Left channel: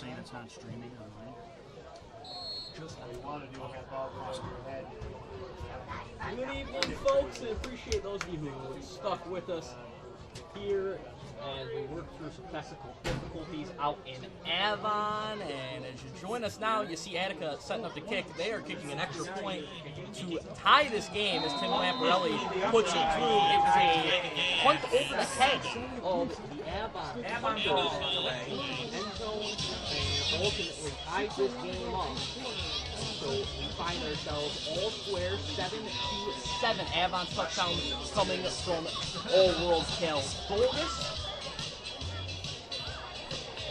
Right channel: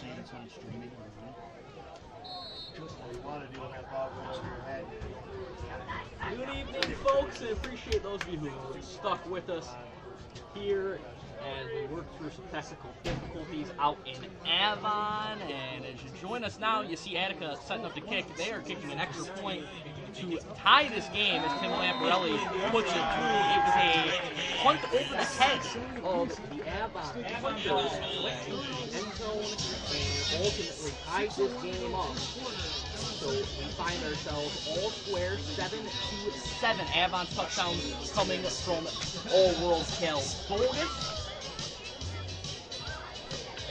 saying it's on streaming online. Good evening, folks. I appreciate those of you who stuck with us here as we work through some technical difficulties out in Avon. And as you join us now, you see Attica setting up the kick. They are kicking an extra point to tie this game as Tim Lamparelli puts it through. It was a punt over the head of the Avon punter that went into the end zone and ultimately tied this game up. So we find ourselves all square, 7-7. Avon touchdown coming from All-World Cal Bogus.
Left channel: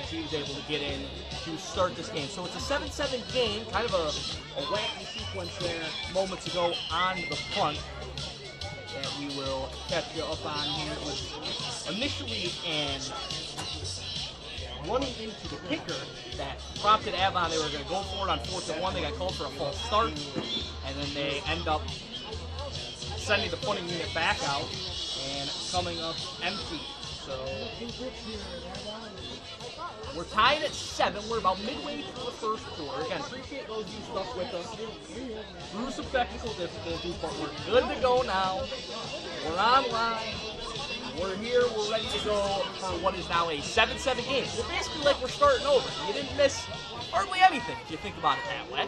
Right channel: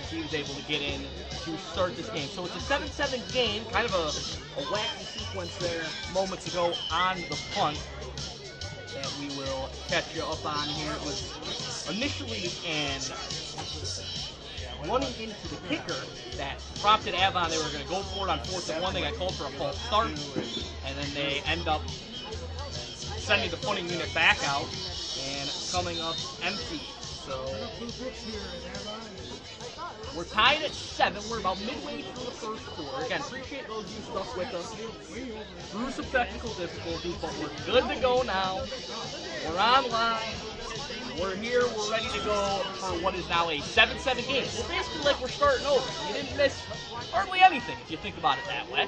As he was able to get in to start this game. So it's a 7-7 game, kind of a wacky sequence there moments ago on the punt that we will catch you up on here. It was initially an running into the kicker that prompted Avon. They were going to go for it on 4th and 1. They got called for a false start, and then they end up sending the punting unit back out and coming up empty. So we're tied at 7. We're about midway through the first quarter. Again, appreciate those of you stuck with us through some technical difficulties, but we're good to go now. We're online. We're here, we're ready to go for what is now a 7-7 game. It's basically like we're starting over. You didn't miss hardly anything if you think about it that way.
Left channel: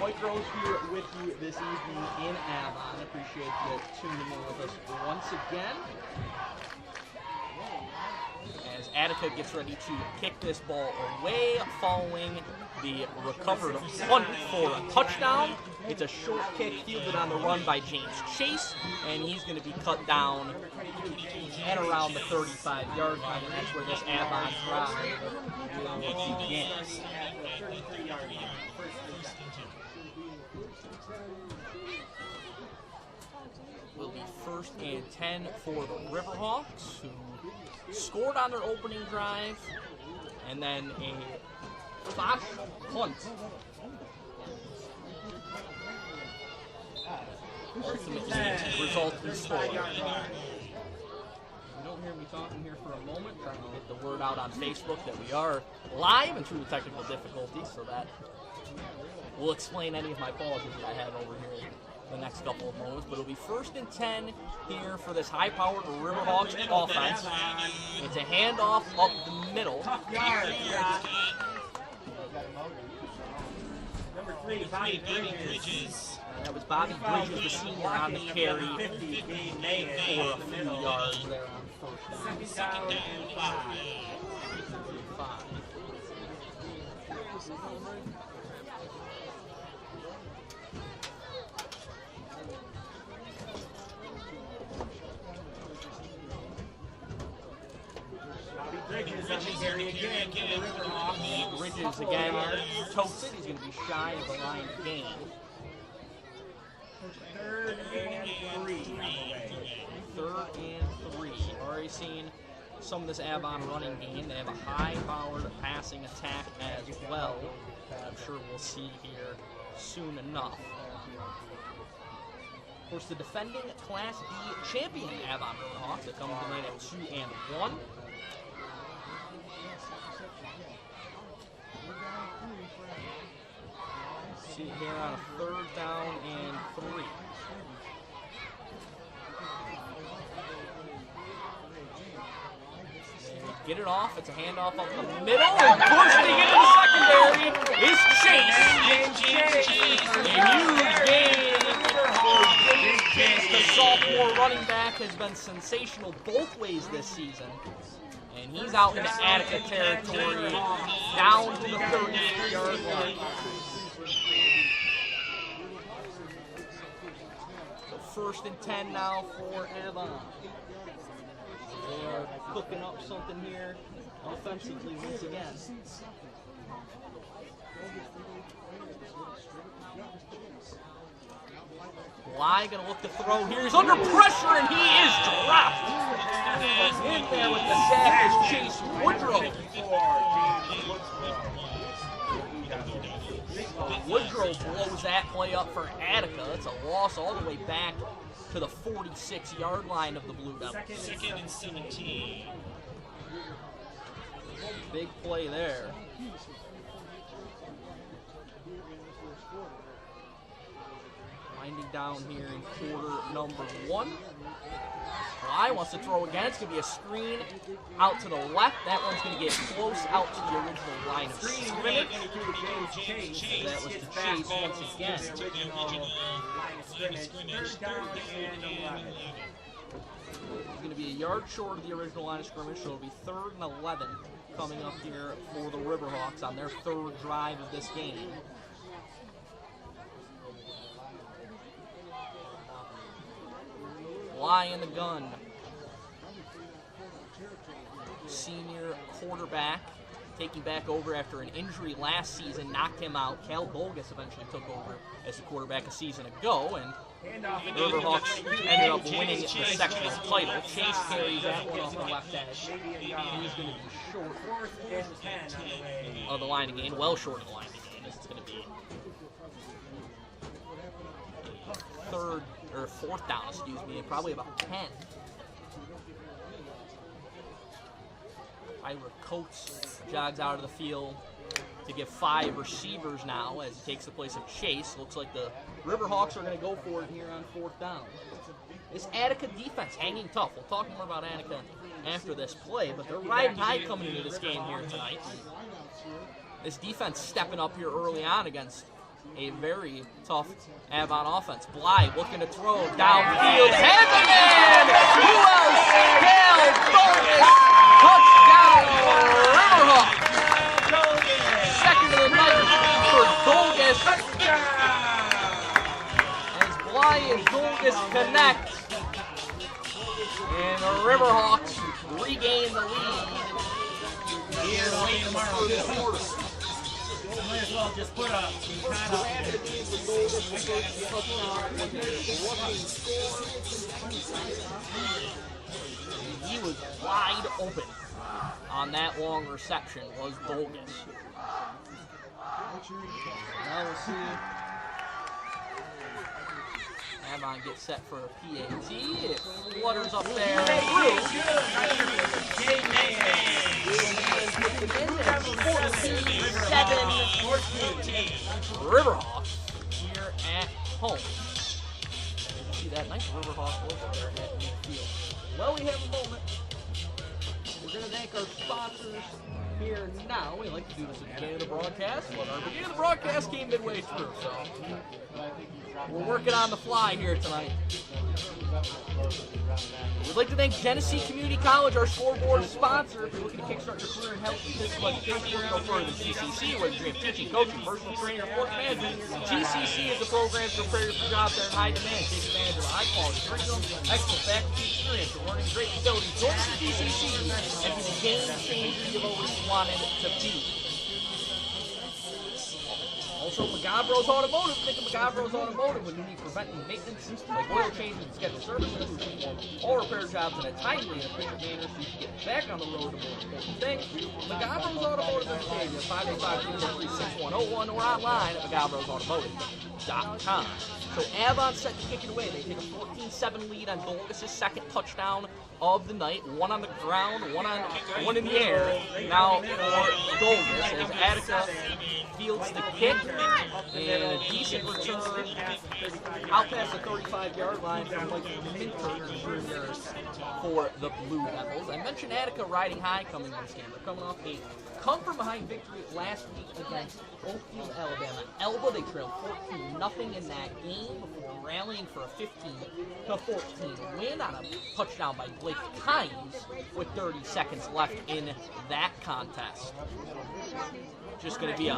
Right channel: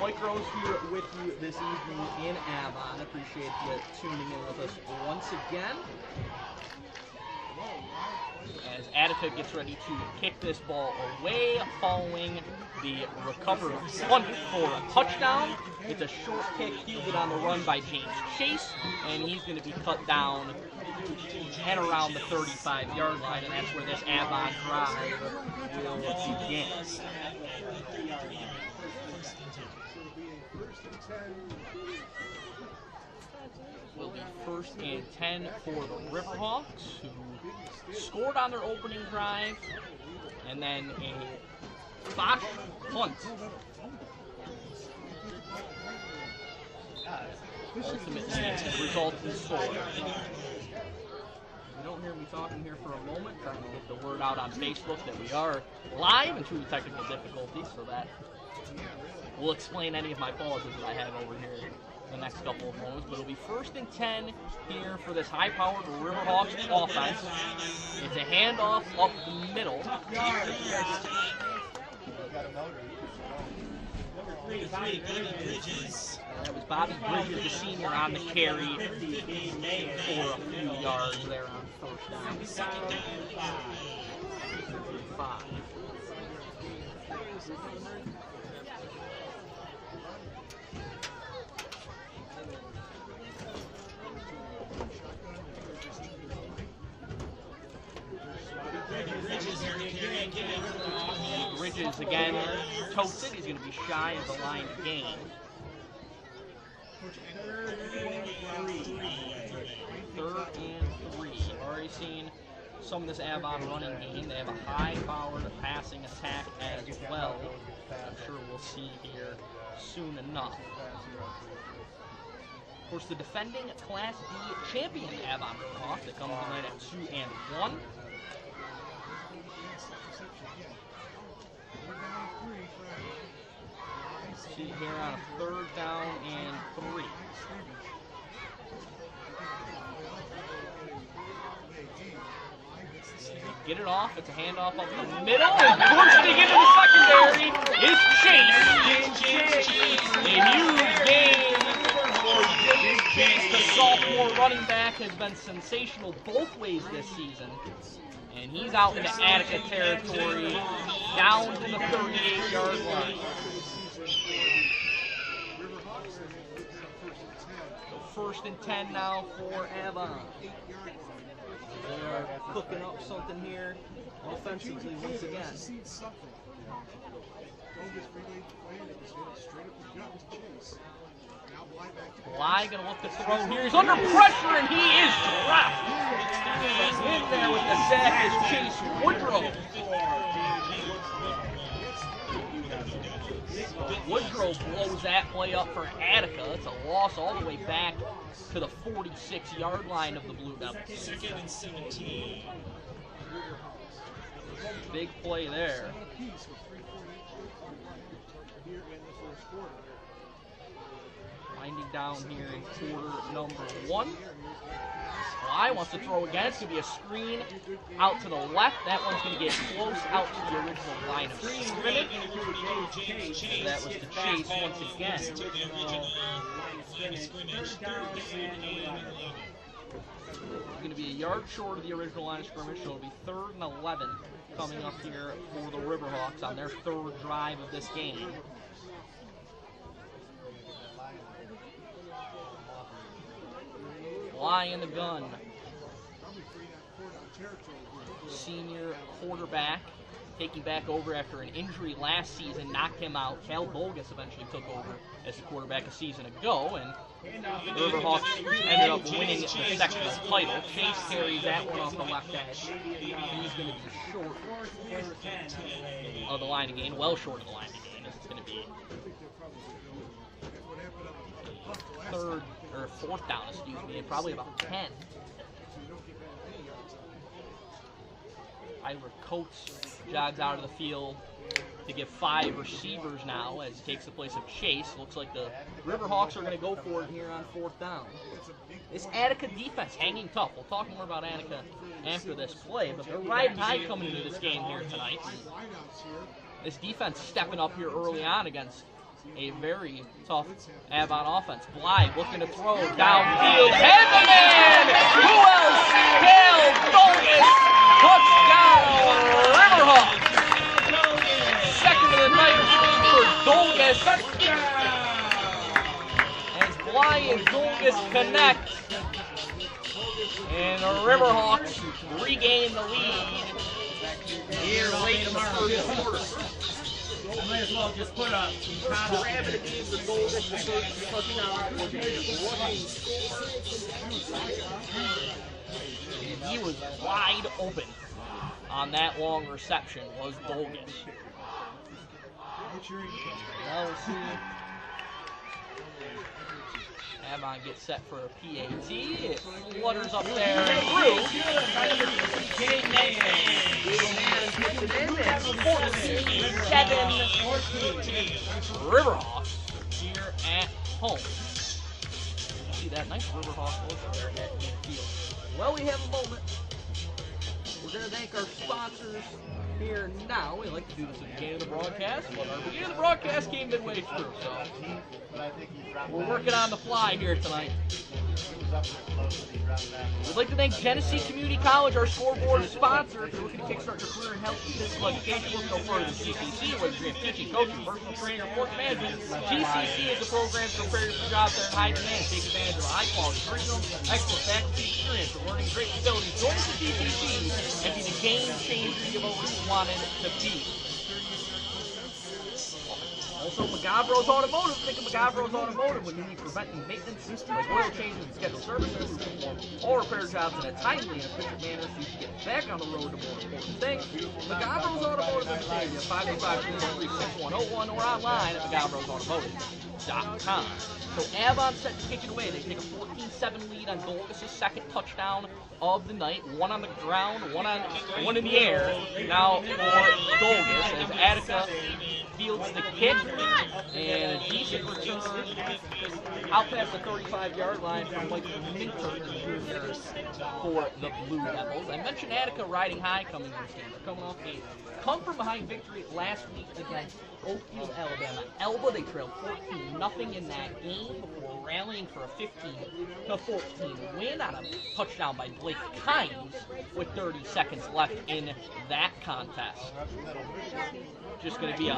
Mike Rose here with you this evening in Avon. Appreciate you tuning in with us once again. As Attica gets ready to kick this ball away following the recovered punt for a touchdown. It's a short kick fielded on the run by James Chase, and he's going to be cut down and around the 35-yard line, and that's where this Avon drive will begin. Will be 1st and 10 for the Riverhawks, who scored on their opening drive, and then a botch punt. Ultimately, resulting score. If you don't hear me talking here for a moment, trying to get the word out on Facebook that we are live and through the technical difficulties, so that will explain any of my pauses that I have over here the next couple of moments. But it'll be 1st and 10 here for this high-powered Riverhawks offense. It's a handoff up the middle. Number 3, Bobby Bridges. That was Bobby Bridges, the senior, on the carry for a few yards there on 1st down. 2nd down, 5. Bridges again toasted. He's going to be shy of the line of game. 3rd and 3. Already seen some of this Avon running game. They have a high-powered passing attack as well. I'm sure we'll see here soon enough. Of course, the defending Class B champion Avon Riverhawks that come on right at 2 and 1. See here on a 3rd down and 3. Get it off. It's a handoff up the middle. And bursting into the secondary is Chase. A huge game for James Chase. The sophomore running back has been sensational both ways this season. And he's out into Attica territory, down to the 38-yard line. So 1st and 10 now for Avon. They are cooking up something here offensively once again. Bly going to look to throw here. He's under pressure and he is dropped. In there with the sack is Chase Woodrow. Woodrow blows that play up for Attica. It's a loss all the way back to the 46-yard line of the Blue Devils. 2nd and 17. Big play there. Winding down here in quarter number 1. Bly wants to throw again. It's going to be a screen out to the left. That one's going to get close out to the original line of scrimmage. That was the chase once again. It's going to be a yard short of the original line of scrimmage, so it'll be 3rd and 11 coming up here for the Riverhawks on their 3rd drive of this game. Bly in the gun. Senior quarterback taking back over after an injury last season, knocked him out. Cal Bogus eventually took over as the quarterback a season ago, and the Riverhawks ended up winning the sectional title. Chase carries that one off the left edge. He's going to be short of the line of gain, well short of the line of gain, as it's going to be 4th down, probably about 10. Tyler Coates jogs out of the field to give 5 receivers now as he takes the place of Chase. Looks like the Riverhawks are going to go for it here on 4th down. This Attica defense hanging tough. We'll talk more about Attica after this play, but they're riding high coming into this game here tonight. This defense stepping up here early on against a very tough Avon offense. Bly looking to throw downfield. Hands it in! Who else? Cal Bogus! Touchdown, Riverhawks! Second of the night for Dolgus. As Bly and Dolgus connect, and the Riverhawks regain the lead here late in the first. Might as well just put a He was wide open on that long reception, was Dolgus. Now we'll see. Avon gets set for a PAT. It flutters up there and through. 14-7 Riverhawks here at home. See that nice Riverhawk logo there at midfield. Well, we have a moment. We're going to thank our sponsors here now. We like to do this at the beginning of the broadcast, but our beginning of the broadcast came midway through, so we're working on the fly here tonight. We'd like to thank Genesee Community College, our scoreboard sponsor. If you're looking to kickstart your career in health and physical education, look no further than GCC, whether you're teaching, coaching, personal trainer, or sports management. GCC is the program to prepare you for jobs that are in high demand. Take advantage of a high-quality curriculum, excellent faculty experience, and learning great facilities. Join us at GCC and be the game changer you've always wanted to be. Also, Magabro's Automotive. Think of Magabro's Automotive when you need preventive maintenance like oil changes and scheduled services. Perform all repair jobs in a timely and efficient manner so you can get back on the road to more important things. Magabro's Automotive in Batavia, 585-363-6101 or online at magabrosautomotive.com. So Avon set to kick it away. They take a 14-7 lead on Dolgus' second touchdown of the night. One on the ground, one in the air. Now for Dolgus as Attica fields the kick, and a decent return out past the 35-yard line from Mike Minter Jr. for the Blue Devils. I mentioned Attica riding high coming this game. They're coming off a come-from-behind victory last week against Oakfield, Alabama. Elba, they trailed 14-0 in that game before rallying for a 15-14 win on a touchdown by Blake Kynes with 30 seconds left in that contest. Just going to be a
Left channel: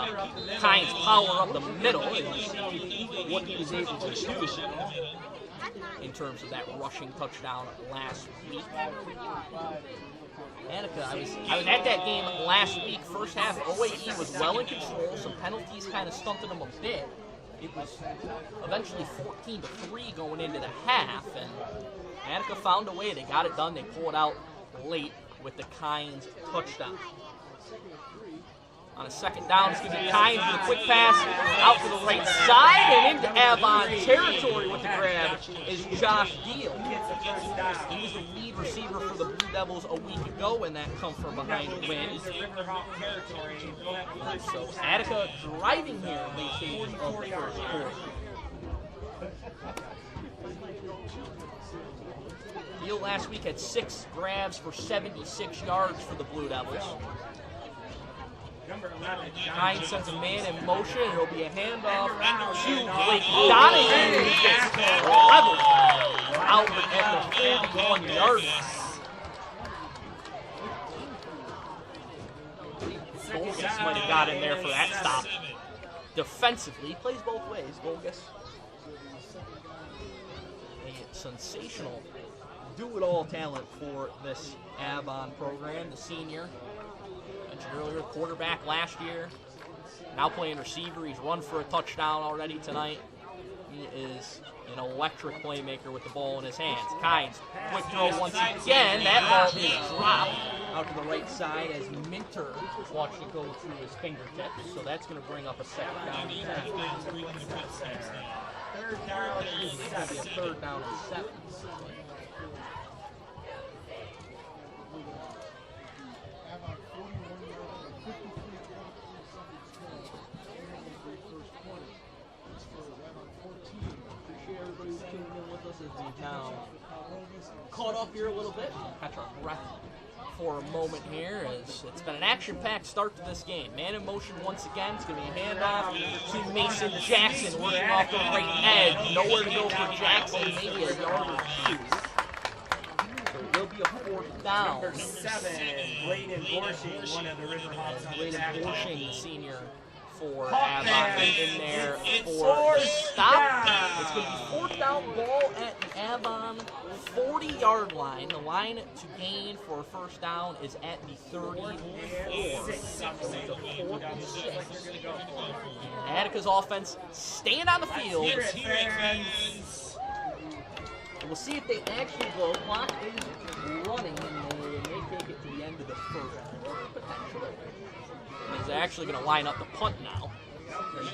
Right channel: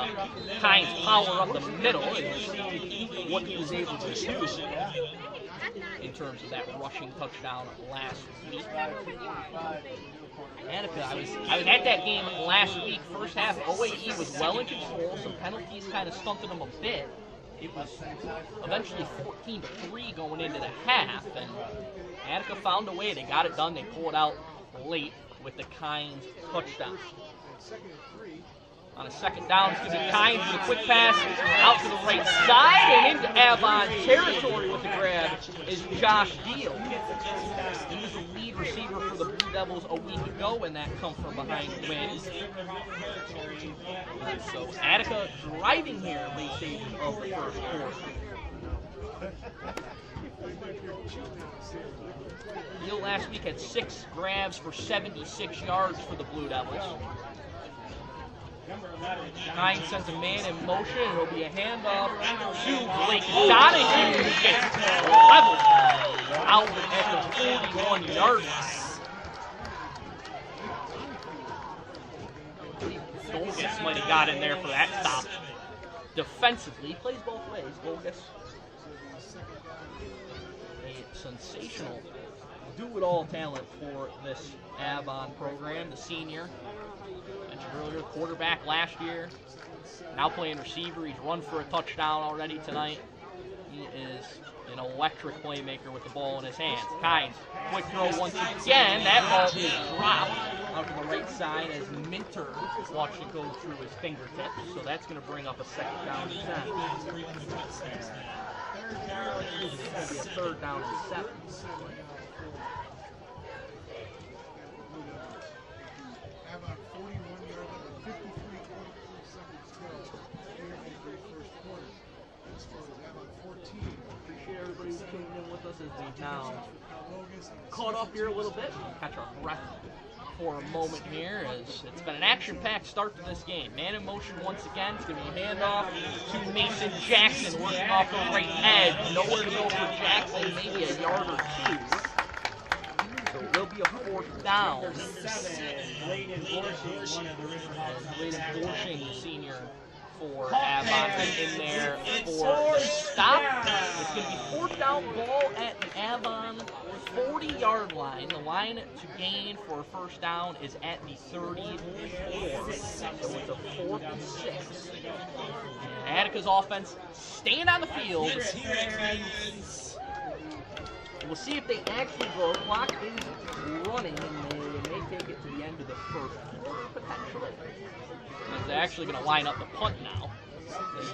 Kynes power up the middle, and we'll see what he was able to do in terms of that rushing touchdown last week. Attica, I was at that game last week. First half, OAE was well in control. Some penalties kind of stunted them a bit. It was eventually 14-3 going into the half, and Attica found a way. They got it done. They pulled it out late with the Kynes touchdown. On a second down, it's going to be Kynes with a quick pass out to the right side and into Avon territory with the grab is Josh Deal. He was the lead receiver for the Blue Devils a week ago when that come from behind the wings. So Attica driving here in late stages of the first quarter. Deal last week had 6 grabs for 76 yards for the Blue Devils. Kynes sends a man in motion. It'll be a handoff to Blake Donahue. He gets leveled out at the 41-yard line. I believe Golgus might have got in there for that stop. Defensively, he plays both ways, Golgus. A sensational do-it-all talent for this Avon program, the senior. Mentioned earlier, quarterback last year, now playing receiver. He's run for a touchdown already tonight. He is an electric playmaker with the ball in his hands. Kynes, quick throw once again. That ball is dropped out to the right side as Minter watched it go through his fingertips. So that's going to bring up a second down and 10. It's going to be a third down and 7. Everybody who's tuning in with us as we've now caught up here a little bit. Catch our breath for a moment here as it's been an action-packed start to this game. Man in motion once again. It's going to be a handoff to Mason Jackson working off the right edge. Nowhere to go for Jackson, maybe a yard or 2. So it will be a 4th down. Braden Borshing, the senior for Avon, in there for a stop. It's going to be 4th down, ball at the Avon 40-yard line. The line to gain for a first down is at the 34. So it's a 4th and 6. And Attica's offense staying on the field. We'll see if they actually go. Clock is running, and they may take it to the end of the first quarter, potentially. He's actually going to line up the punt now.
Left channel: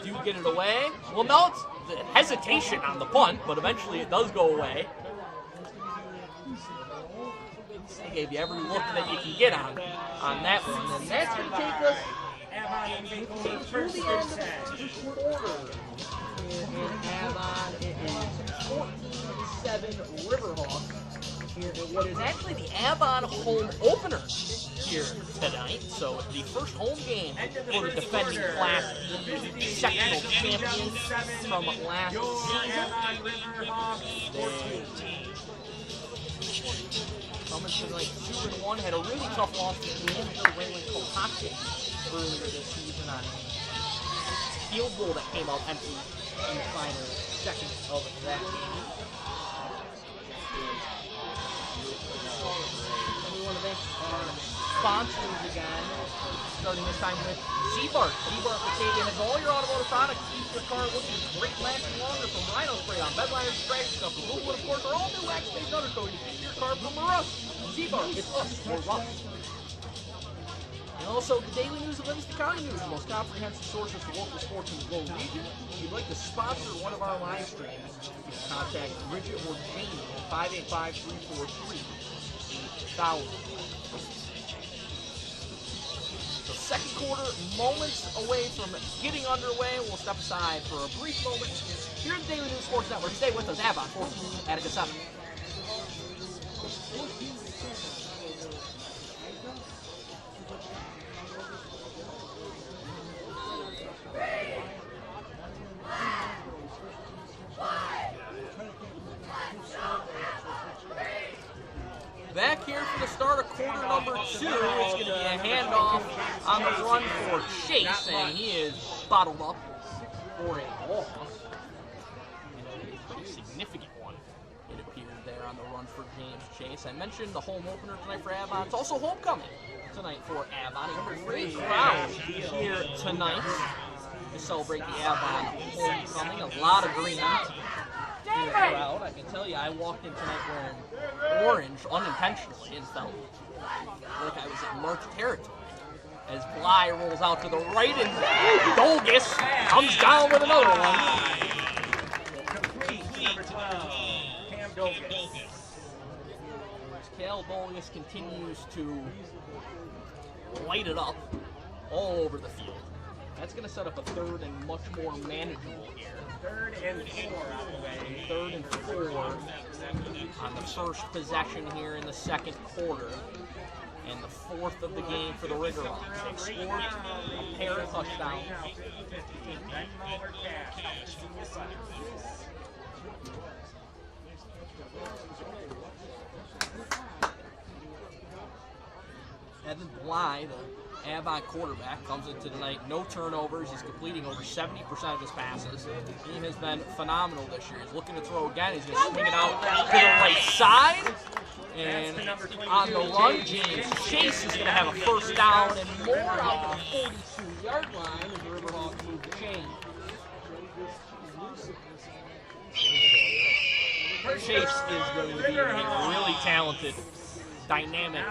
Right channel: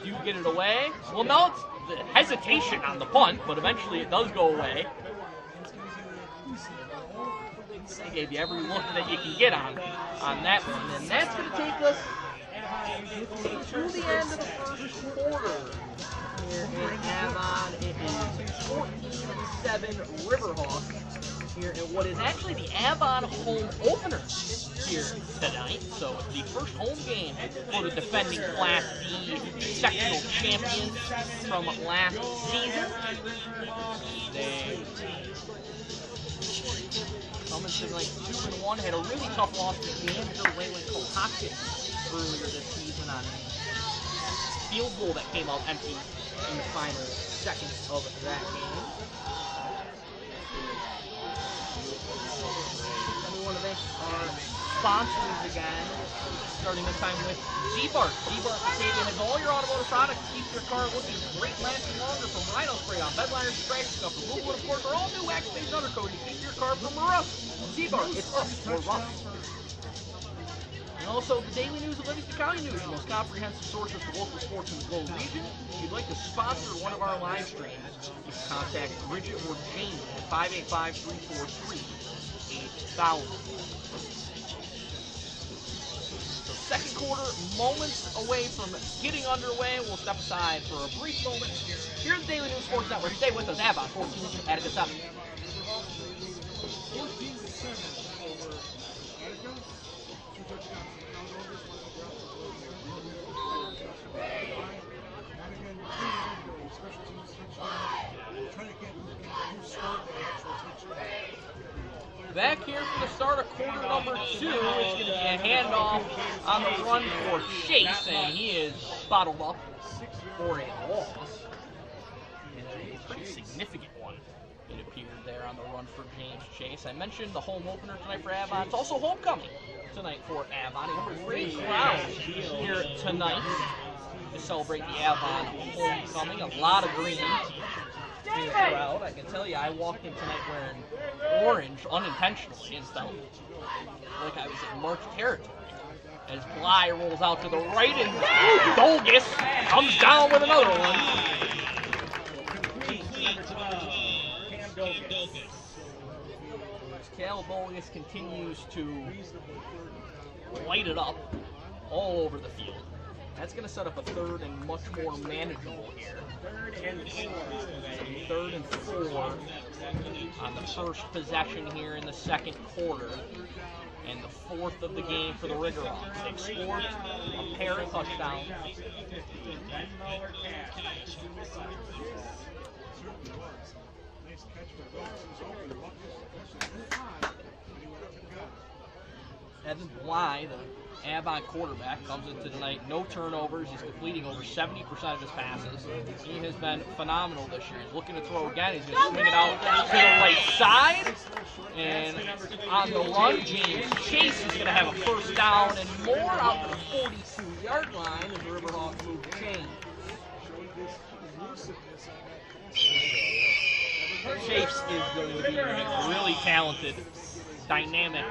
They do get it away. Well, no, it's the hesitation on the punt, but eventually it does go away. I gave you every look that you can get on that one, and that's going to take us through the end of the first quarter. Here in Avon, it is 14-7 Riverhawks here in what is actually the Avon home opener here tonight. So the first home game for the defending Class B sectional champions from last season. They coming to like 2-1, had a really tough loss to Danville Wayland Cohocton earlier this season on a field goal that came out empty in the final seconds of that game. And we want to thank our sponsors again, starting this time with Z-Bart. Z-Bart Batavia has all your automotive products to keep your car looking great, lasting longer, from rhino spray on bed liners, scratch stuff, removal, and of course, our all new wax-based undercoat to keep your car from rust. Z-Bart, it's us or rust. And also, the Daily News of Livingston County News, your most comprehensive sources for local sports in the Globe region. If you'd like to sponsor one of our live streams, you can contact Bridget or Jamie at 585-343-8000. So second quarter, moments away from getting underway. We'll step aside for a brief moment. Here at the Daily News Sports Network, stay with us. Avon 14, Attica 7. Back here for the start of quarter number 2, it's going to be a handoff on the run for Chase, and he is bottled up for a loss. And a pretty significant one, it appeared there on the run for James Chase. I mentioned the home opener tonight for Avon. It's also homecoming tonight for Avon. A great crowd here tonight to celebrate the Avon homecoming. A lot of green. Crowd. I can tell you, I walked in tonight wearing orange unintentionally and felt like I was in March territory. as Bly rolls out to the right, and Dolgus comes down with another one. Cal Dolgus continues to light it up all over the field. That's going to set up a third and much more manageable here. Third and four on the first possession here in the second quarter. And the fourth of the game for the Riggerhawks. They've scored a pair of touchdowns. Evan Bly, the Avon quarterback, comes into tonight. No turnovers. He's completing over 70% of his passes. He has been phenomenal this year. He's looking to throw again. He's going to swing it out to the right side. And on the run, James Chase is going to have a first down and more out to the 42-yard line as the Riverhawks move the chain. Chase is going to be a really talented, dynamic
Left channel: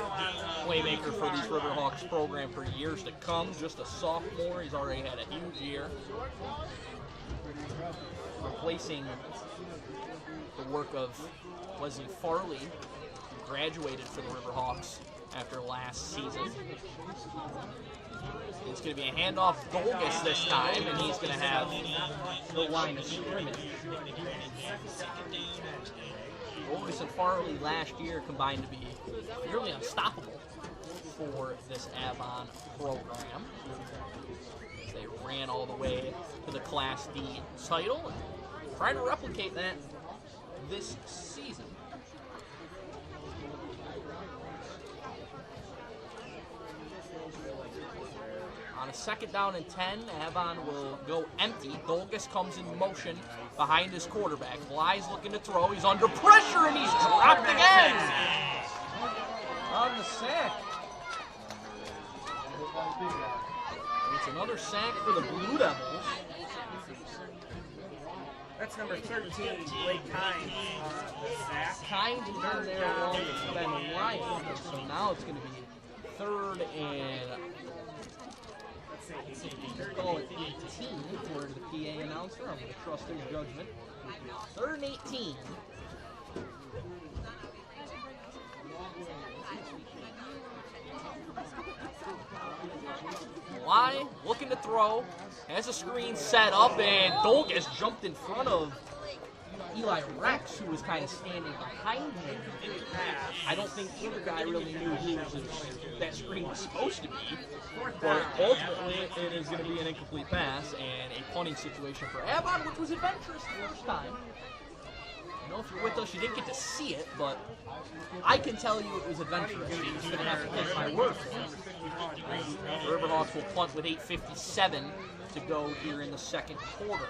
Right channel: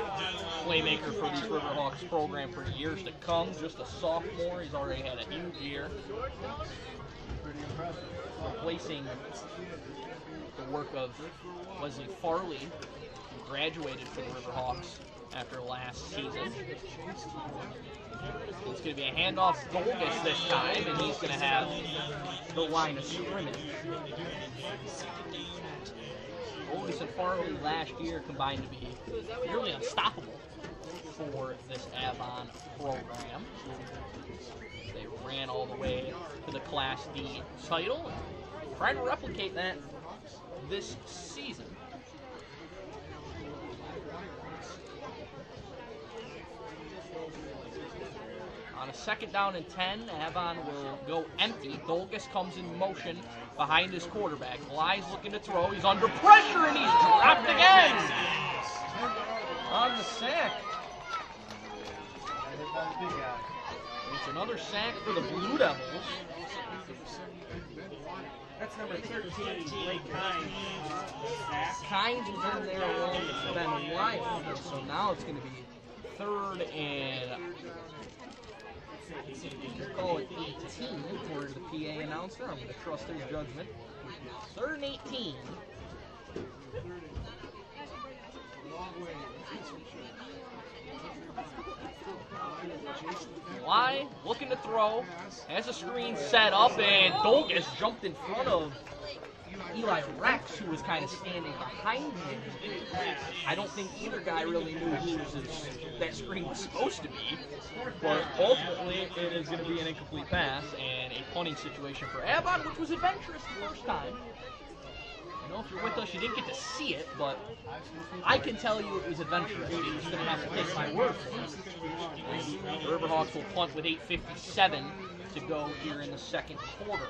playmaker for these Riverhawks program for years to come. Just a sophomore. He's already had a huge year. Replacing the work of Wesley Farley, who graduated from the Riverhawks after last season. It's going to be a handoff Dolgus this time, and he's going to have the line of scrimmage. Dolgus and Farley last year combined to be nearly unstoppable for this Avon program. They ran all the way to the Class D title and trying to replicate that this season. On a second down and 10, Avon will go empty. Dolgus comes in motion behind his quarterback. Bly's looking to throw. He's under pressure and he's dropped again. On the sack. It's another sack for the Blue Devils. That's number 13, Blake Kynes. Kynes is in there along with Ben Ryan. So now it's going to be third and call it 18 according to the PA announcer. I'm going to trust his judgment. Third and 18. Bly looking to throw, has a screen set up, and Dolgus jumped in front of Eli Rex, who was kind of standing behind him. I don't think either guy really knew who that screen was supposed to be, but ultimately it is going to be an incomplete pass and a punting situation for Avon, which was adventurous the first time. I know if you're with us, you didn't get to see it, but I can tell you it was adventurous. You're just going to have to take my word for it. And the Riverhawks will punt with 8:57 to go here in the second quarter.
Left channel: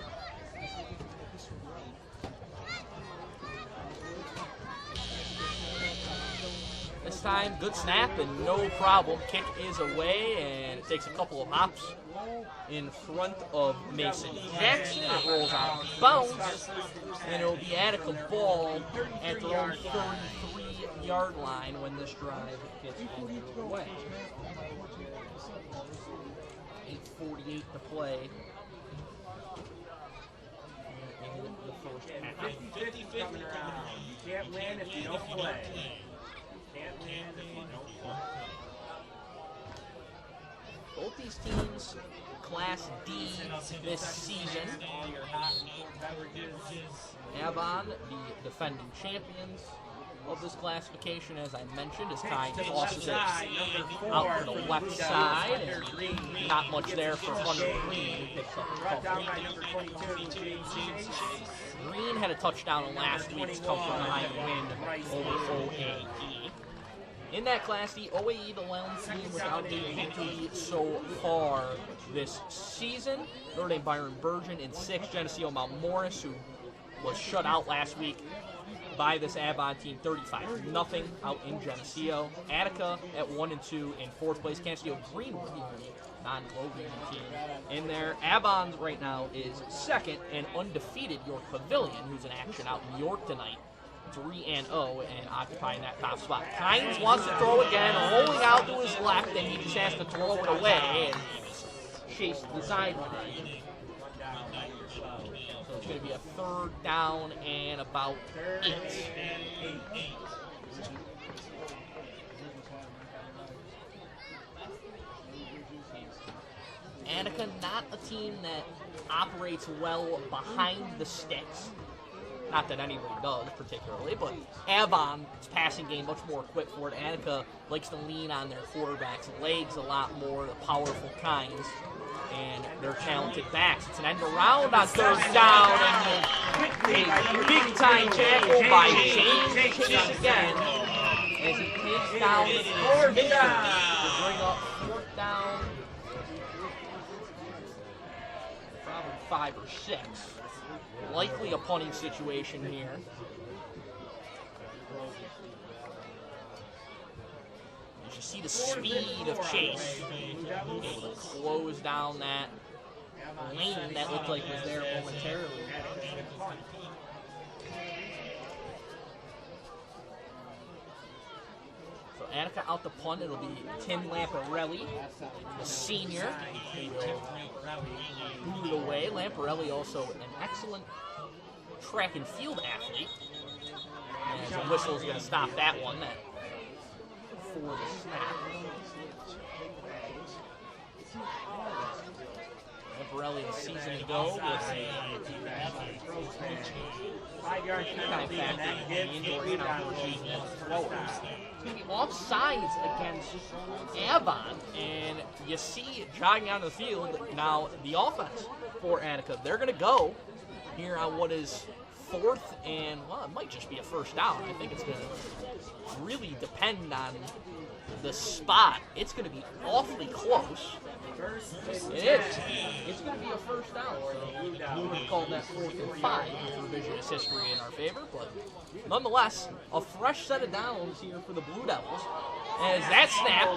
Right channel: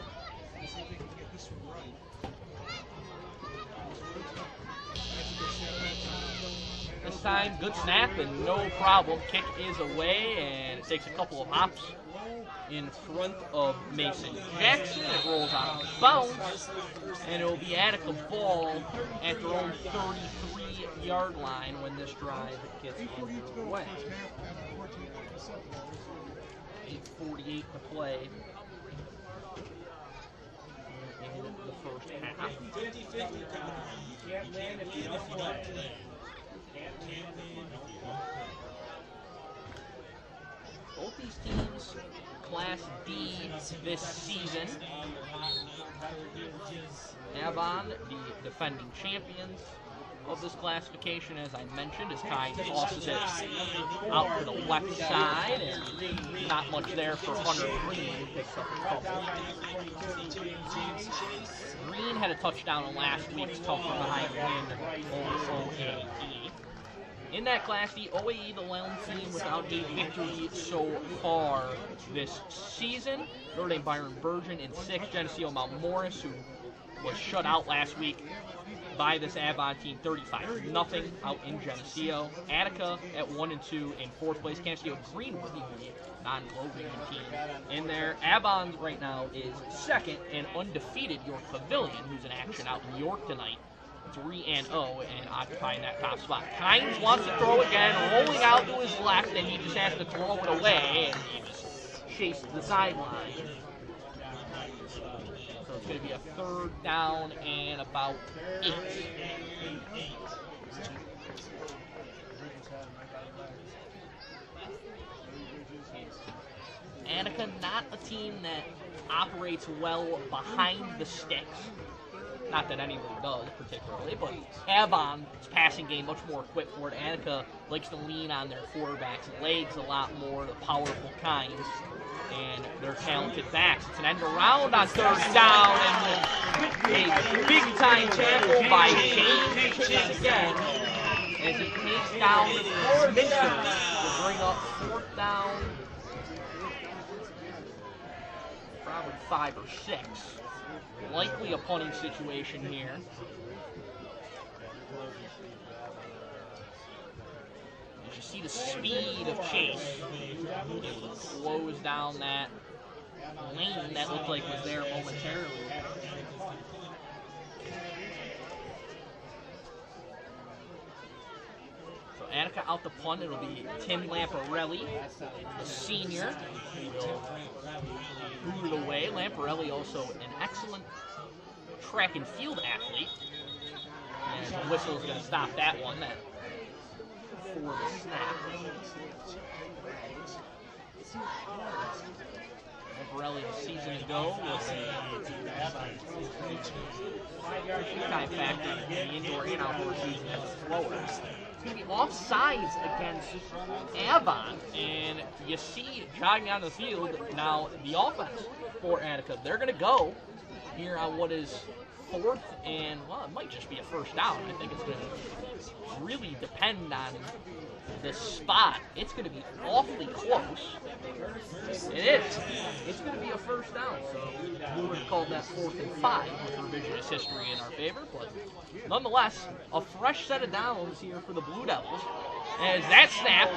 This time, good snap and no problem. Kick is away and it takes a couple of hops in front of Mason Jackson. It rolls out of bounds and it will be Attica ball at their own 33-yard line when this drive gets underway. 8:48 to play in the first half. 50-50. Can't win if you don't play. Both these teams, Class D this season. Avon, the defending champions of this classification, as I mentioned, as Kynes tosses it out to the left side, and not much there for Hunter Green, who picks up a couple. Green had a touchdown in last week's tough from behind win over OAE. In that Class D, OAE, the lone team without a victory so far this season. Notre Dame Byron Burgeon in 6th, Geneseo Mount Morris, who was shut out last week by this Avon team, 35-0 out in Geneseo. Attica at 1-2 in 4th place. Geneseo Greenwood, the non-Glow-Green team in there. Avon right now is 2nd and undefeated York Pavilion, who's in action out in York tonight, 3-0 and occupying that top spot. Kynes wants to throw again, rolling out to his left, and he just has to throw it away and chase the sideline. So it's going to be a 3rd down and about 8. Attica, not a team that operates well behind the sticks. Not that anyone does particularly, but Avon's passing game much more equipped for it. Attica likes to lean on their quarterback's legs a lot more, the powerful kinds, and their talented backs. It's an end around on 3rd down, and a big-time tackle by James Chase again, as he takes down Minter to bring up 4th down, probably 5 or 6. Likely a punting situation here. You see the speed of Chase. Able to close down that lane that looked like was there momentarily. So Attica out the punt. It'll be Tim Lamparelli, the senior. He will boot it away. Lamparelli also an excellent track and field athlete. And the whistle is going to stop that one for the snap. Lamparelli a season ago was a big-time factor in the indoor and outdoor season as a thrower. It's going to be offsides against Avon, and you see jogging on the field now the offense for Attica. They're going to go here on what is 4th and, well, it might just be a 1st down. I think it's going to really depend on this spot. It's going to be awfully close. It is. It's going to be a 1st down. So we would have called that 4th and 5 with revisionist history in our favor. But nonetheless, a fresh set of downs here for the Blue Devils. As that snap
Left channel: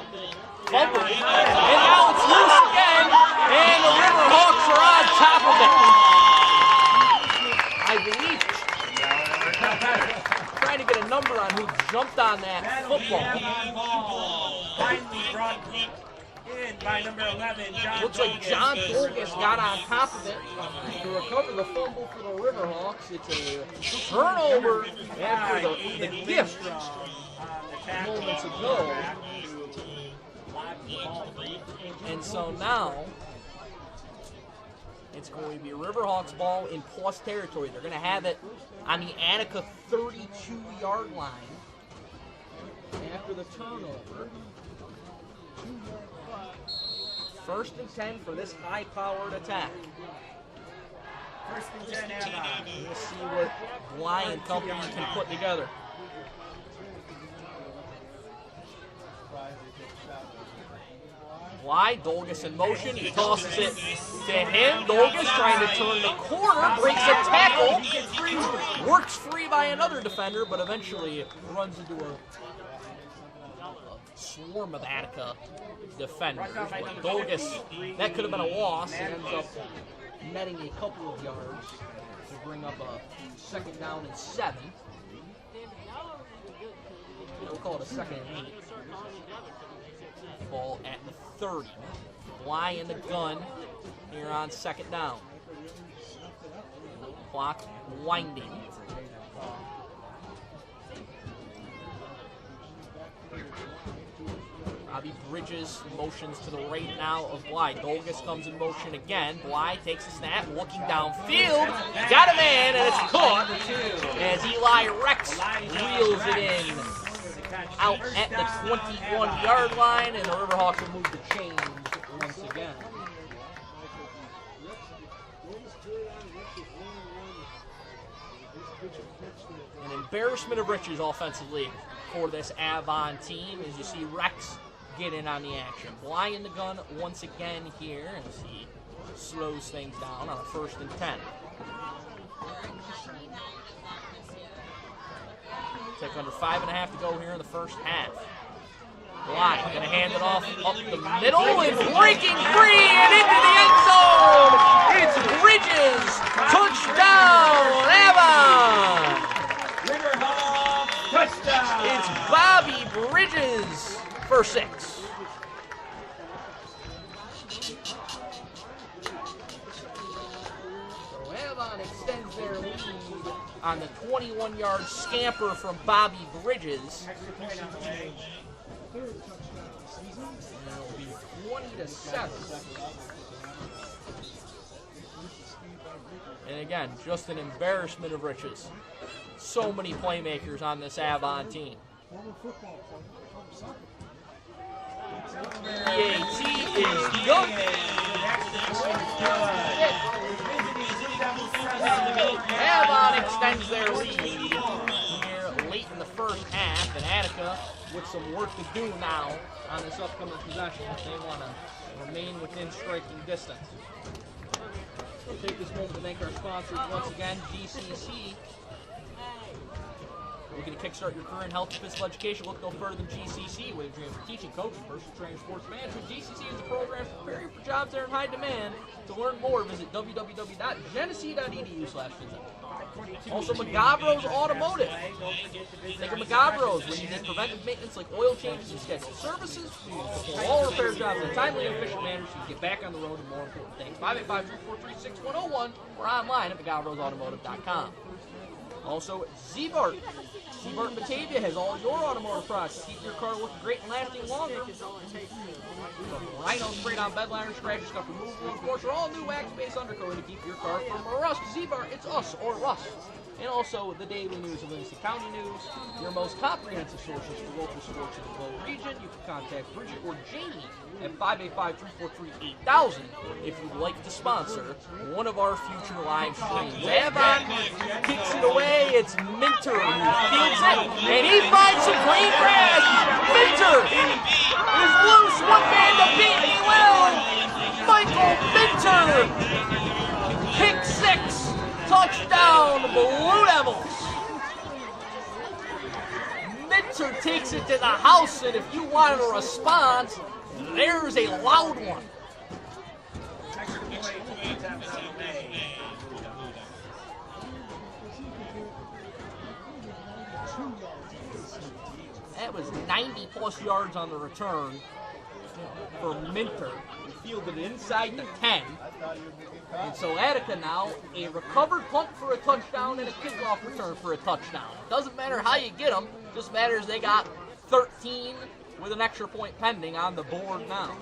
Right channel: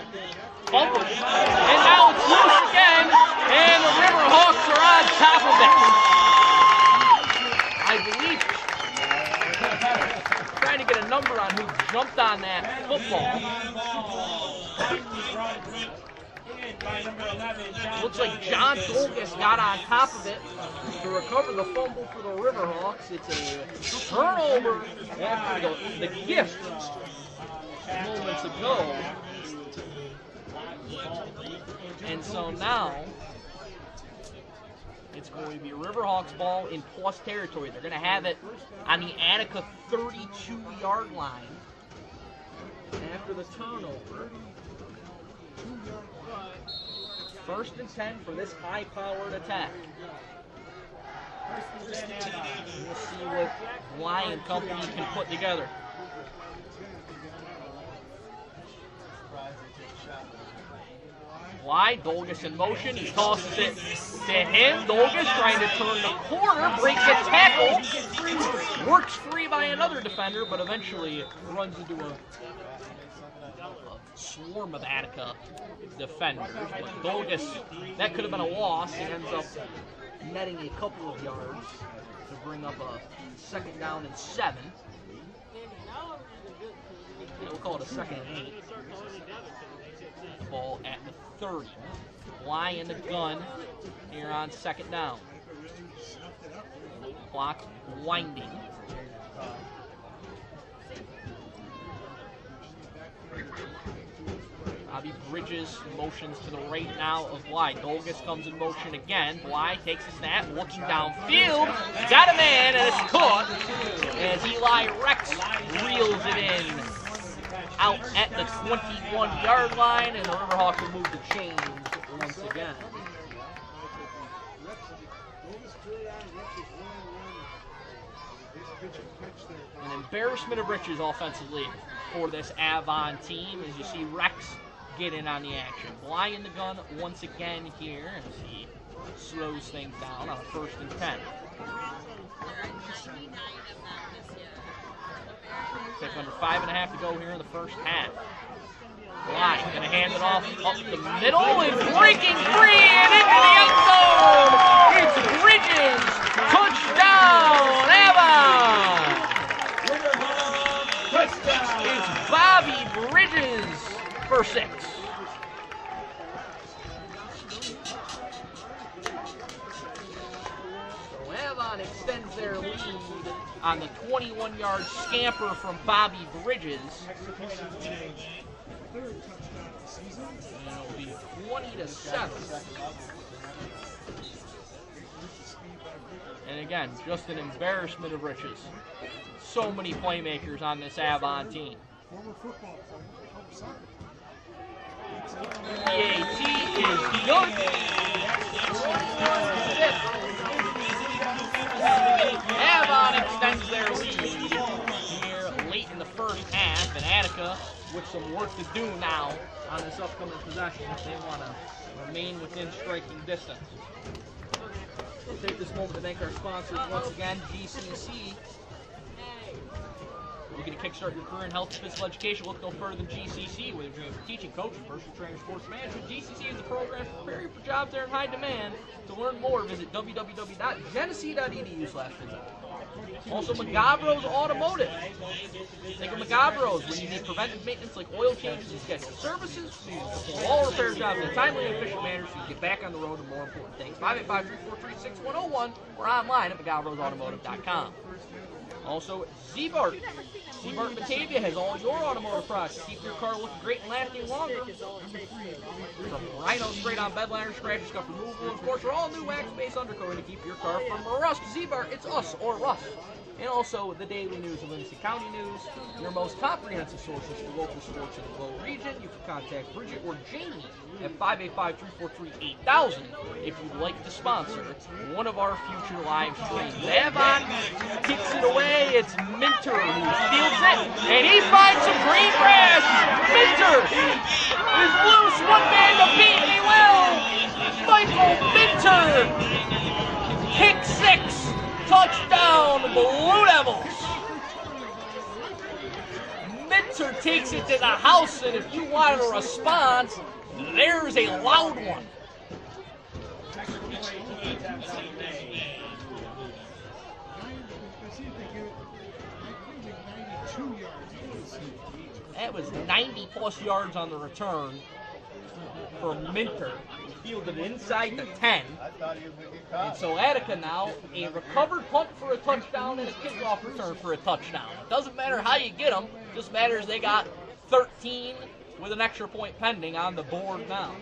fumbled, and now it's loose again, and the Riverhawks are on top of it. I believe trying to get a number on who jumped on that football. Looks like John Dolgus got on top of it to recover the fumble for the Riverhawks. It's a turnover after the gift moments ago. And so now it's going to be Riverhawks ball in plus territory. They're going to have it on the Attica 32-yard line after the turnover. 1st and 10 for this high-powered attack. We'll see what Bly and company can put together. Bly, Dolgus in motion. He tosses it to him. Dolgus trying to turn the corner, breaks a tackle, works free by another defender, but eventually runs into a swarm of Attica defenders. But Dolgus, that could have been a loss. He ends up netting a couple of yards to bring up a 2nd down and 7. Yeah, we'll call it a 2nd and 8. Ball at the 30. Bly in the gun here on 2nd down. Clock winding. Bobby Bridges motions to the right now of Bly. Dolgus comes in motion again. Bly takes a snap, looking downfield. Got a man, and it's caught as Eli Rex reels it in out at the 21-yard line, and the Riverhawks will move the chains once again. An embarrassment of riches offensively for this Avon team as you see Rex get in on the action. Bly in the gun once again here as he slows things down on a 1st and 10. Took under 5.5 to go here in the 1st half. Bly going to hand it off up the middle and breaking free and into the end zone. It's Bridges. Touchdown, Avon. for 6. So Avon extends their lead on the 21-yard scamper from Bobby Bridges. And it'll be 20-7. And again, just an embarrassment of riches. So many playmakers on this Avon team. EAT is good. Avon extends their lead here late in the first half, and Attica with some work to do now on this upcoming possession if they want to remain within striking distance. We'll take this moment to thank our sponsors once again, GCC. Looking to kickstart your career in health and physical education? Look no further than GCC. Whether you're dreaming for teaching, coaching, personal training, sports management, GCC is the program for preparing for jobs that are in high demand. To learn more, visit www.genesee.edu/visit. Also, Magabro's Automotive. Think of Magabro's when you need preventive maintenance like oil changes and scheduled services. Perform all repair jobs in a timely and efficient manner so you can get back on the road to more important things. 585-343-6101 or online at magabrosautomotive.com. Also, Z-Bart. Z-Bart Batavia has all your automotive products. Keep your car looking great and lasting longer. From Rhino sprayed on bed liners, scratch and scuff removal, and of course, our all new wax-based undercoating to keep your car from rust. Z-Bart, it's us or rust. And also the daily news of Livingston County News, your most comprehensive sources for local sports in the Globe region. You can contact Bridget or Jamie at 585-343-8000 if you'd like to sponsor one of our future live streams. Avon kicks it away. It's Minter who fields it, and he finds some green grass. Minter is loose. One man to beat. He will. Michael Minter. Pick 6. Touchdown, Blue Devils. Minter takes it to the house, and if you want a response, there's a loud one. That was 90-plus yards on the return for Minter. He fielded it inside the 10. And so Attica now, a recovered punt for a touchdown and a kickoff return for a touchdown. It doesn't matter how you get them, it just matters they got 13 with an extra point pending on the board now.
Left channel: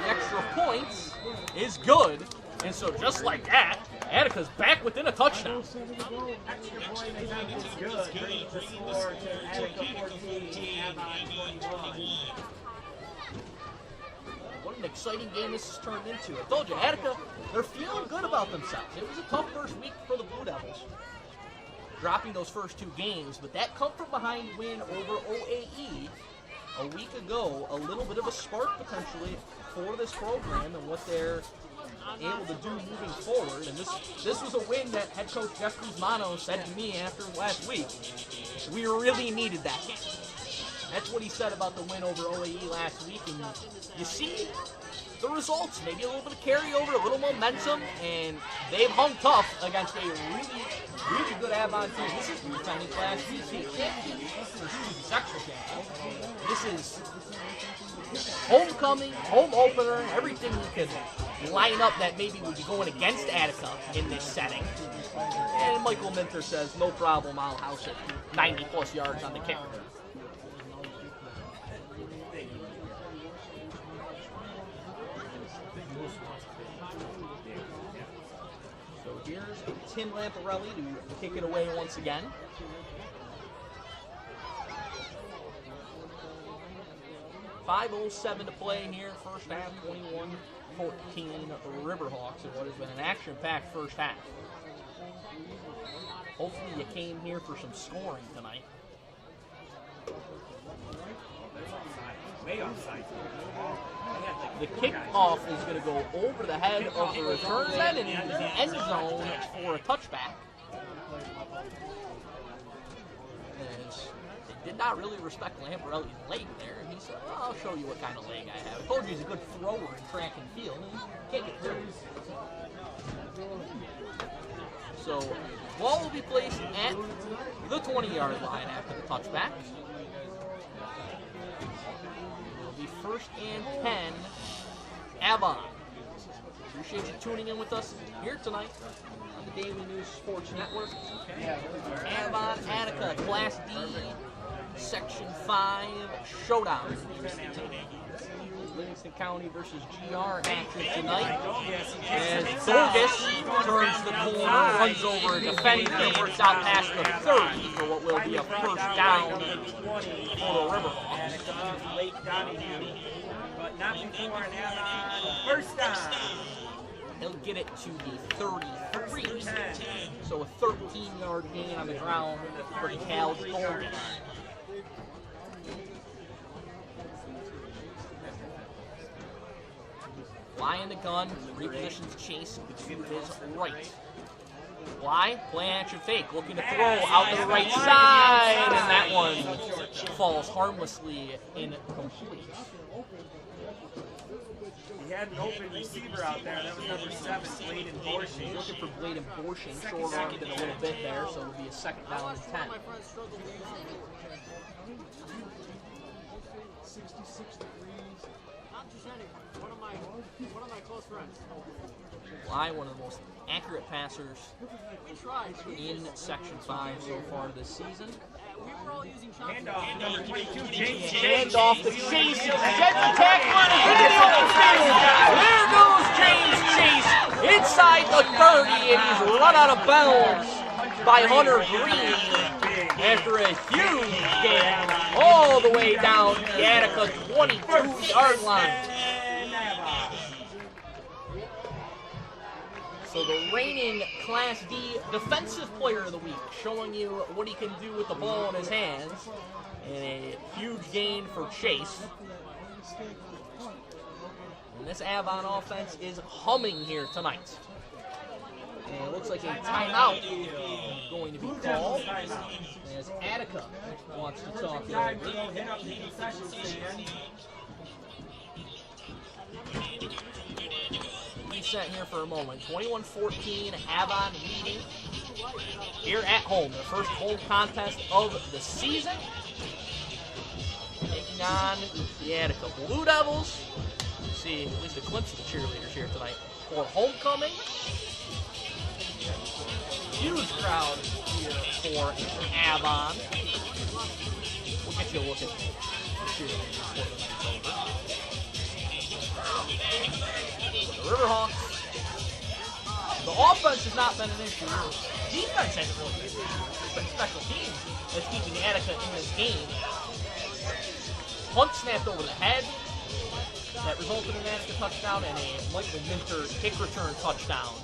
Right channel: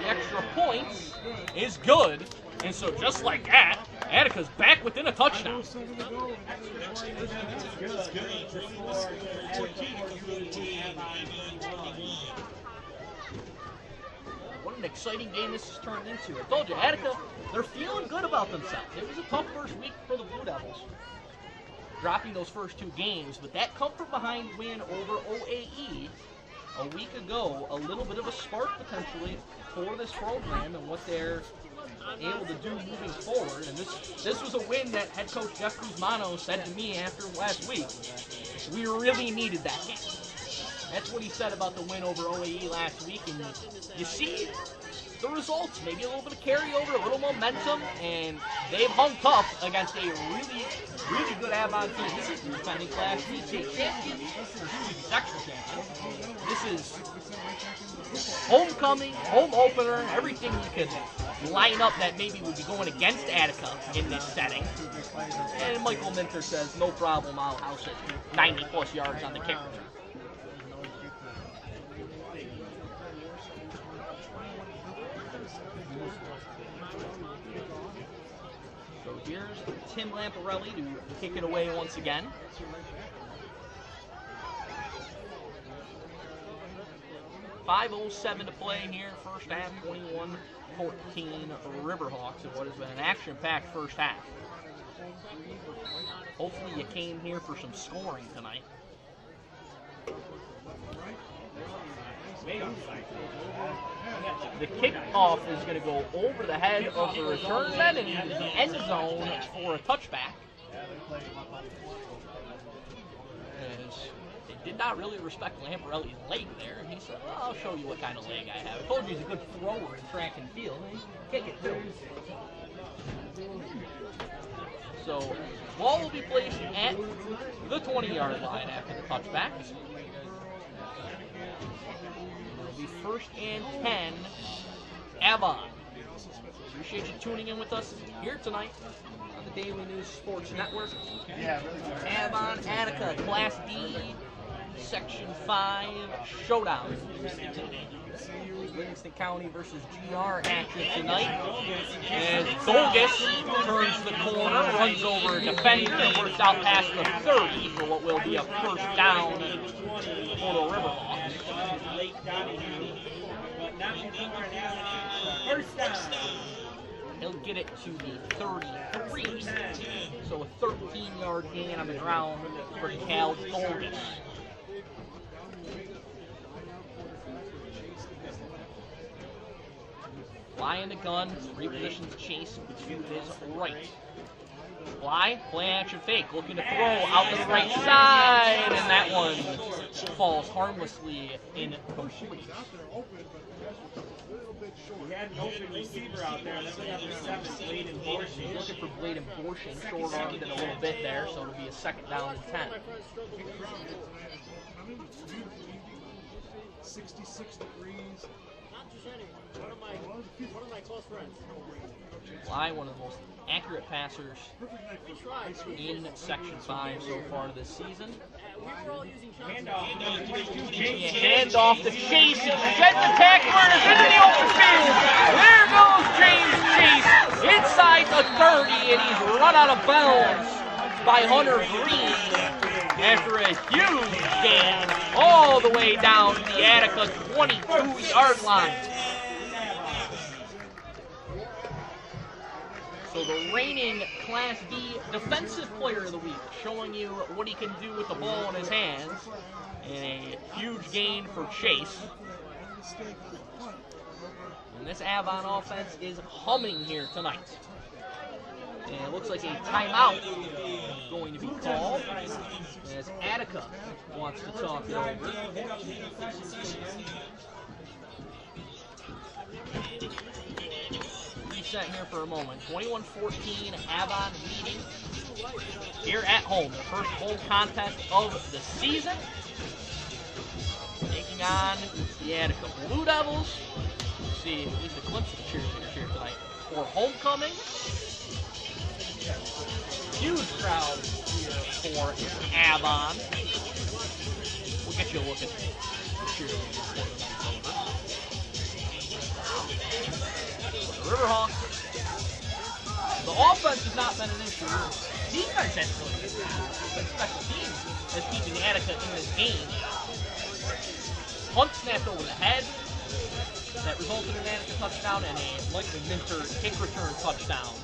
The extra points is good, and so just like that, Attica's back within a touchdown. What an exciting game this has turned into. I told you, Attica, they're feeling good about themselves. It was a tough first week for the Blue Devils, dropping those first 2 games, but that come from behind win over OAE a week ago, a little bit of a spark potentially for this program and what they're able to do moving forward. And this was a win that head coach Jeff Guzmano said to me after last week, we really needed that game. That's what he said about the win over OAE last week, and you see the results. Maybe a little bit of carryover, a little momentum, and they've hung tough against a really, really good Avon team. This is the defending Class C champion, sectional champion. This is homecoming, home opener, everything you could line up that maybe would be going against Attica in this setting. And Michael Minter says, no problem, I'll house it. 90-plus yards on the kick return. So here's Tim Lamparelli to kick it away once again. .5:07 to play here, first half, 21-14 Riverhawks in what has been an action-packed first half. Hopefully you came here for some scoring tonight. The kickoff is going to go over the head of the return men and into the end zone for a touchback. And they did not really respect Lamparelli's leg there. And he said, well, I'll show you what kind of leg I have. I told you he's a good thrower in track and field, and he can't get through. So So ball will be placed at the 20-yard line after the touchback. It'll be 1st and 10, Avon. Appreciate you tuning in with us here tonight on the Daily News Sports Network. Avon, Attica, Class D, Section 5 showdown. Livingston County versus GR active tonight. As Dolgus turns the corner, runs over a defender, and works out past the 30 for what will be a 1st down for the Riverhawks. First down. He'll get it to the 33. So a 13-yard gain on the ground for Cal Dolgus. Fly in the gun, repositions Chase to his right. Fly, play action fake, looking to throw out to the right side, and that one falls harmlessly incomplete. He had an open receiver out there. That was number 7, Blade Abortion. Looking for Blade Abortion, short-armed it a little bit there, so it'll be a 2nd down and 10. 66 degrees. One of my close friends. Fly, one of the most accurate passers in Section 5 so far this season. Hand off to Chase. He sheds the tackler and is in the open field. There goes James Chase inside the 30, and he's run out of bounds by Hunter Green after a huge gain all the way down the Attica 22-yard line. So the reigning Class D Defensive Player of the Week, showing you what he can do with the ball in his hands. And a huge gain for Chase. And this Avon offense is humming here tonight. And it looks like a timeout going to be called as Attica wants to talk it over. Set here for a moment. 21-14, Avon leading here at home. The first home contest of the season. Taking on the Attica Blue Devils. You see at least a glimpse of the cheerleaders here tonight for homecoming. Huge crowd here for Avon. We'll get you a look at the cheerleaders before the night's over. The Riverhawks, the offense has not been an issue. Defense hasn't really been an issue. Special teams has keeping Attica in this game. Punt snapped over the head that resulted in an Attica touchdown, and a Michael Minter kick return touchdown.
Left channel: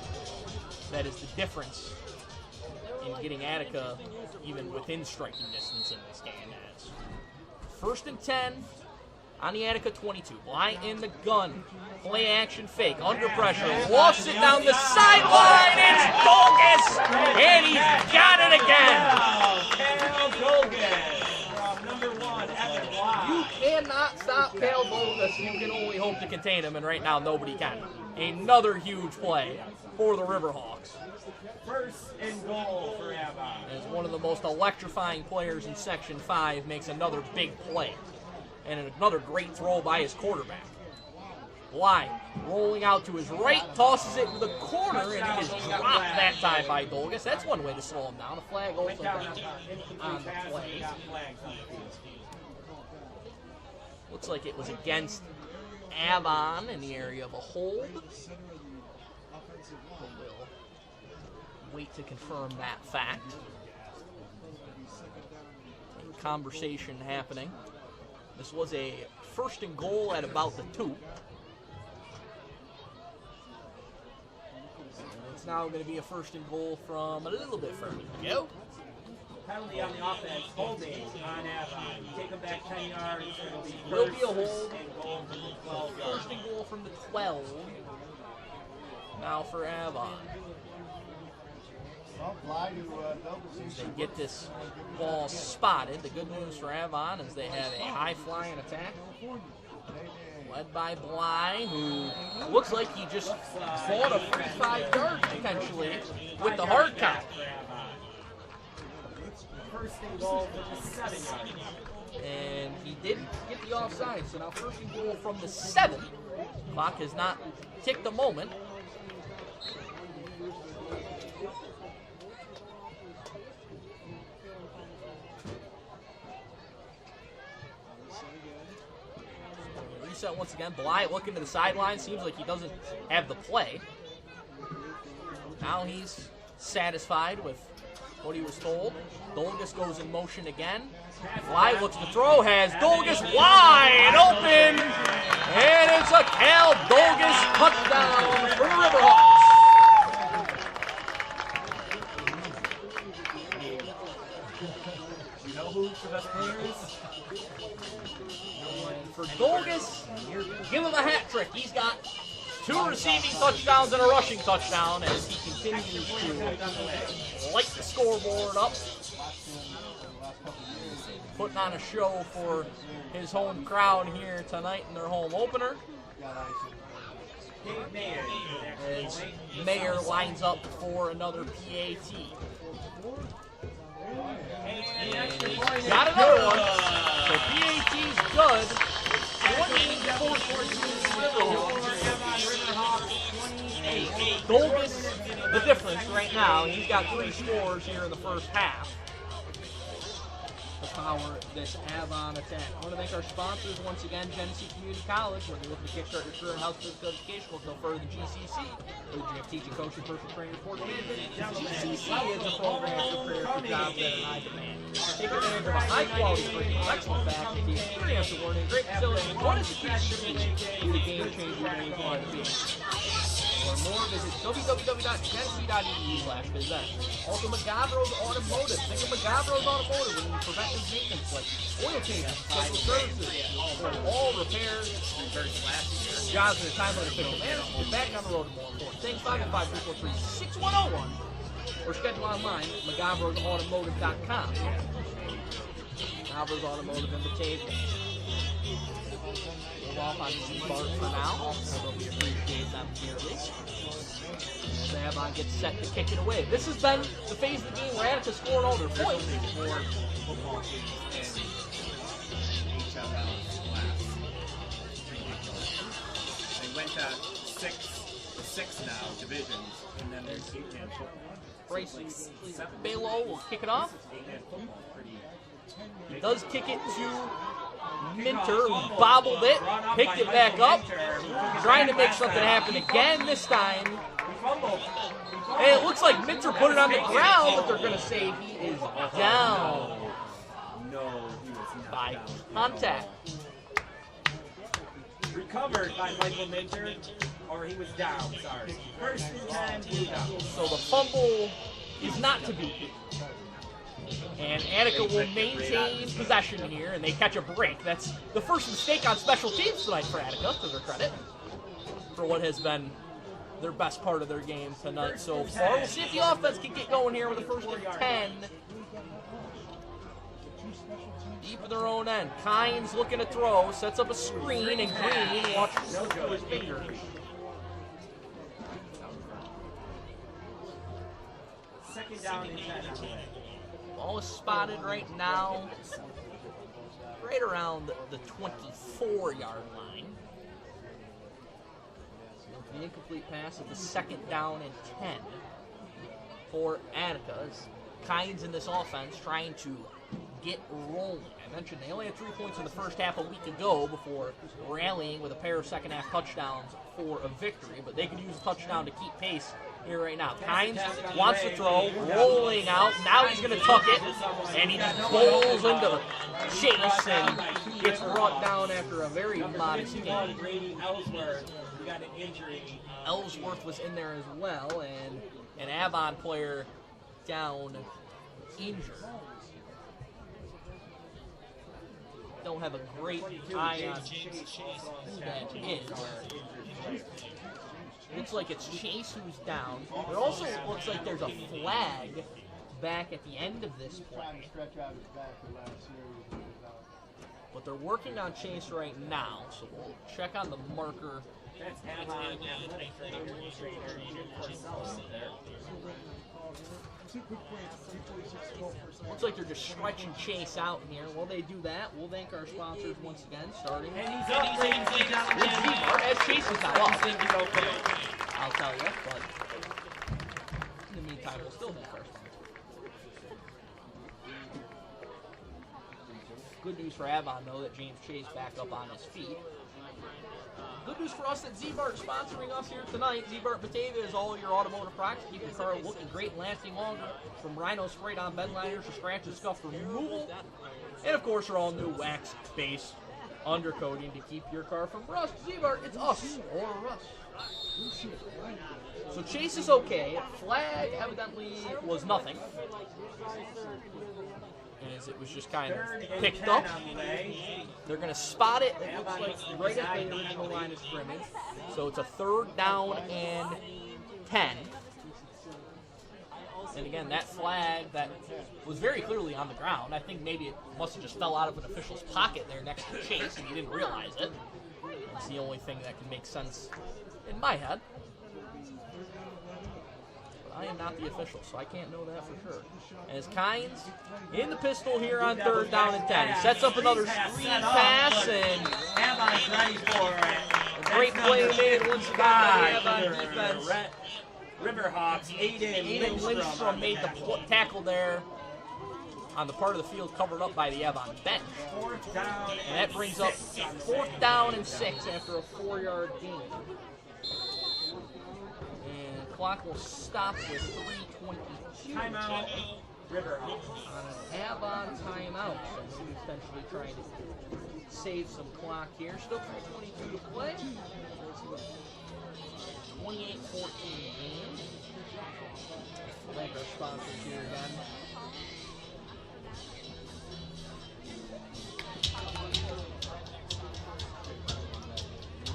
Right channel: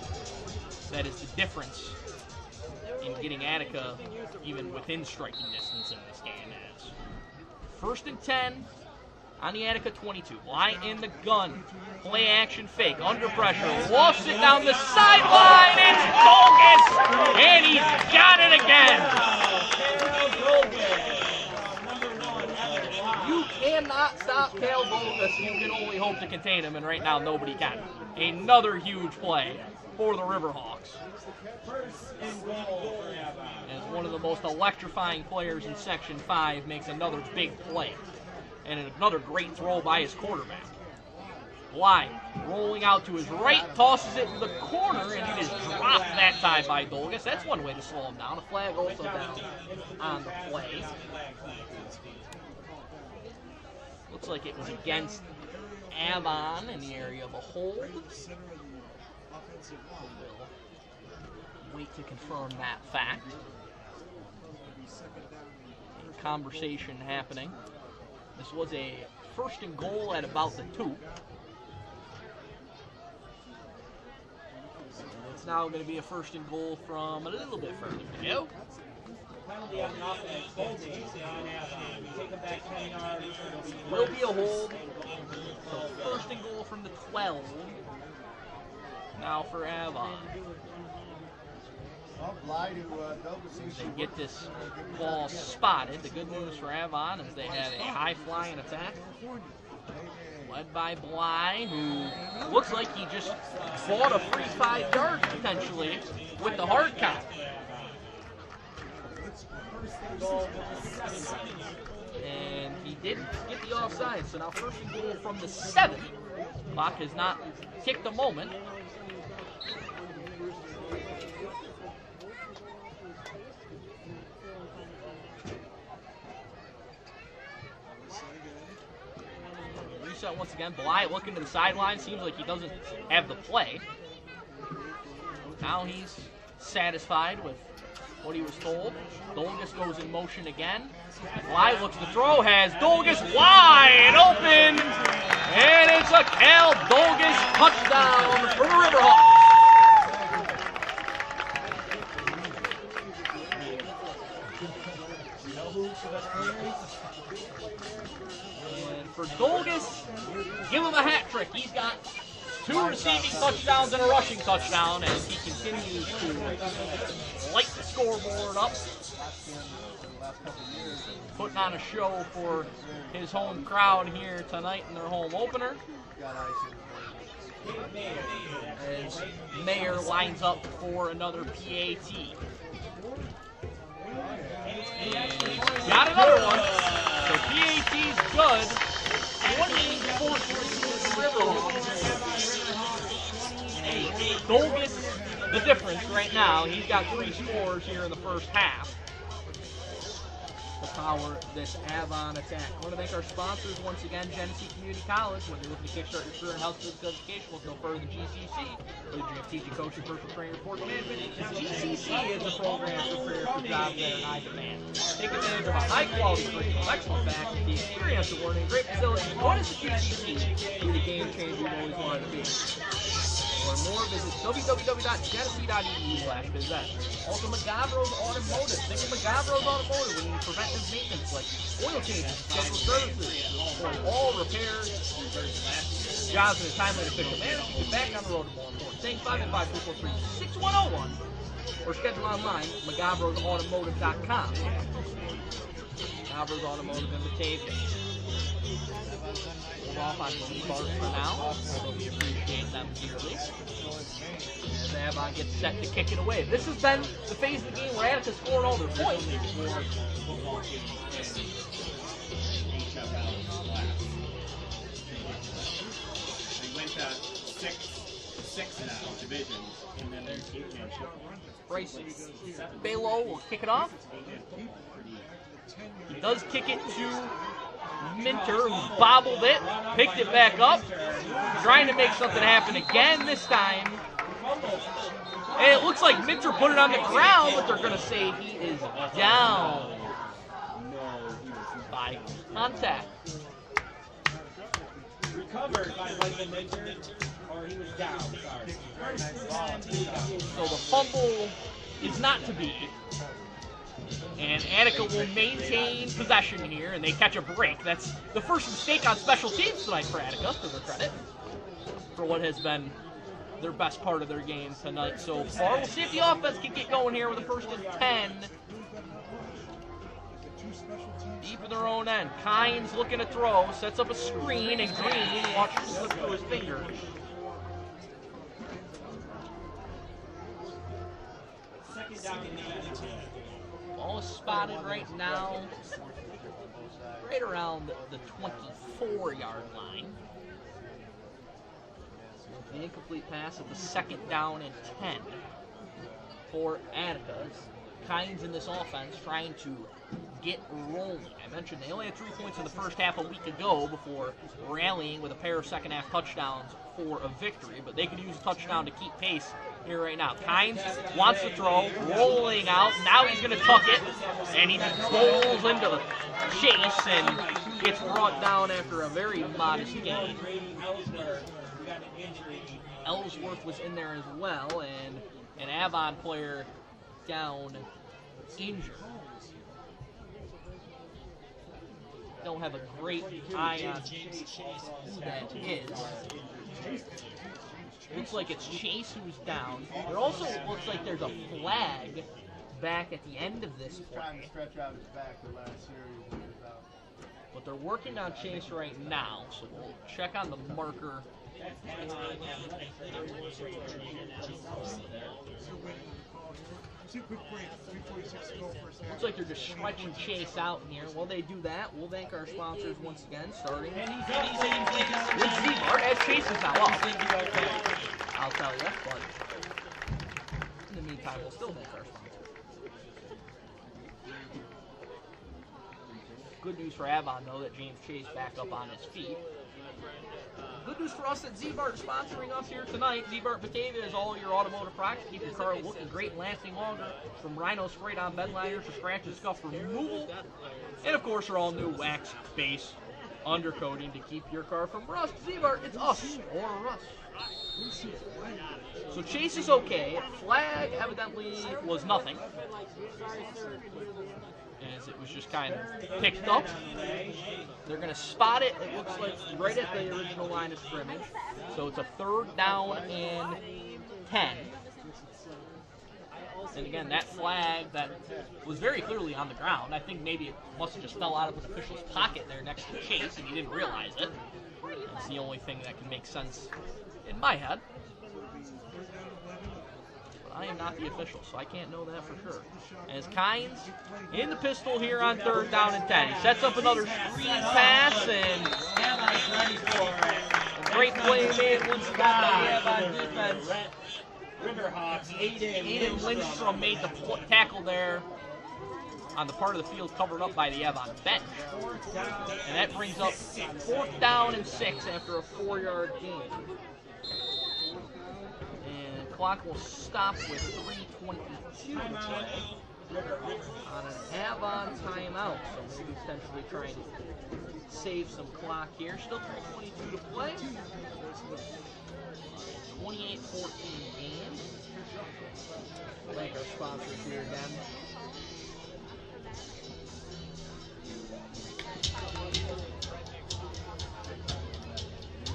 That is the difference in getting Attica even within striking distance in this game. As 1st and 10. On the Attica 22, line in the gun, play action fake, under pressure, lost it down the sideline, it's Dolgus, and he's got it again. You cannot stop Cal Dolgus, you can only hope to contain him, and right now nobody can. Another huge play for the Riverhawks. 1st and goal for Avon. As one of the most electrifying players in Section 5 makes another big play. And another great throw by his quarterback. Bly rolling out to his right, tosses it to the corner, and it is dropped that time by Dolgus. That's one way to slow him down. A flag also down on the play. Looks like it was against Avon in the area of a hold. We'll wait to confirm that fact. Conversation happening. This was a 1st and goal at about the 2. And it's now going to be a 1st and goal from a little bit further to go. Penalty on the offense, holding on Avon. Take them back 10 yards. Will be a hold. So 1st and goal from the 12. Now for Avon. They get this ball spotted. The good news for Avon is they have a high-flying attack. led by Bly, who looks like he just bought a free 5 yards potentially with the hard count. And he did get the offside, so now first and goal from the 7. Clock has not ticked a moment. Reset once again. Bly looking to the sideline. Seems like he doesn't have the play. Now he's satisfied with what he was told. Dolgus goes in motion again. Bly looks to throw, has Dolgus wide open, and it's a Cal Dolgus touchdown for the Riverhawks. And for Dolgus, give him a hat trick. He's got 2 receiving touchdowns and a rushing touchdown as he continues to light the scoreboard up. Putting on a show for his home crowd here tonight in their home opener. As Mayer lines up for another PAT. Got another one. So PAT's good. 28-14 Dolgus, the difference right now. He's got 3 scores here in the first half to power this Avon attack. I want to thank our sponsors once again, Genesee Community College. When you're looking to kickstart your career in health physical education, look no further than GCC. Whether you have teaching, coaching, personal training, sports management, GCC is a program to prepare for jobs that are in high demand. Take advantage of a high-quality curriculum, excellent faculty, experiential learning, great facilities. What is the GCC? Be the game changer you always wanted to be. For more, visit www.genesee.edu/visit. Also, McGavro's Automotive. Think of McGavro's Automotive when you need preventive maintenance like oil changes, scheduled services, for all repairs, jobs in a timely and efficient manner. So get back on the road to more important things. 515-343-6101 or schedule online at McGavrosAutomotive.com. McGavro's Automotive in Batavia. Hold off on C-Bart for now, although we appreciate them dearly. As Avon gets set to kick it away. This has been the phase of the game where Attica scored all their points. They went to six now, divisions, and then there's Bryce Balo will kick it off. He does kick it to Minter, who bobbled it, picked it back up, trying to make something happen again this time. And it looks like Minter put it on the ground, but they're going to say he is down by contact. Recovered by Michael Minter, or he was down, sorry. So the fumble is not to be. And Attica will maintain possession here, and they catch a break. That's the first mistake on special teams tonight for Attica, to their credit, for what has been their best part of their game tonight so far. We'll see if the offense can get going here with a 1st and 10. Deep in their own end. Kynes looking to throw, sets up a screen, and Green watches it slip through his fingers. Second down. Ball is spotted right now, right around the 24-yard line. The incomplete pass at the 2nd down and 10 for Attica. Kynes in this offense trying to get rolling. I mentioned they only had 3 points in the first half a week ago before rallying with a pair of second-half touchdowns for a victory, but they could use a touchdown to keep pace here right now. Kynes wants to throw, rolling out. Now he's going to tuck it, and he just bowls into the chase and gets brought down after a very modest gain. Ellsworth was in there as well, and an Avon player down injured. Don't have a great eye on who that is. Looks like it's Chase who's down. It also looks like there's a flag back at the end of this play. But they're working on Chase right now, so we'll check on the marker. Looks like they're just stretching Chase out in here. While they do that, we'll thank our sponsors once again, starting with Z-Mart, as Chase is now up. I'll tell you, but in the meantime, we'll still thank our sponsors. Good news for Avon, though, that James Chase back up on his feet. Good news for us that Z-Mart is sponsoring us here tonight. Z-Mart Batavia is all your automotive products to keep your car looking great and lasting longer. From Rhino sprayed-on bed liners to scratch and scuff removal. And, of course, our all-new wax base undercoating to keep your car from rust. Z-Mart, it's us or us. So Chase is okay. Flag evidently was nothing, as it was just kind of picked up. They're going to spot it, it looks like, right at the original line of scrimmage. So it's a 3rd down and 10. And again, that flag that was very clearly on the ground, I think maybe it must have just fell out of an official's pocket there next to Chase and he didn't realize it. It's the only thing that can make sense in my head. I am not the official, so I can't know that for sure. As Kynes in the pistol here on 3rd down and 10. He sets up another screen pass, and a great play made once again by the Avon defense. Riverhawks, Aiden Lindstrom made the tackle there on the part of the field covered up by the Avon bench. And that brings up 4th down and 6 after a 4-yard gain. And clock will stop with 3:22 on an Avon timeout. So maybe potentially trying to save some clock here. Still 3:22 to play. 28-14 game. Thank our sponsors here again.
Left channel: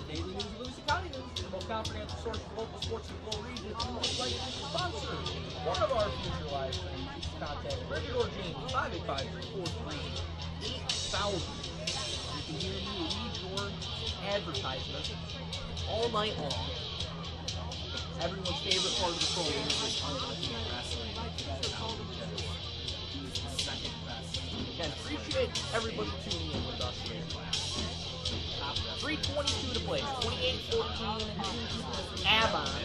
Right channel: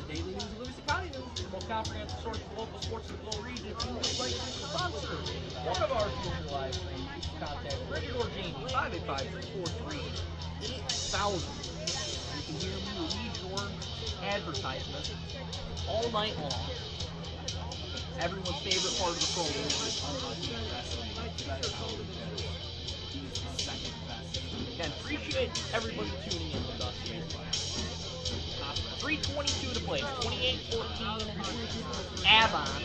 Daily News of Livingston County News, the most comprehensive source of local sports in the Flow region. If you would like to sponsor one of our future live streams, you can contact Bridget or Jamie, 585-343-8000. You can hear me read your advertisement all night long. Everyone's favorite part of the program is again, appreciate everybody tuning in with us here. 3:22 to play. 28-14 Avon.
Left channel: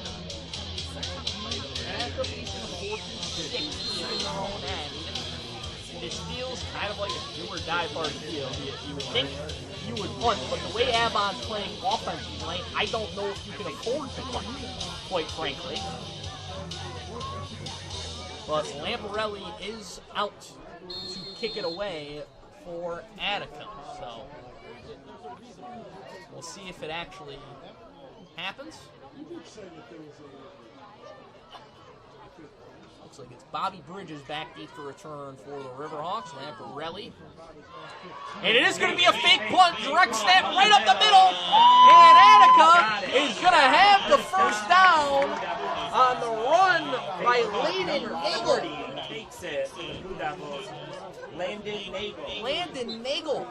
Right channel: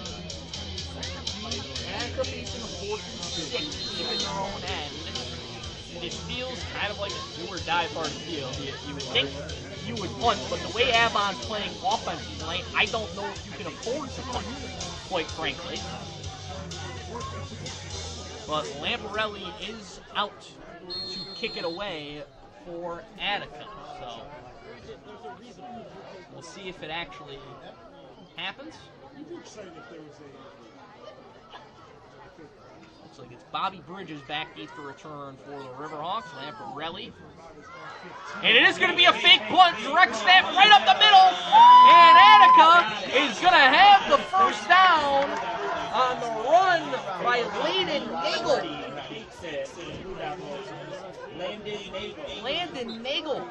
Attica facing a 4-6 deep in their own end. It feels kind of like a do or die part of the field. You would think you would punt, but the way Avon's playing offense tonight, I don't know if you can afford to punt, quite frankly. But Lamparelli is out to kick it away for Attica. So we'll see if it actually happens. Looks like it's Bobby Bridges back deep for return for the Riverhawks. Lamparelli. And it is going to be a fake punt, direct snap right up the middle. And Attica is going to have the first down on the run by Landon Nagel.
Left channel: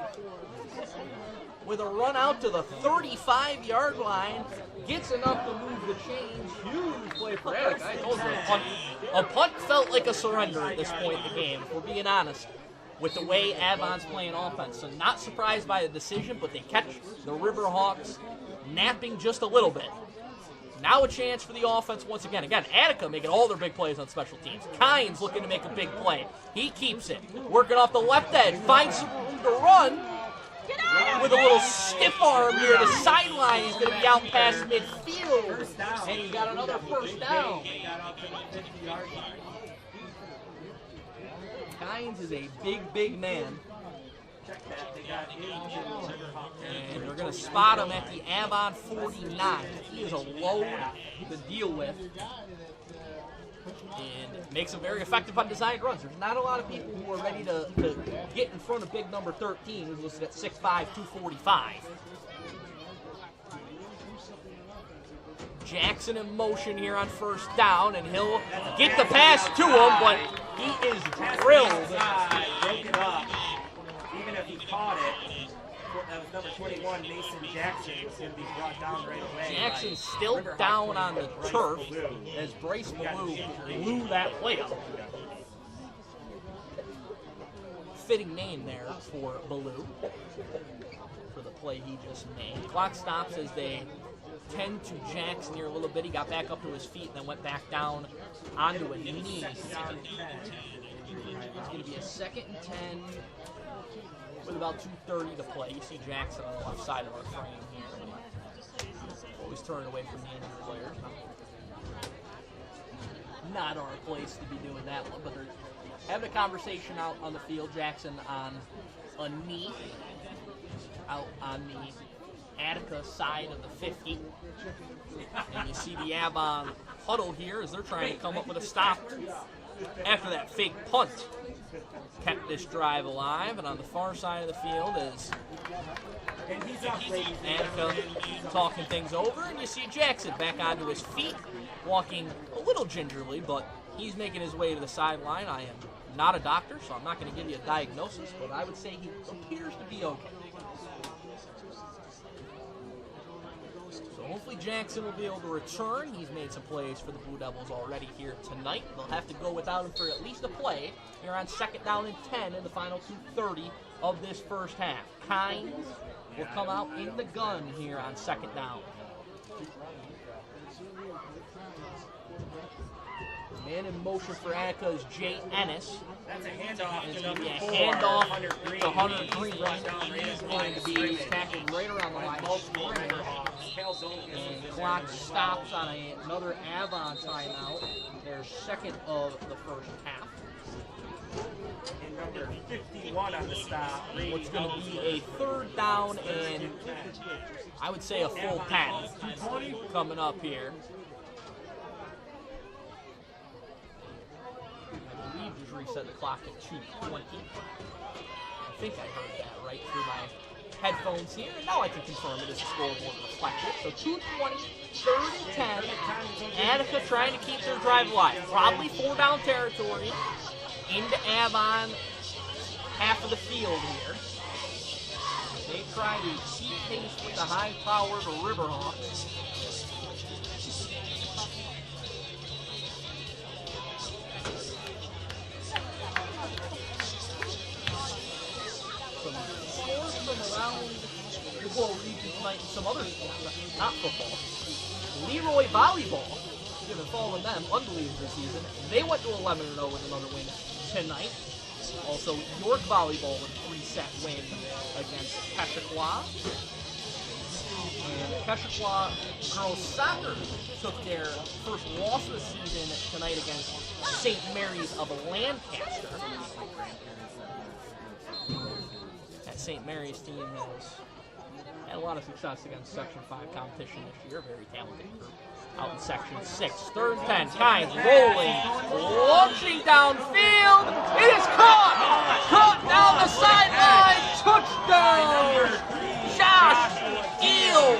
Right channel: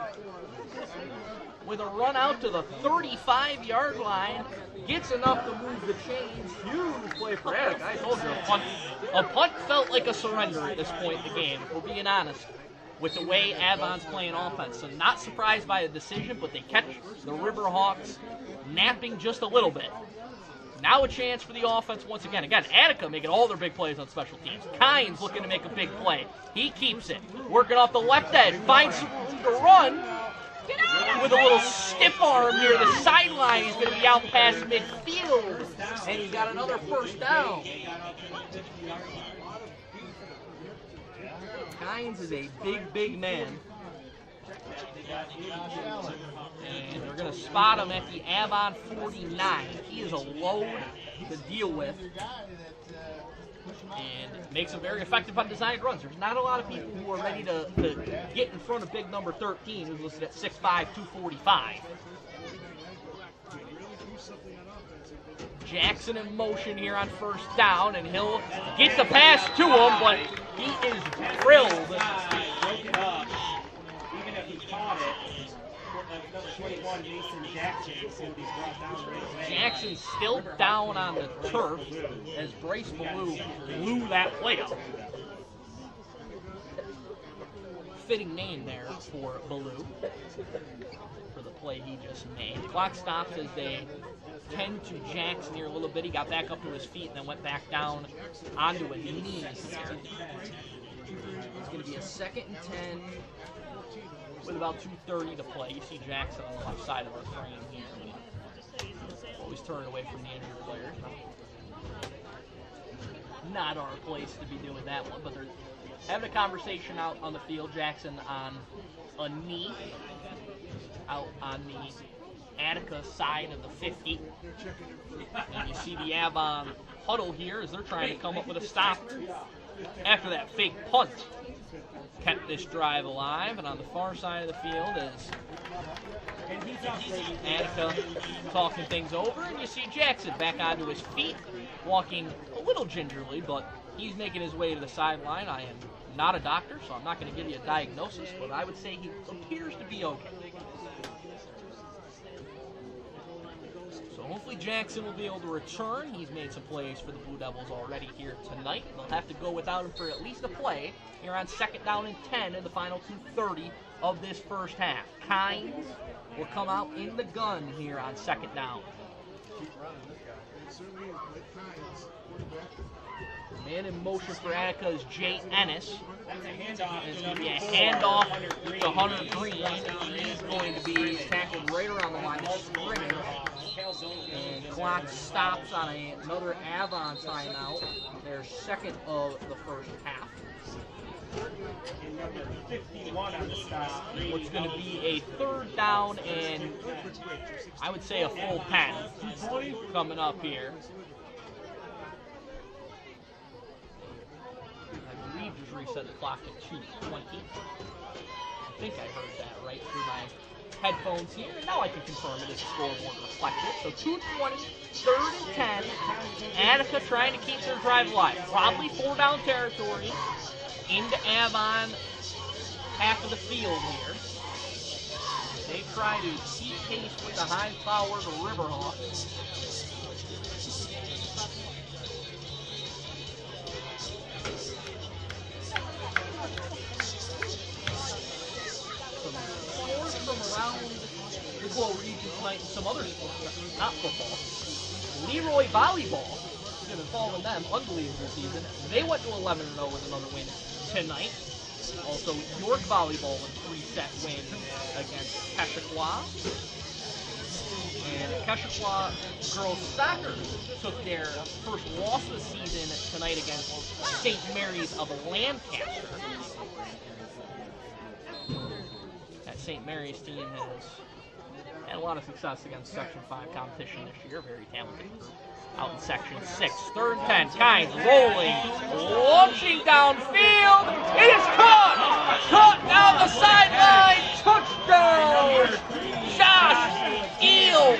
With a run out to the 35-yard line, gets enough to move the chains. Huge play for Attica. I told you, a punt felt like a surrender at this point in the game, if we're being honest, with the way Avon's playing offense. So not surprised by the decision, but they catch the Riverhawks napping just a little bit. Now a chance for the offense once again. Again, Attica making all their big plays on special teams. Kynes looking to make a big play. He keeps it. Working off the left edge. Finds some room to run. With a little stiff arm near the sideline. He's going to be out past midfield. And he's got another first down. Kynes is a big, big man. And they're going to spot him at the Avon 49. He is a load to deal with. And makes him very effective on designed runs. There's not a lot of people who are ready to get in front of big number 13, who's listed at 6'5", 245. Jackson in motion here on first down, and he'll get the pass to him, but he is drilled. Even if he caught it, Jackson still down on the turf as Bryce Ballou blew that play out. Fitting name there for Ballou for the play he just made. Clock stops as they tend to Jackson here a little bit. He got back up to his feet and then went back down onto a knee. It's going to be a 2nd and 10 with about 2:30 to play. You see Jackson on the left side of our frame here. Always turning away from the injured players. Not our place to be doing that one, but they're having a conversation out on the field. Jackson on a knee out on the Attica side of the 50. And you see the Avon huddle here as they're trying to come up with a stop after that fake punt kept this drive alive. And on the far side of the field is Attica talking things over, and you see Jackson back onto his feet, walking a little gingerly, but he's making his way to the sideline. I am not a doctor, so I'm not going to give you a diagnosis, but I would say he appears to be okay. So hopefully Jackson will be able to return. He's made some plays for the Blue Devils already here tonight. They'll have to go without him for at least a play here on 2nd down and 10 in the final 2:30 of this first half. Kynes will come out in the gun here on 2nd down. The man in motion for Attica is Jay Ennis. And it's going to be a handoff to Hunter Green. He's going to be tackled right around the line of scrimmage. And clock stops on another Avon timeout. Their 2nd of the first half. Number 51 on the stop. What's going to be a 3rd down and I would say a full 10 coming up here. I believe just reset the clock at 2:20. I think I heard that right through my headphones here. And now I can confirm it as the scoreboard reflects it. So 2:20, 3rd and 10. Attica trying to keep their drive alive. Probably 4-down territory into Avon half of the field here. They try to keep pace with the high-powered Riverhawks. Some scores from around the Glow region tonight and some other sports, not football. Leroy Volleyball, you've been following them, unbelievable season. They went to 11-0 with another win tonight. Also, York Volleyball with a 3-set win against Keshequa. And Keshequa girls soccer took their first loss of the season tonight against St. Mary's of Lancaster. That St. Mary's team has had a lot of success against Section 5 competition this year. Very talented group. Out in Section 6. 3rd and 10. Kynes rolling. Launching downfield. It is caught. Caught down the sideline. Touchdown. Josh Eel.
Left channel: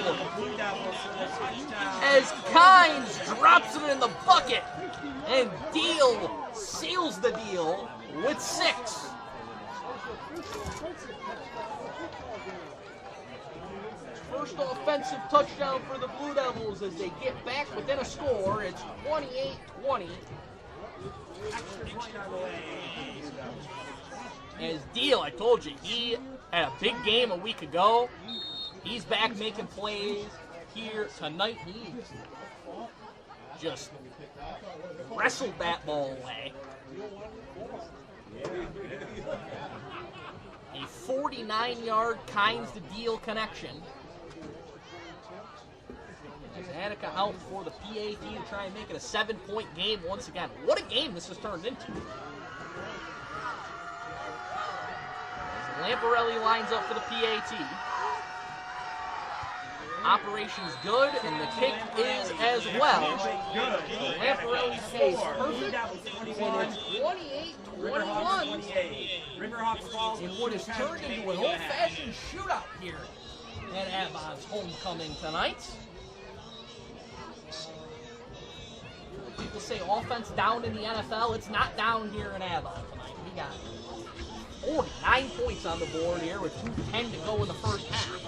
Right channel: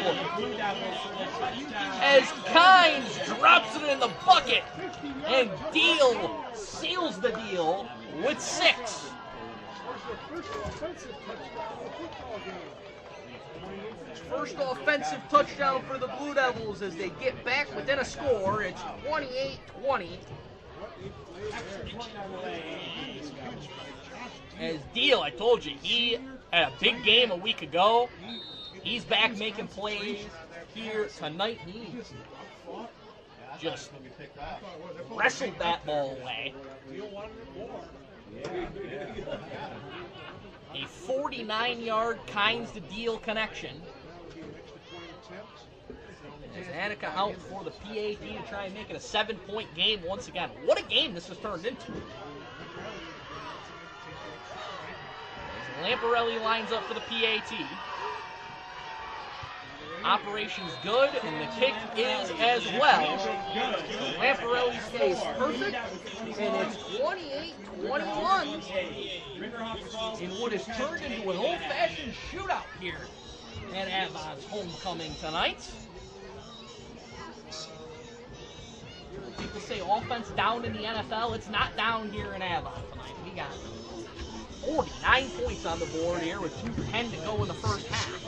As Kynes drops it in the bucket. And Deal seals the deal with 6. First offensive touchdown for the Blue Devils as they get back within a score. It's 28-20. As Deal, I told you, he had a big game a week ago. He's back making plays here tonight. He just wrestled that ball away. A 49-yard Kynes to Deal connection. As Attica out for the PAT to try and make it a 7-point game once again. What a game this has turned into. Lamparelli lines up for the PAT. Operation's good, and the kick is as well. So Lamparelli stays perfect, and it's 28-21 in what has turned into an old-fashioned shootout here at Avon's homecoming tonight. People say offense down in the NFL. It's not down here in Avon tonight. We got 40. 9 points on the board here with 2:10 to go in the first half.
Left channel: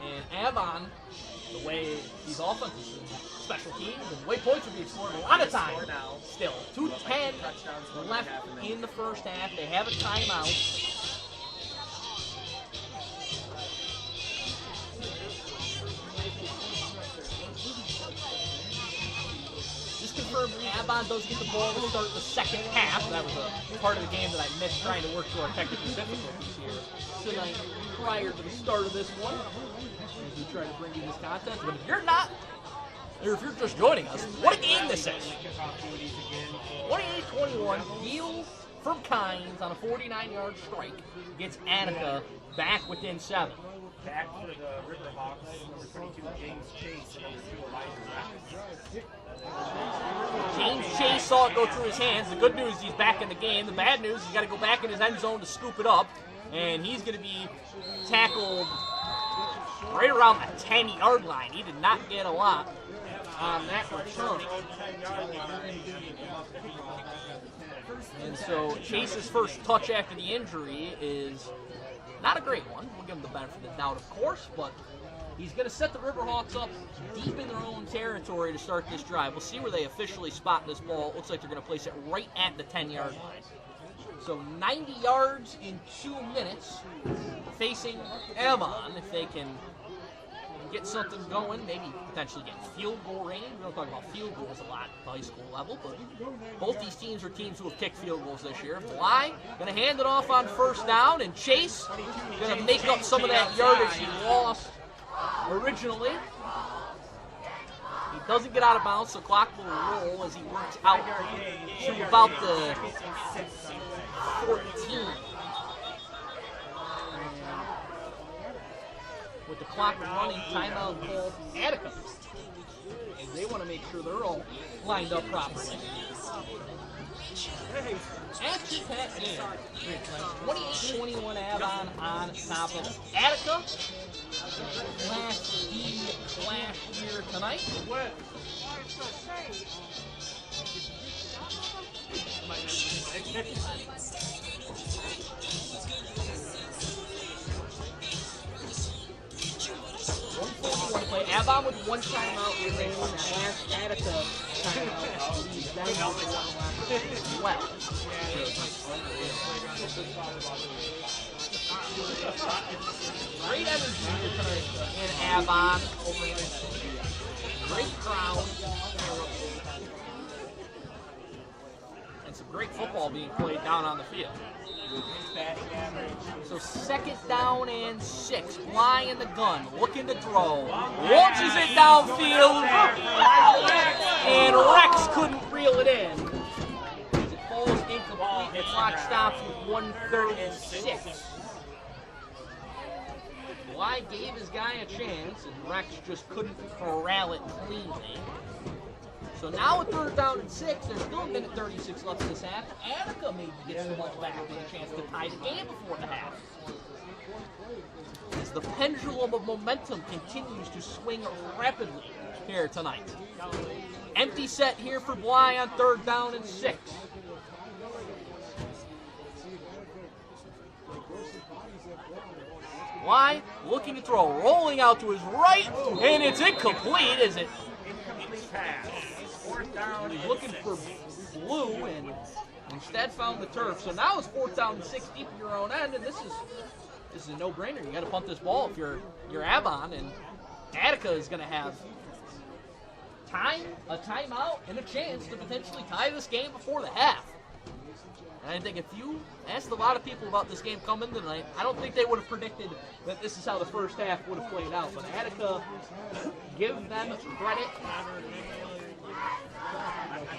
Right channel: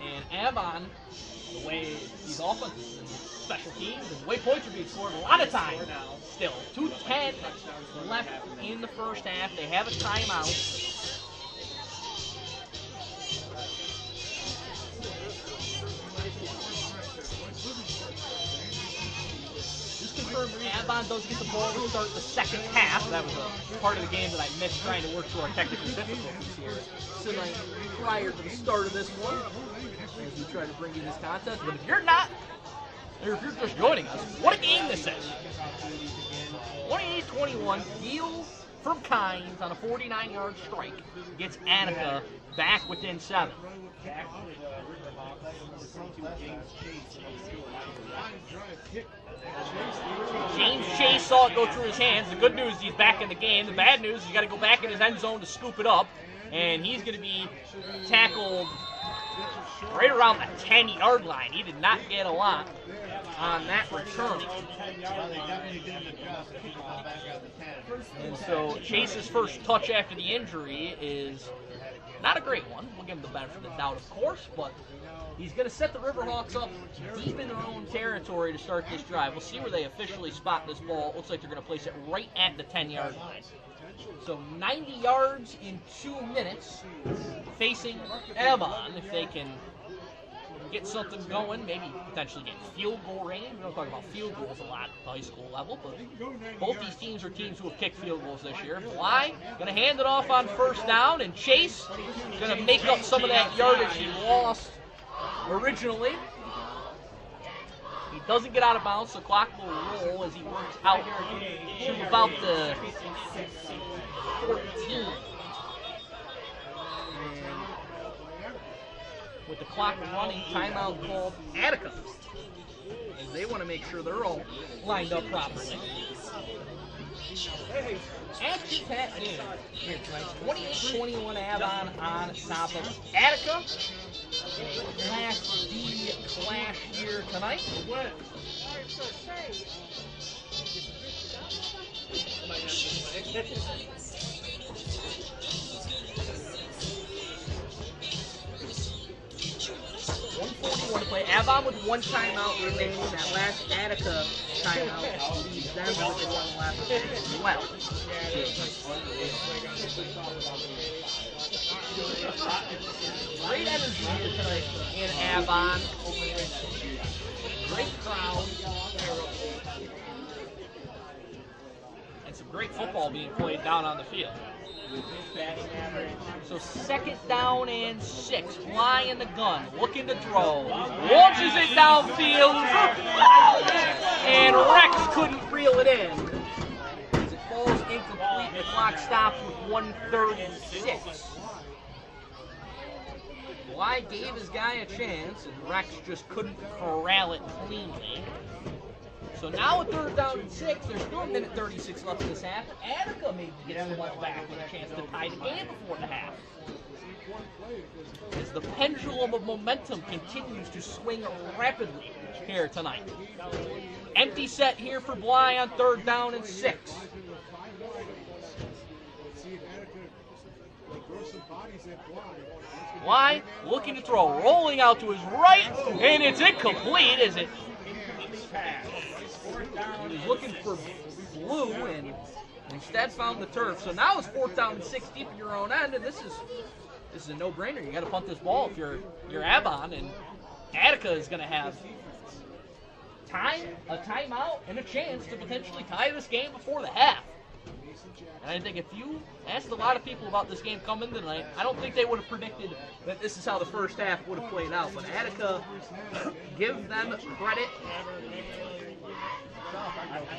And Avon, the way these offenses and special teams and the way points are being scored, a lot of time still. 2:10 left in the first half. They have a timeout. Just confirmed Avon does get the ball to start the second half. That was a part of the game that I missed trying to work through our technical difficulties here tonight prior to the start of this one, as we try to bring you this contest. But if you're not, or if you're just joining us, what a game this is. 28-21, Deal from Kynes on a 49-yard strike gets Attica back within 7. James Chase saw it go through his hands. The good news is he's back in the game. The bad news is he's got to go back in his end zone to scoop it up, and he's going to be tackled right around the 10-yard line. He did not get a lot on that return. And so Chase's first touch after the injury is not a great one. We'll give him the benefit of the doubt, of course, but he's going to set the Riverhawks up deep in their own territory to start this drive. We'll see where they officially spot this ball. It looks like they're going to place it right at the 10-yard line. So 90 yards in 2 minutes facing Avon. If they can get something going, maybe potentially get field goal range. We don't talk about field goals a lot at the high school level, but both these teams are teams who have kicked field goals this year. Bly going to hand it off on first down, and Chase going to make up some of that yardage he lost originally. He doesn't get out of bounds, so the clock will roll as he works out to about the 14. With the clock running, timeout called Attica. And they want to make sure they're all lined up properly. Action pack game. 28-21 Avon on top of Attica in a Class D clash here tonight. 1:41 to play. Avon with one timeout remaining. That last Attica timeout leaves them with one left as well. Great energy here tonight in Avon. Great crowd. And some great football being played down on the field. So 2nd down and 6. Fly in the gun, looking to throw. Launches it downfield. And Rex couldn't reel it in. As it falls incomplete, the clock stops with 1:36. Fly gave his guy a chance, and Rex just couldn't corral it cleanly. So now with 3rd down and 6, there's still 1:36 left in this half. Attica maybe gets the ball back with a chance to tie the game before the half. As the pendulum of momentum continues to swing rapidly here tonight. Empty set here for Bly on 3rd down and 6. Bly looking to throw, rolling out to his right, and it's incomplete as it. He's looking for blue and instead found the turf. So now it's 4th down and 6 deep in your own end, and this is a no-brainer. You got to punt this ball if you're Avon, and Attica is going to have a timeout, and a chance to potentially tie this game before the half. And I think if you asked a lot of people about this game coming tonight, I don't think they would have predicted that this is how the first half would have played out. But Attica, give them credit.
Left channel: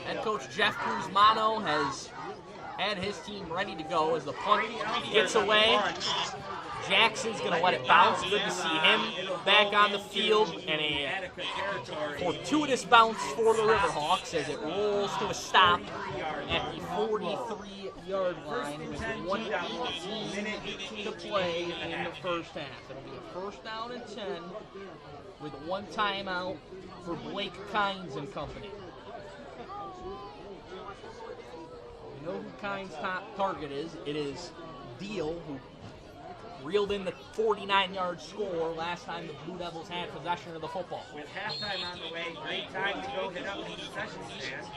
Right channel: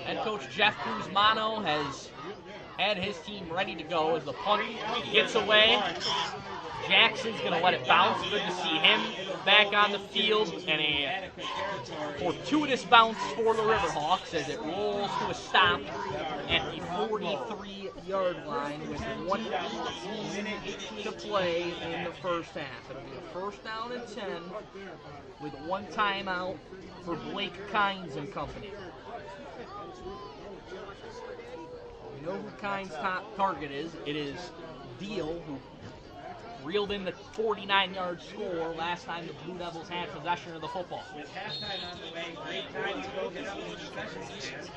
Head coach Jeff Kuzmano has had his team ready to go as the punt gets away. Jackson's going to let it bounce. Good to see him back on the field. And a fortuitous bounce for the Riverhawks as it rolls to a stop at the 43-yard line with 1:18 to play in the first half. It'll be a 1st down and 10 with one timeout for Blake Kynes and company. We know who Kine's top target is. It is Deal, who reeled in the 49-yard score last time the Blue Devils had possession of the football. With halftime on the way, great time to go hit up the concession stand.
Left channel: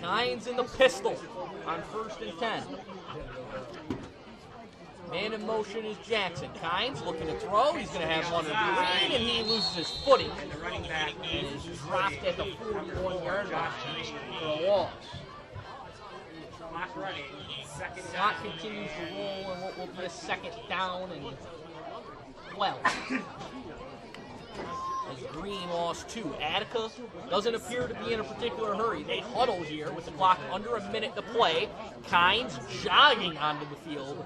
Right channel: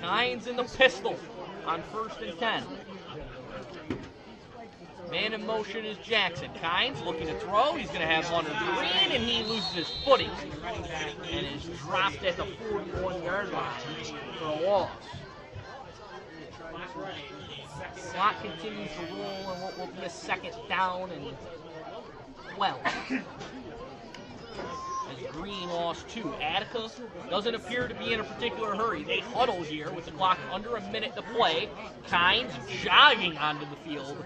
Kine's in the pistol on 1st and 10. Man in motion is Jackson. Kine's looking to throw. He's going to have one green, and he loses his footing and is dropped at the 41-yard line for a loss. Clock continues to roll, and what will be a 2nd down and 12. As Green lost 2. Attica doesn't appear to be in a particular hurry. They huddle here with the clock under a minute to play. Kine's jogging onto the field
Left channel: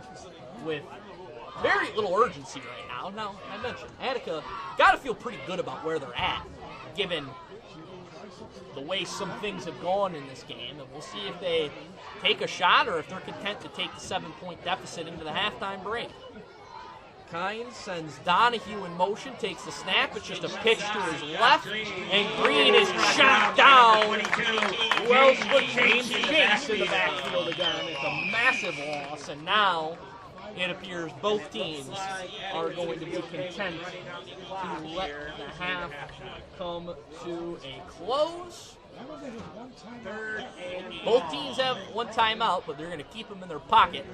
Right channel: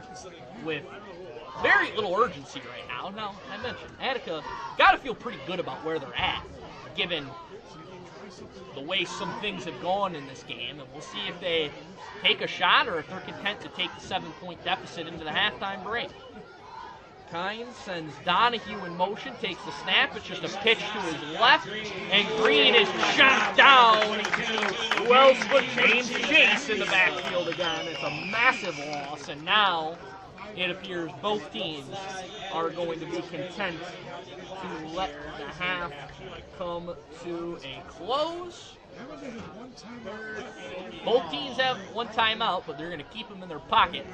with very little urgency right now. Now, I mentioned Attica got to feel pretty good about where they're at, given the way some things have gone in this game, and we'll see if they take a shot or if they're content to take the 7-point deficit into the halftime break. Kynes sends Donahue in motion, takes the snap. It's just a pitch to his left, and Green is shot down. Well put James Chase in the backfield again. It's a massive loss, and now it appears both teams are going to be content to let the half come to a close. Both teams have one timeout, but they're going to keep them in their pocket.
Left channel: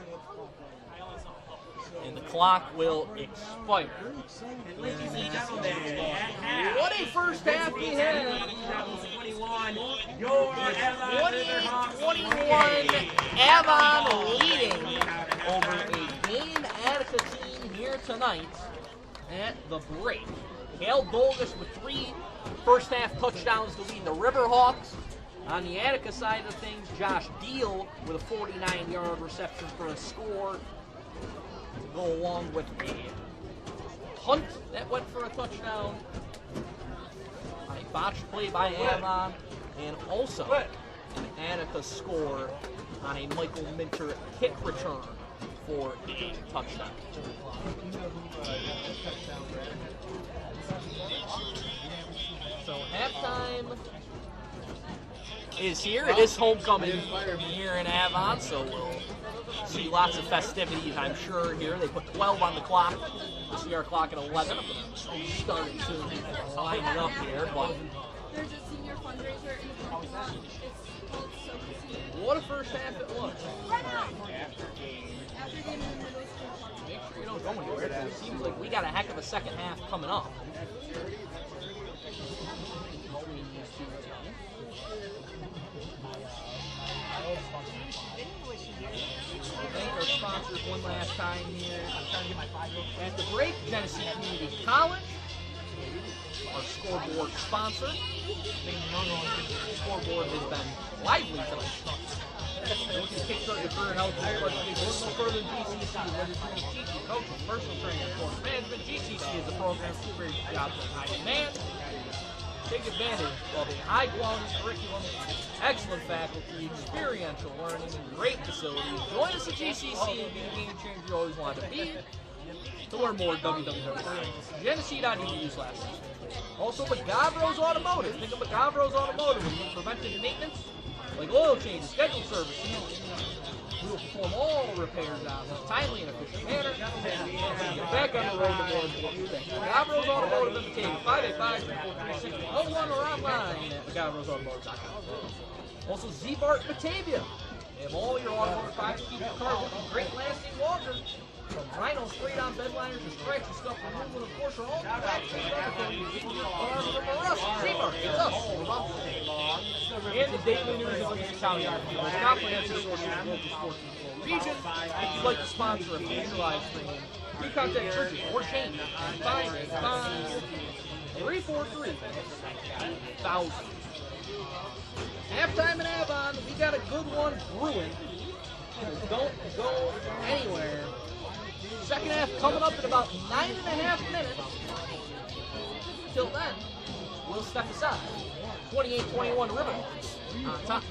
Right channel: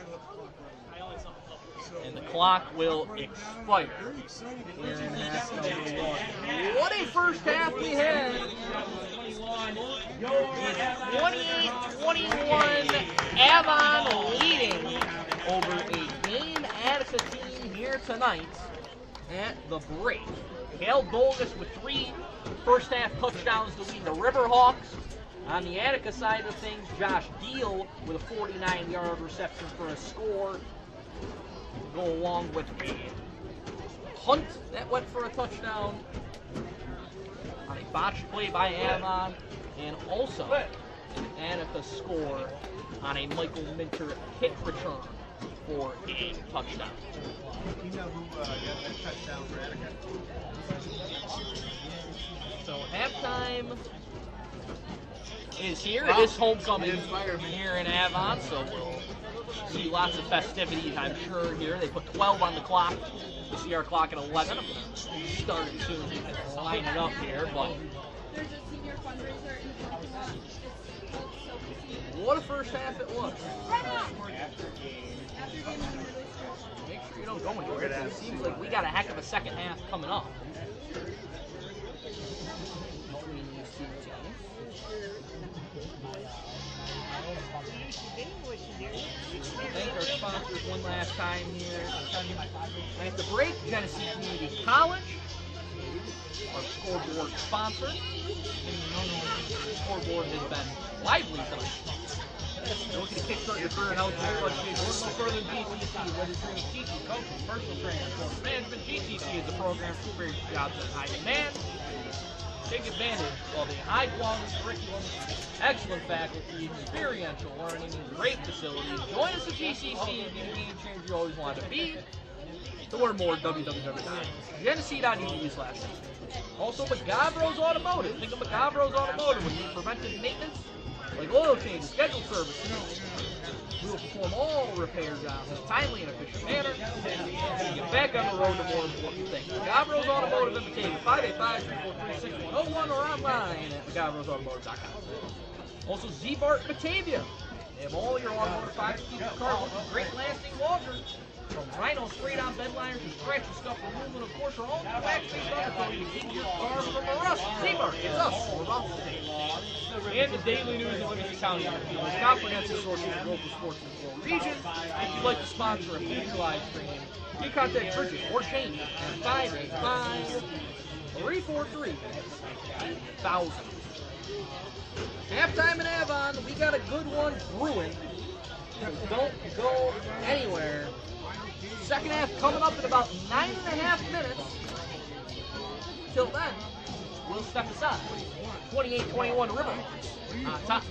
And the clock will expire here in half number 1. What a first half we had. 28-21, Avon leading over a game Attica team here tonight at the break. Cale Dolgus with 3 first half touchdowns to lead the Riverhawks. On the Attica side of things, Josh Deal with a 49-yard reception for a score. Go along with a punt that went for a touchdown on a botched play by Avon, and also Attica score on a Michael Minter kick return for a touchdown. So halftime is here. It is homecoming here in Avon, so we'll see lots of festivities, I'm sure, here. They put 12 on the clock. We'll see our clock at 11. I'm going to start it soon. Line it up here, but There's a senior fundraiser in the parking lot. what a first half it was. Right on! Make sure you don't go anywhere, because it seems like we got a heck of a second half coming up between these two teams. Thank our sponsors one last time here. At the break, Genesee Community College, our scoreboard sponsor. The scoreboard has been lively tonight. You're looking to kickstart your career in healthcare education. Look no further than GCC. Whether you're doing teaching, coaching, personal training, sports management, GCC is the program for experienced jobs in high demand. Take advantage of a high-quality curriculum, excellent faculty, experiential learning, and great facilities. Join us at GCC and be the game changer you always wanted to be. To learn more, www.genesee.edu/. Also, McGavro's Automotive. Think of McGavro's Automotive when you need preventive maintenance, like oil changes, scheduled service. We will perform all repair jobs in a timely and efficient manner. So you get back on the road to more important things. McGavro's Automotive in Batavia, 585-343-6101, or online at McGavro'sAutomotive.com. Also, Z-Bart Batavia. They have all your automotive products to keep your car looking great, lasting longer. From Rhino straight-on bed liners to scratch and scuff removal, and of course, your all-new wax-based undercoating to keep your car from rust. Z-Bart, it's us, we're about to. And the daily news of Livingston County, the most comprehensive source of local sports in the Flow region. If you'd like to sponsor a future live stream, you contact Bridget or Shane at 585-343-8000. Halftime in Avon, we got a good one brewing. So don't go anywhere. Second half coming up in about 9.5 minutes. Till then, we'll step aside. 28-21 Riverhawks on top.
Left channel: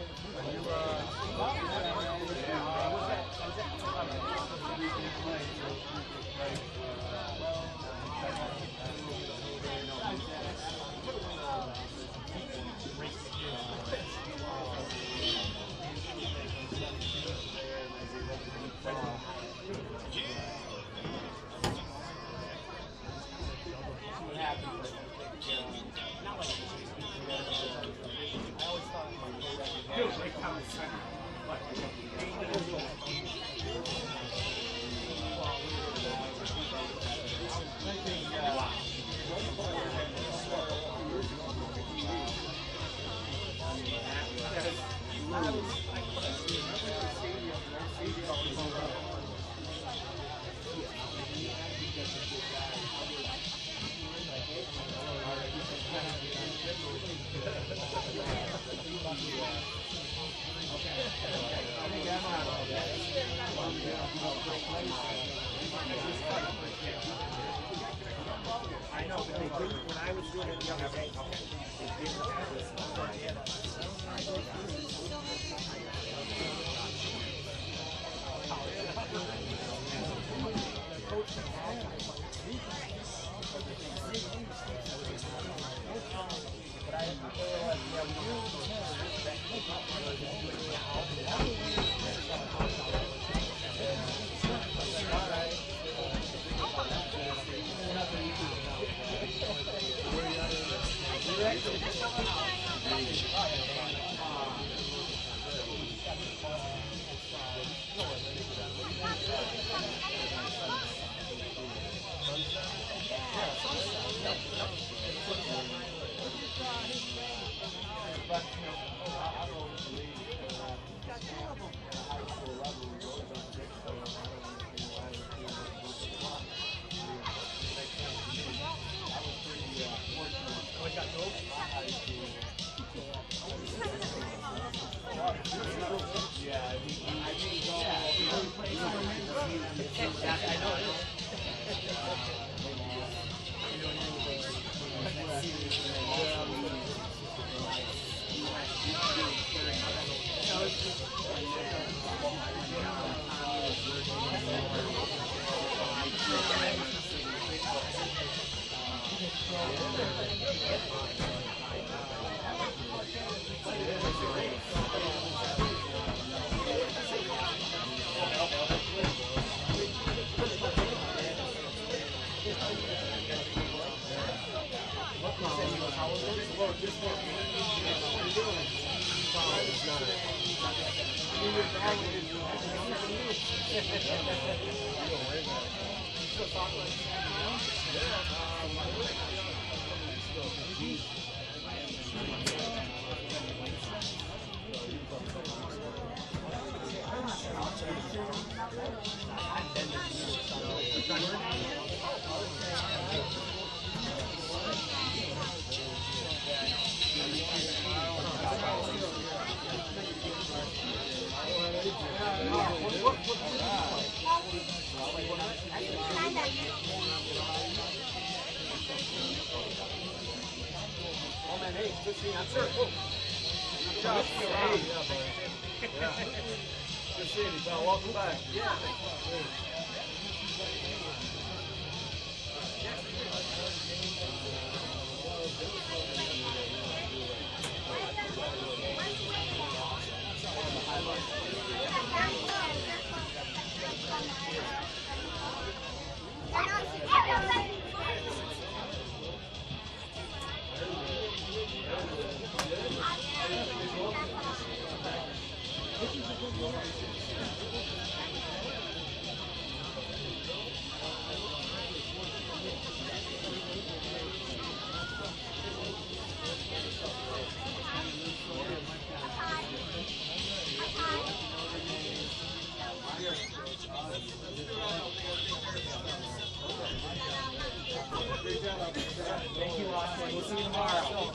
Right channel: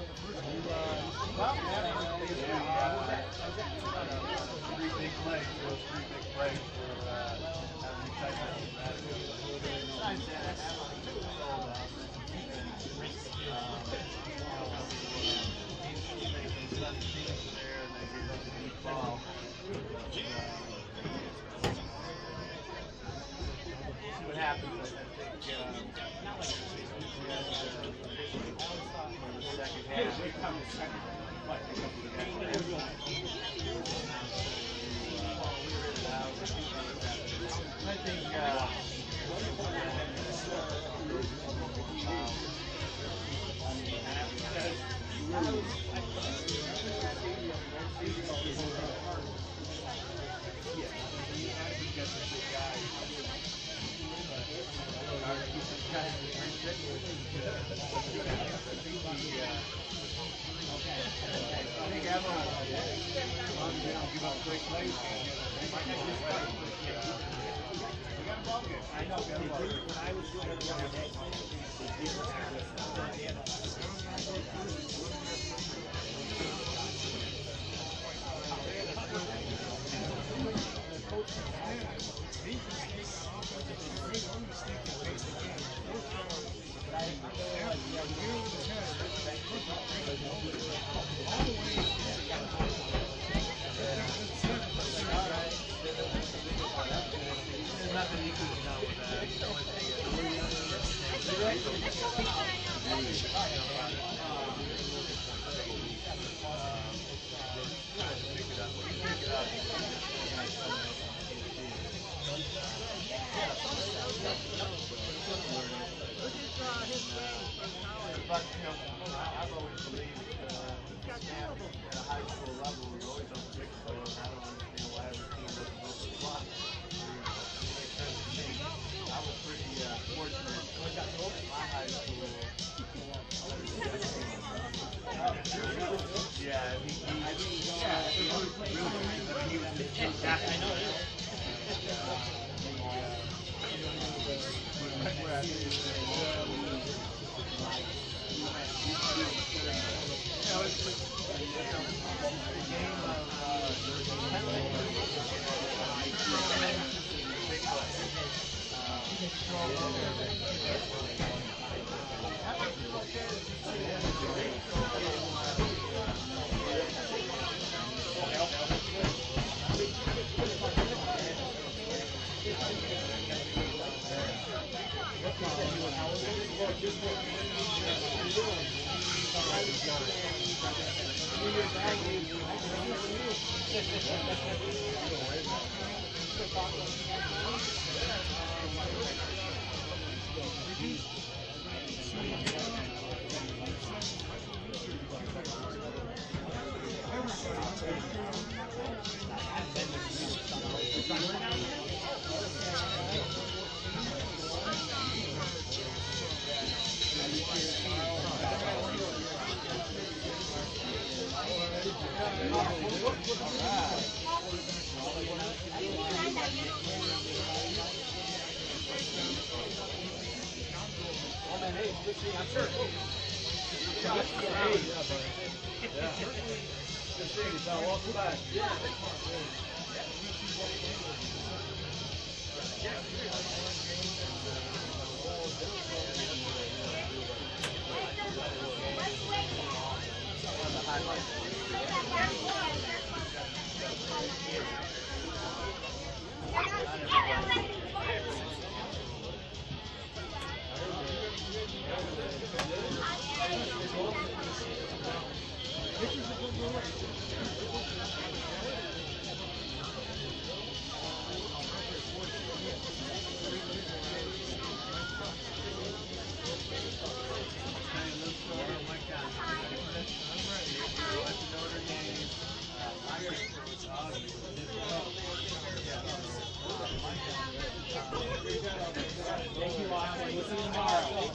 Thank you, Austin. We'll see you tomorrow.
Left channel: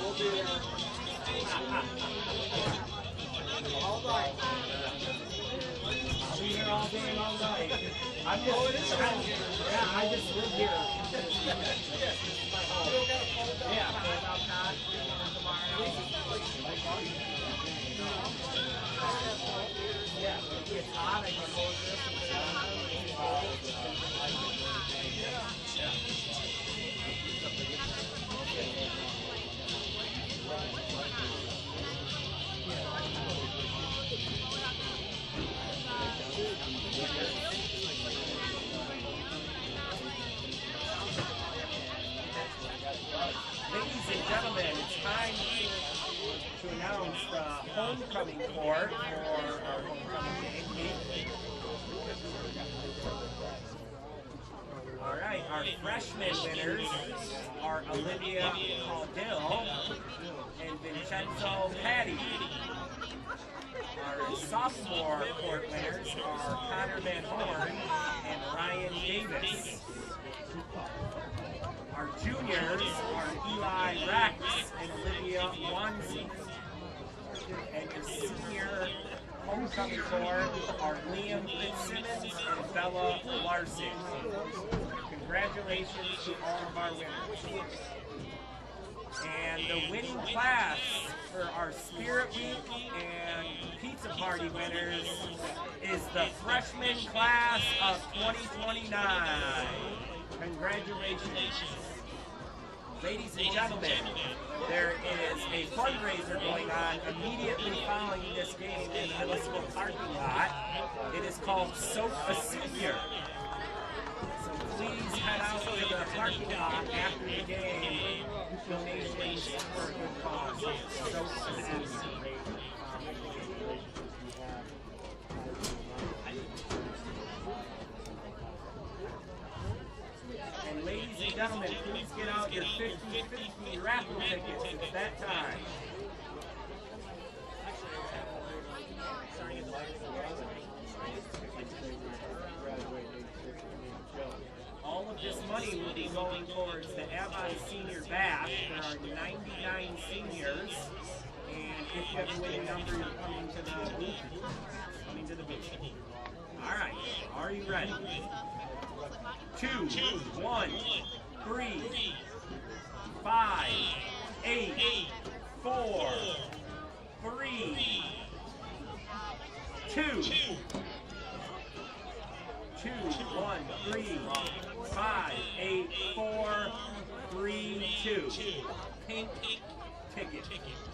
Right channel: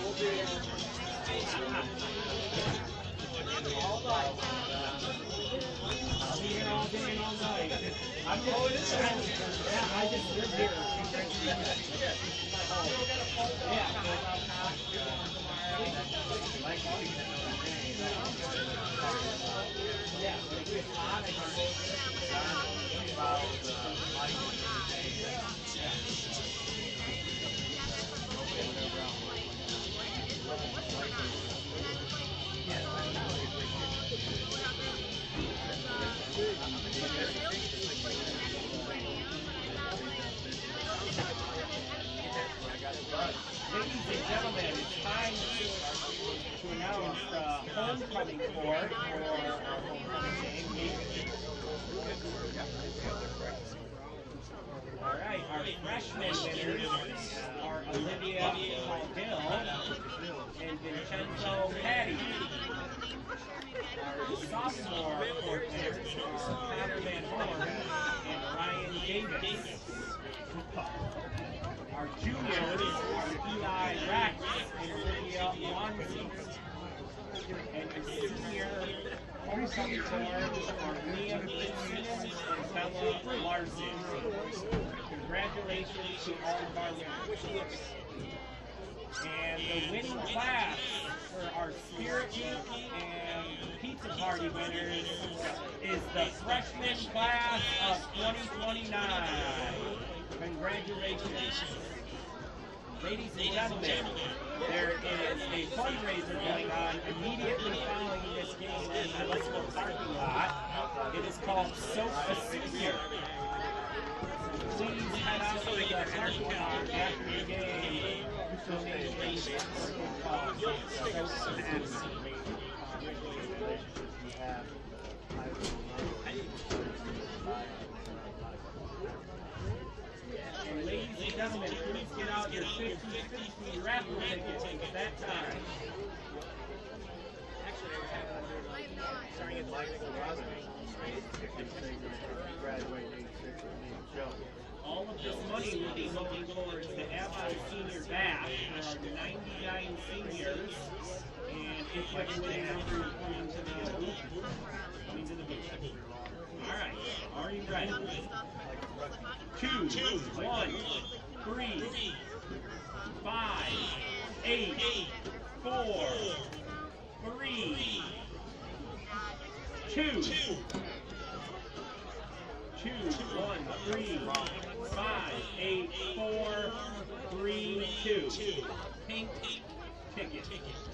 We'll be there. I'll be here all day and all night. I'm just, yeah, I just live here. Yeah, but if it's hot, I can hold this. I got homecoming court for our homecoming game. All right, our freshman winners are Olivia Caudill and Vincenzo Petty. Our sophomore court winners are Connor Van Horn and Ryan Davis. Our juniors are Eli Rex and Olivia Wanzi. And the senior homecoming court are Liam Fitzsimmons and Bella Larson. Congratulations to all of our winners. And the winning class for our Spirit Week and Pizza Party winners is the freshman class of 2029. Congratulations. Ladies and gentlemen, there is a fundraiser going on immediately following this game in the middle school parking lot. It is called Soap a Senior. So please head out to the parking lot after the game. Donations for a good cause. Soap a Senior. And ladies and gentlemen, please get out your 50-50 raffle tickets. It's that time. All of this money will be going towards the Avon Senior Bash. There are 99 seniors, and if you have a winning number, you're coming to the booth. All right, are you ready? 2, 1, 3, 5, 8, 4, 3, 2, 1, 3, 5, 8, 4, 3, 2. Pink ticket.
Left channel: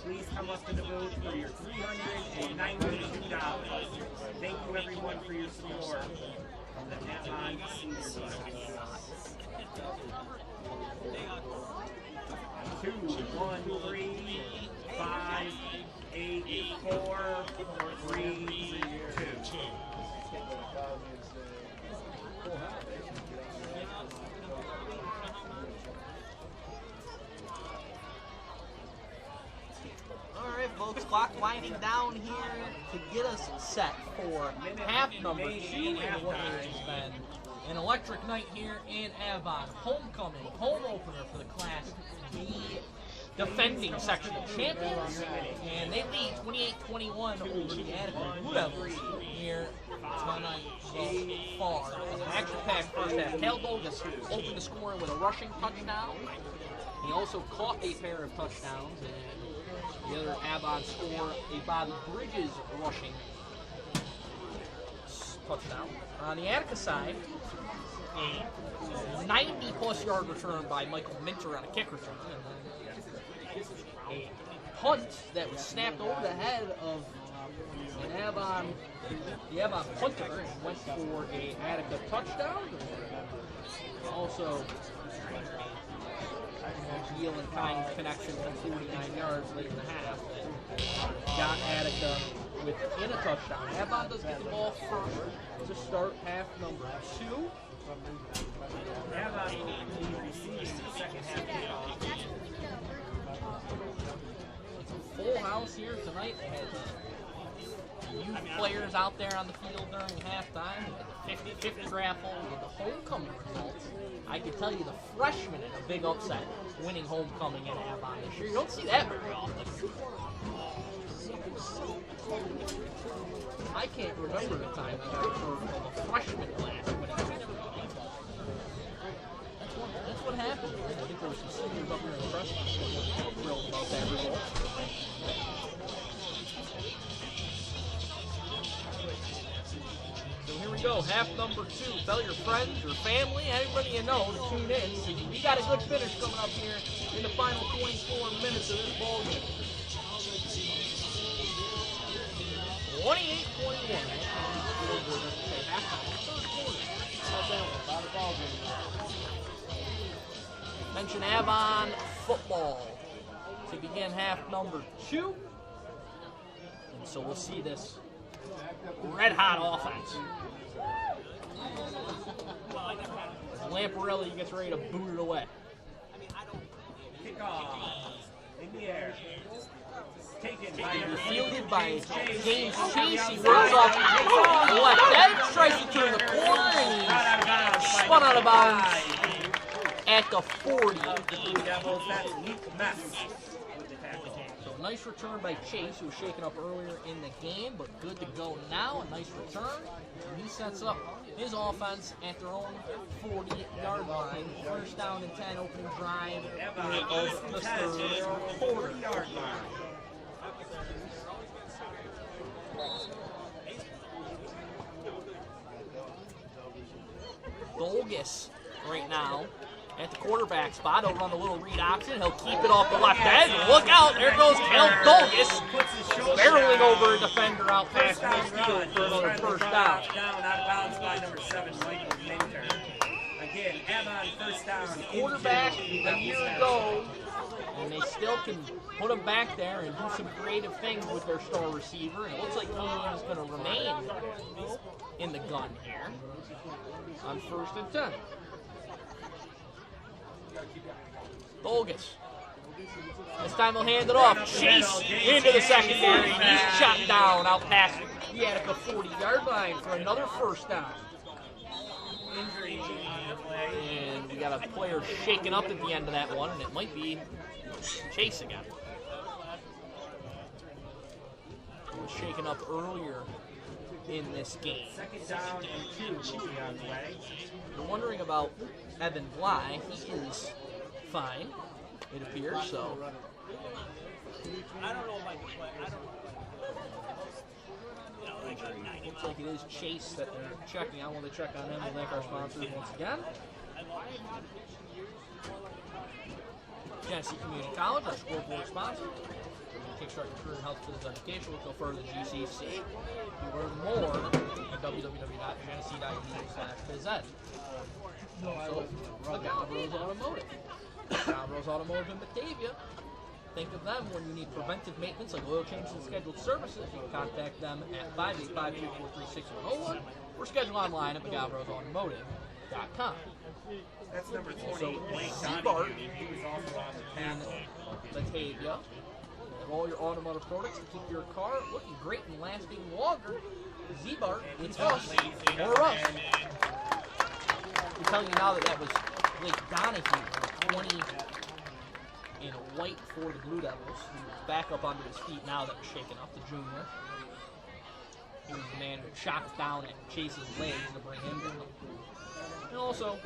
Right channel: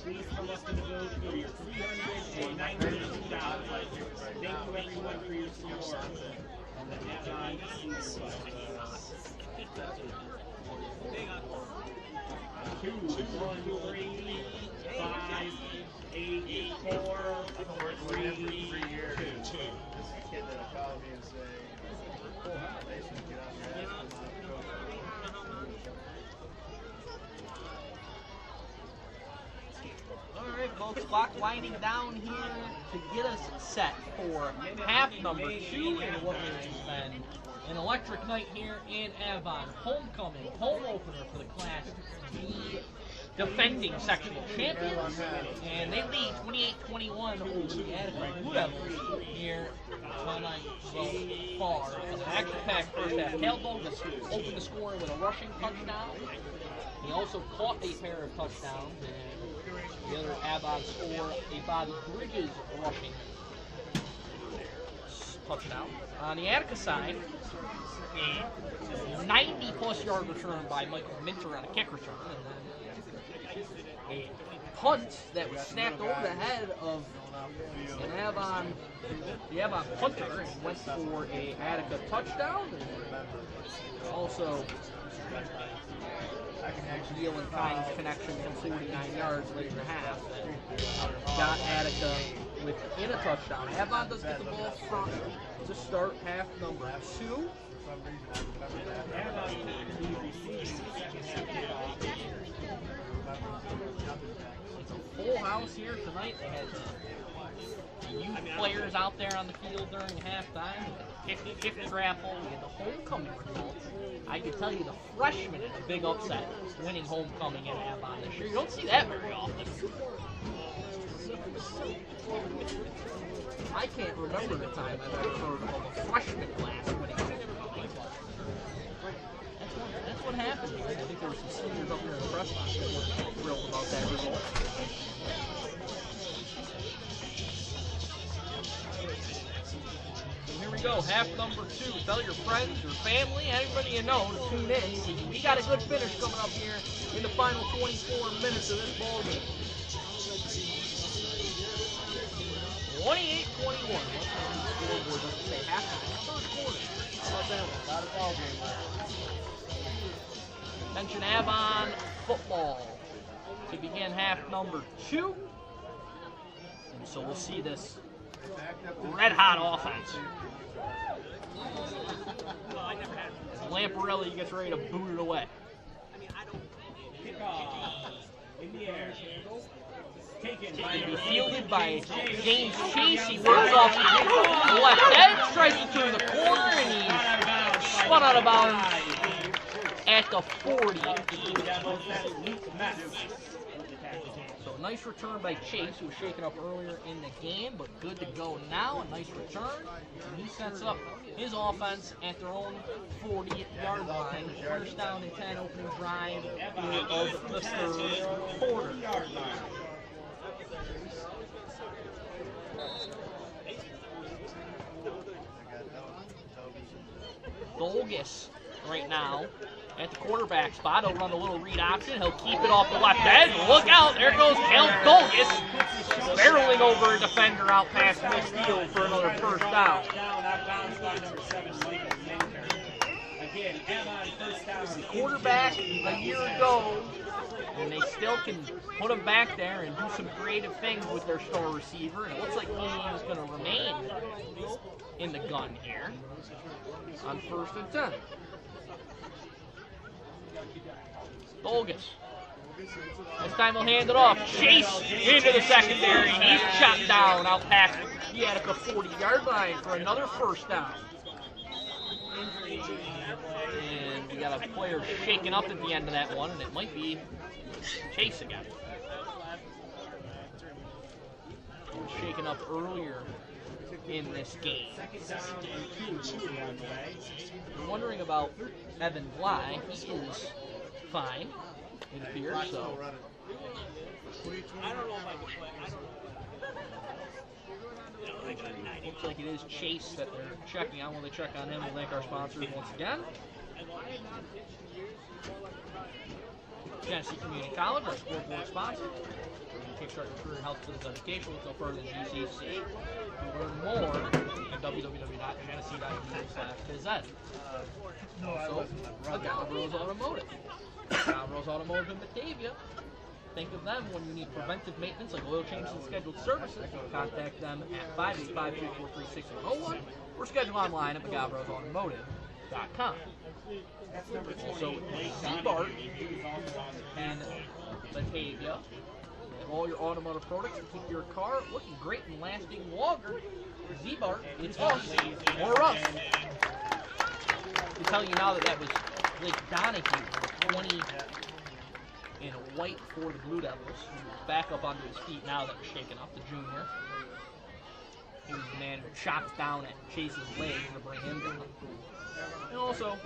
Please come up to the booth for your $392. Thank you everyone for your support. On the Avon Senior Class. 2, 1, 3, 5, 8, 4, 3, 2. Alright folks, clock winding down here to get us set for half number 2 in what has been an electric night here in Avon. Homecoming, home opener for the Class B defending sectional champions, and they lead 28-21 over the Attica Blue here tonight so far. An action-packed first half. Cal Bogus opened the score with a rushing touchdown. He also caught a pair of touchdowns, and the other Avon score a Bobby Bridges rushing touchdown. On the Attica side, a 90-plus yard return by Michael Minter on a kick return, and then a punt that was snapped over the head of the Avon punter and went for a Attica touchdown. And also, Deal and Kynes connection from 49 yards late in the half that got Attica within a touchdown. Avon does get the ball first to start half number 2. It's a full house here tonight. They had the youth players out there on the field during halftime. We had the 50-50 raffle. We had the homecoming results. I can tell you the freshmen in a big upset winning homecoming in Avon this year. You don't see that very often. I can't remember the time I've ever heard of a freshman class winning homecoming. That's what happened here. I think there were some seniors up here in the press box that were thrilled about that result. So here we go, half number 2. Tell your friends, your family, anybody you know to tune in. We got a good finish coming up here in the final 24 minutes of this ball game. 28-21. Scoreboard doesn't say halftime. Third quarter. How about that one? Got a ball game. Attention Avon football to begin half number 2. So we'll see this red-hot offense. As Lamparelli gets ready to boot it away. In the air. Fielded by James Chase. He runs off the left edge, tries to turn the corner, and he's spun out of bounds at the 40. So a nice return by Chase, who was shaken up earlier in the game, but good to go now. A nice return. And he sets up his offense at their own 40-yard line. First down and 10, opening drive of the third quarter. Dolgus right now at the quarterback spot. He'll run a little read option. He'll keep it off the left edge. Look out. There goes Kel Dolgus. Barreling over a defender out past midfield for another first down. The quarterback a year ago, and they still can put him back there and do some creative things with their star receiver. And it looks like he is going to remain in the gun here on 1st and 10. Dolgus. This time he'll hand it off. Chase into the secondary. He's chopped down out past the Attica 40-yard line for another first down. And we got a player shaken up at the end of that one, and it might be Chase again. He was shaken up earlier in this game. You're wondering about Evan Bly. He is fine, it appears, so. Looks like it is Chase that they're checking out. When they check on him, we'll thank our sponsors once again. Tennessee Community College, our scoreboard sponsor. Kickstart your career in health physical education. Look no further than GCC. Learn more at www.genesee.edu/phys ed. Also, Agavros Automotive. Agavros Automotive in Batavia. Think of them when you need preventive maintenance like oil changes and scheduled services. You can contact them at 585-343-6101 or schedule online at McGavrosAutomotive.com. Also, Z-Bart in Batavia. Have all your automotive products to keep your car looking great and lasting longer. Z-Bart, it's us, or us. I'm telling you now that was Blake Donahue, 20 in white for the Blue Devils. He was back up onto his feet now that was shaken up, the junior. He was the man who chopped down at Chase's legs to bring him down. And also,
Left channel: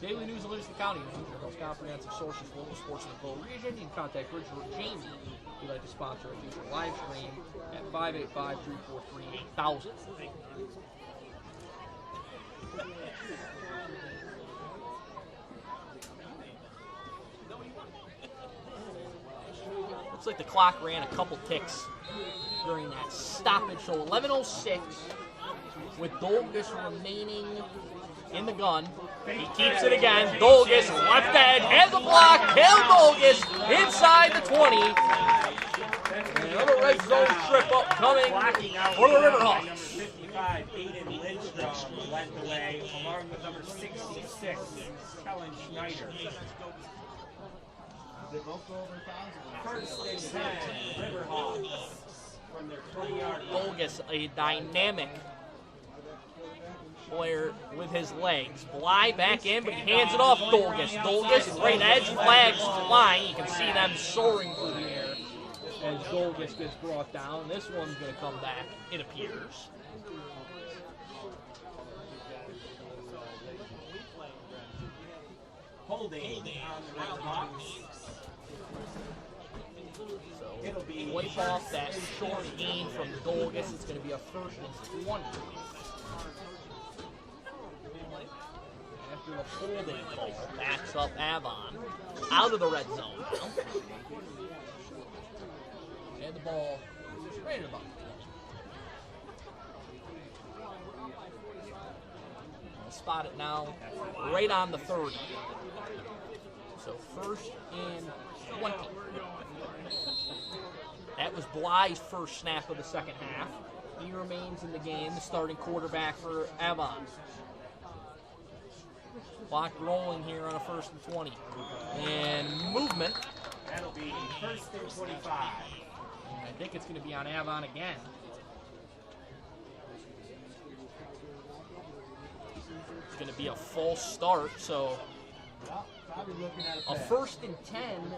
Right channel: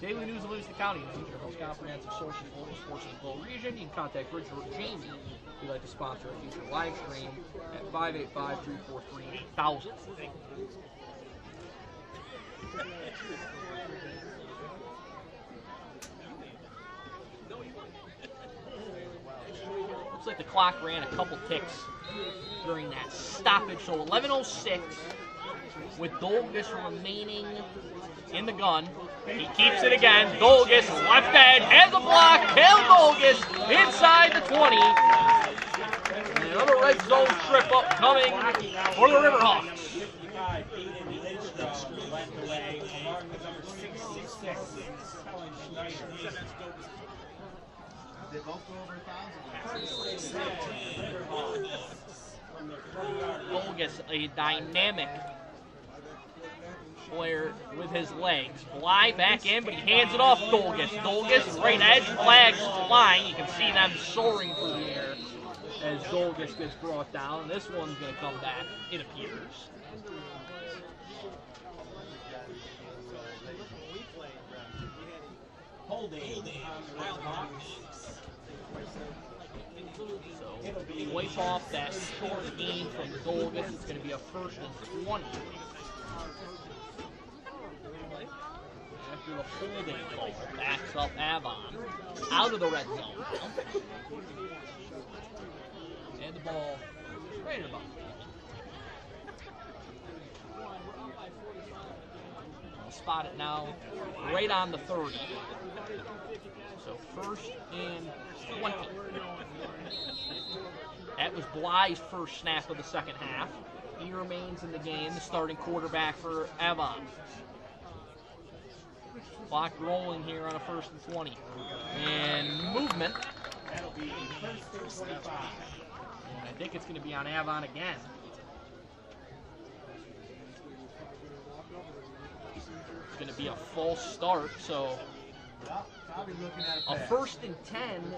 Daily News of Livingston County News, your most comprehensive source of local sports in the Bow region. You can contact Richard or Jamie if you'd like to sponsor a future live stream at 585-343-8000. Looks like the clock ran a couple ticks during that stoppage. So 11:06 with Dolgus remaining in the gun. He keeps it again. Dolgus, left edge, has a block. Kel Dolgus inside the 20. And another red zone trip up coming for the Riverhawks. Dolgus, a dynamic player with his legs. Bly back in, but he hands it off Dolgus. Dolgus, right edge, flags flying. You can see them soaring through the air as Dolgus gets brought down. This one's going to come back, it appears. So, wipe off that short gain from Dolgus. It's going to be a 1st and 20. After the holding call, backs up Avon out of the red zone. And the ball right about. I'll spot it now, right on the 30. So 1st and 20. At was Bly's first snap of the second half. He remains in the game, the starting quarterback for Avon. Clock rolling here on a 1st and 20. And movement. That'll be 1st and 25. And I think it's going to be on Avon again. It's going to be a false start, so a 1st and 10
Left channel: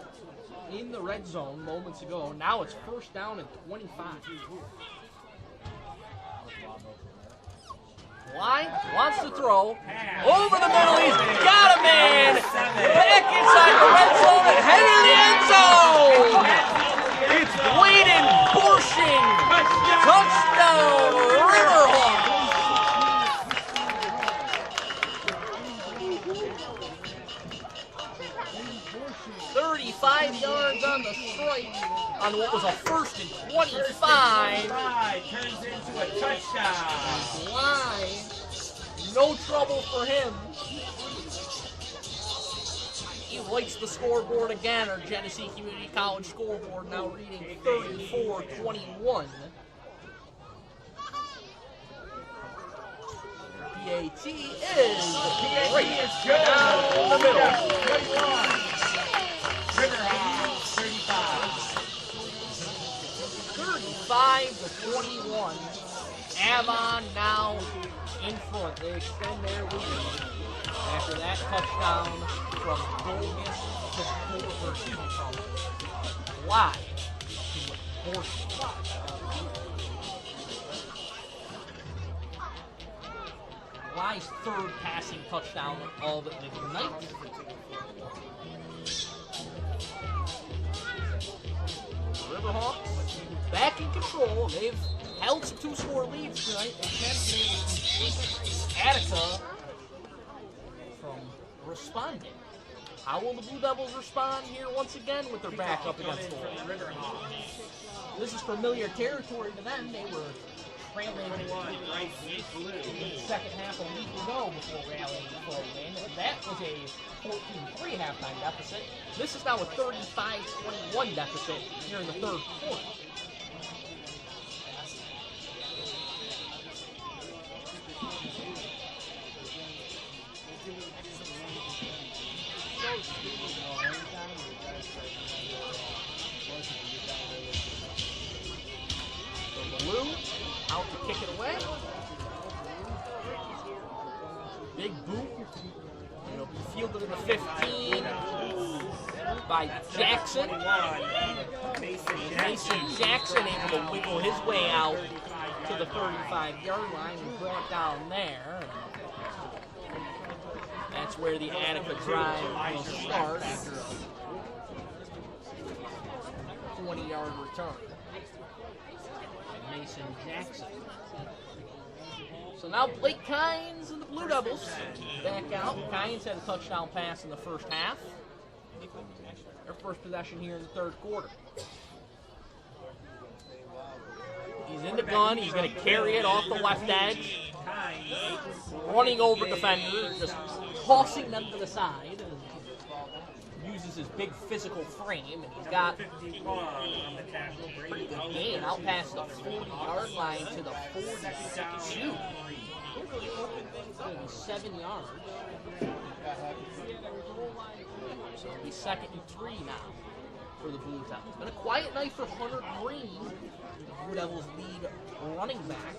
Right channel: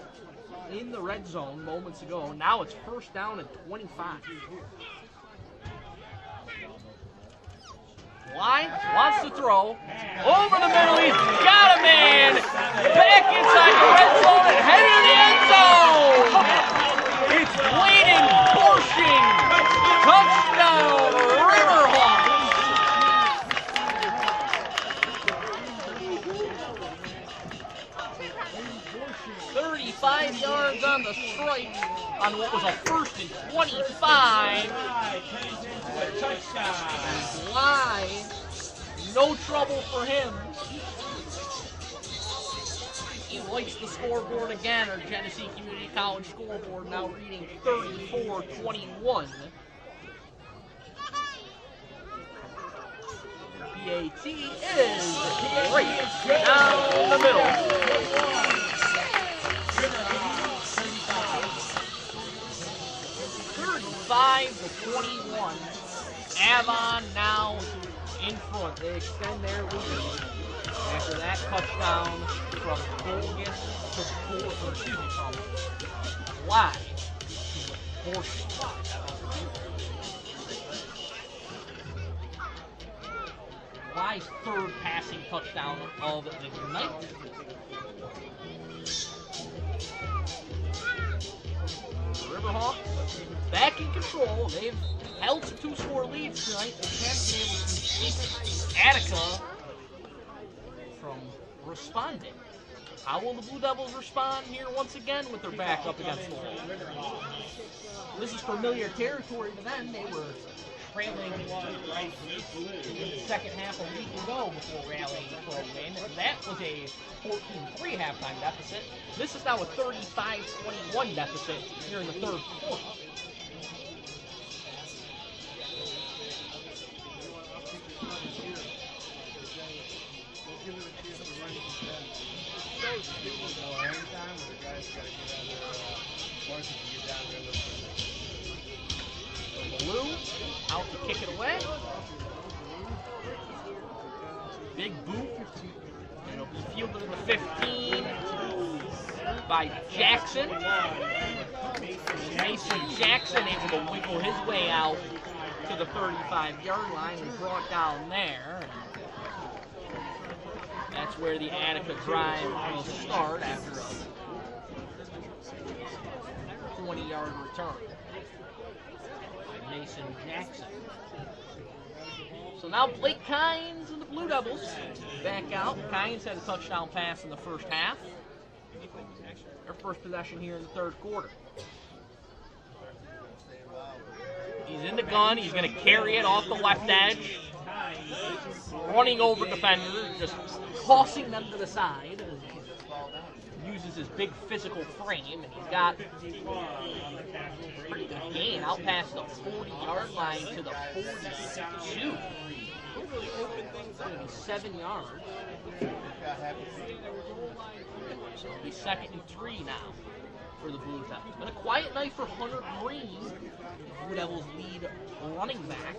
in the red zone moments ago. Now it's 1st down and 25. Bly wants to throw. Over the middle, he's got a man. Back inside the red zone and heading to the end zone. It's Bladen Borshing. Touchdown, Riverhawks. 35 yards on the strike on what was a 1st and 25. Turns into a touchdown. Bly, no trouble for him. He likes the scoreboard again, our Genesee Community College scoreboard now reading 34-21. PAT is right down the middle. 35-21. Avon now in front. They extend their lead after that touchdown from Bogus to from Black to Borshing. Bly's 3rd passing touchdown of the night. Riverhawks back in control. They've held some 2-score leads tonight. They haven't been able to keep Attica from responding. How will the Blue Devils respond here once again with their back up against the wall? This is familiar territory to them. They were trailing in the second half a week ago before rallying for a win. That was a 14-3 halftime deficit. This is now a 35-21 deficit here in the 3rd quarter. Blue out to kick it away. Big boot. It'll be fielded in the 15 by Jackson. Mason Jackson able to wiggle his way out to the 35-yard line and brought down there. That's where the Attica drive will start after a 20-yard return. Mason Jackson. So now Blake Kynes and the Blue Devils back out. Kynes had a touchdown pass in the first half. Their first possession here in the 3rd quarter. He's in the gun. He's going to carry it off the left edge. Running over defenders, just tossing them to the side. Uses his big physical frame, and he's got pretty good gain out past the 40-yard line to the 42. It's going to be 7 yards. So it'll be 2nd and 3 now for the Blue Devils. It's been a quiet night for Hunter Green. The Blue Devils lead running back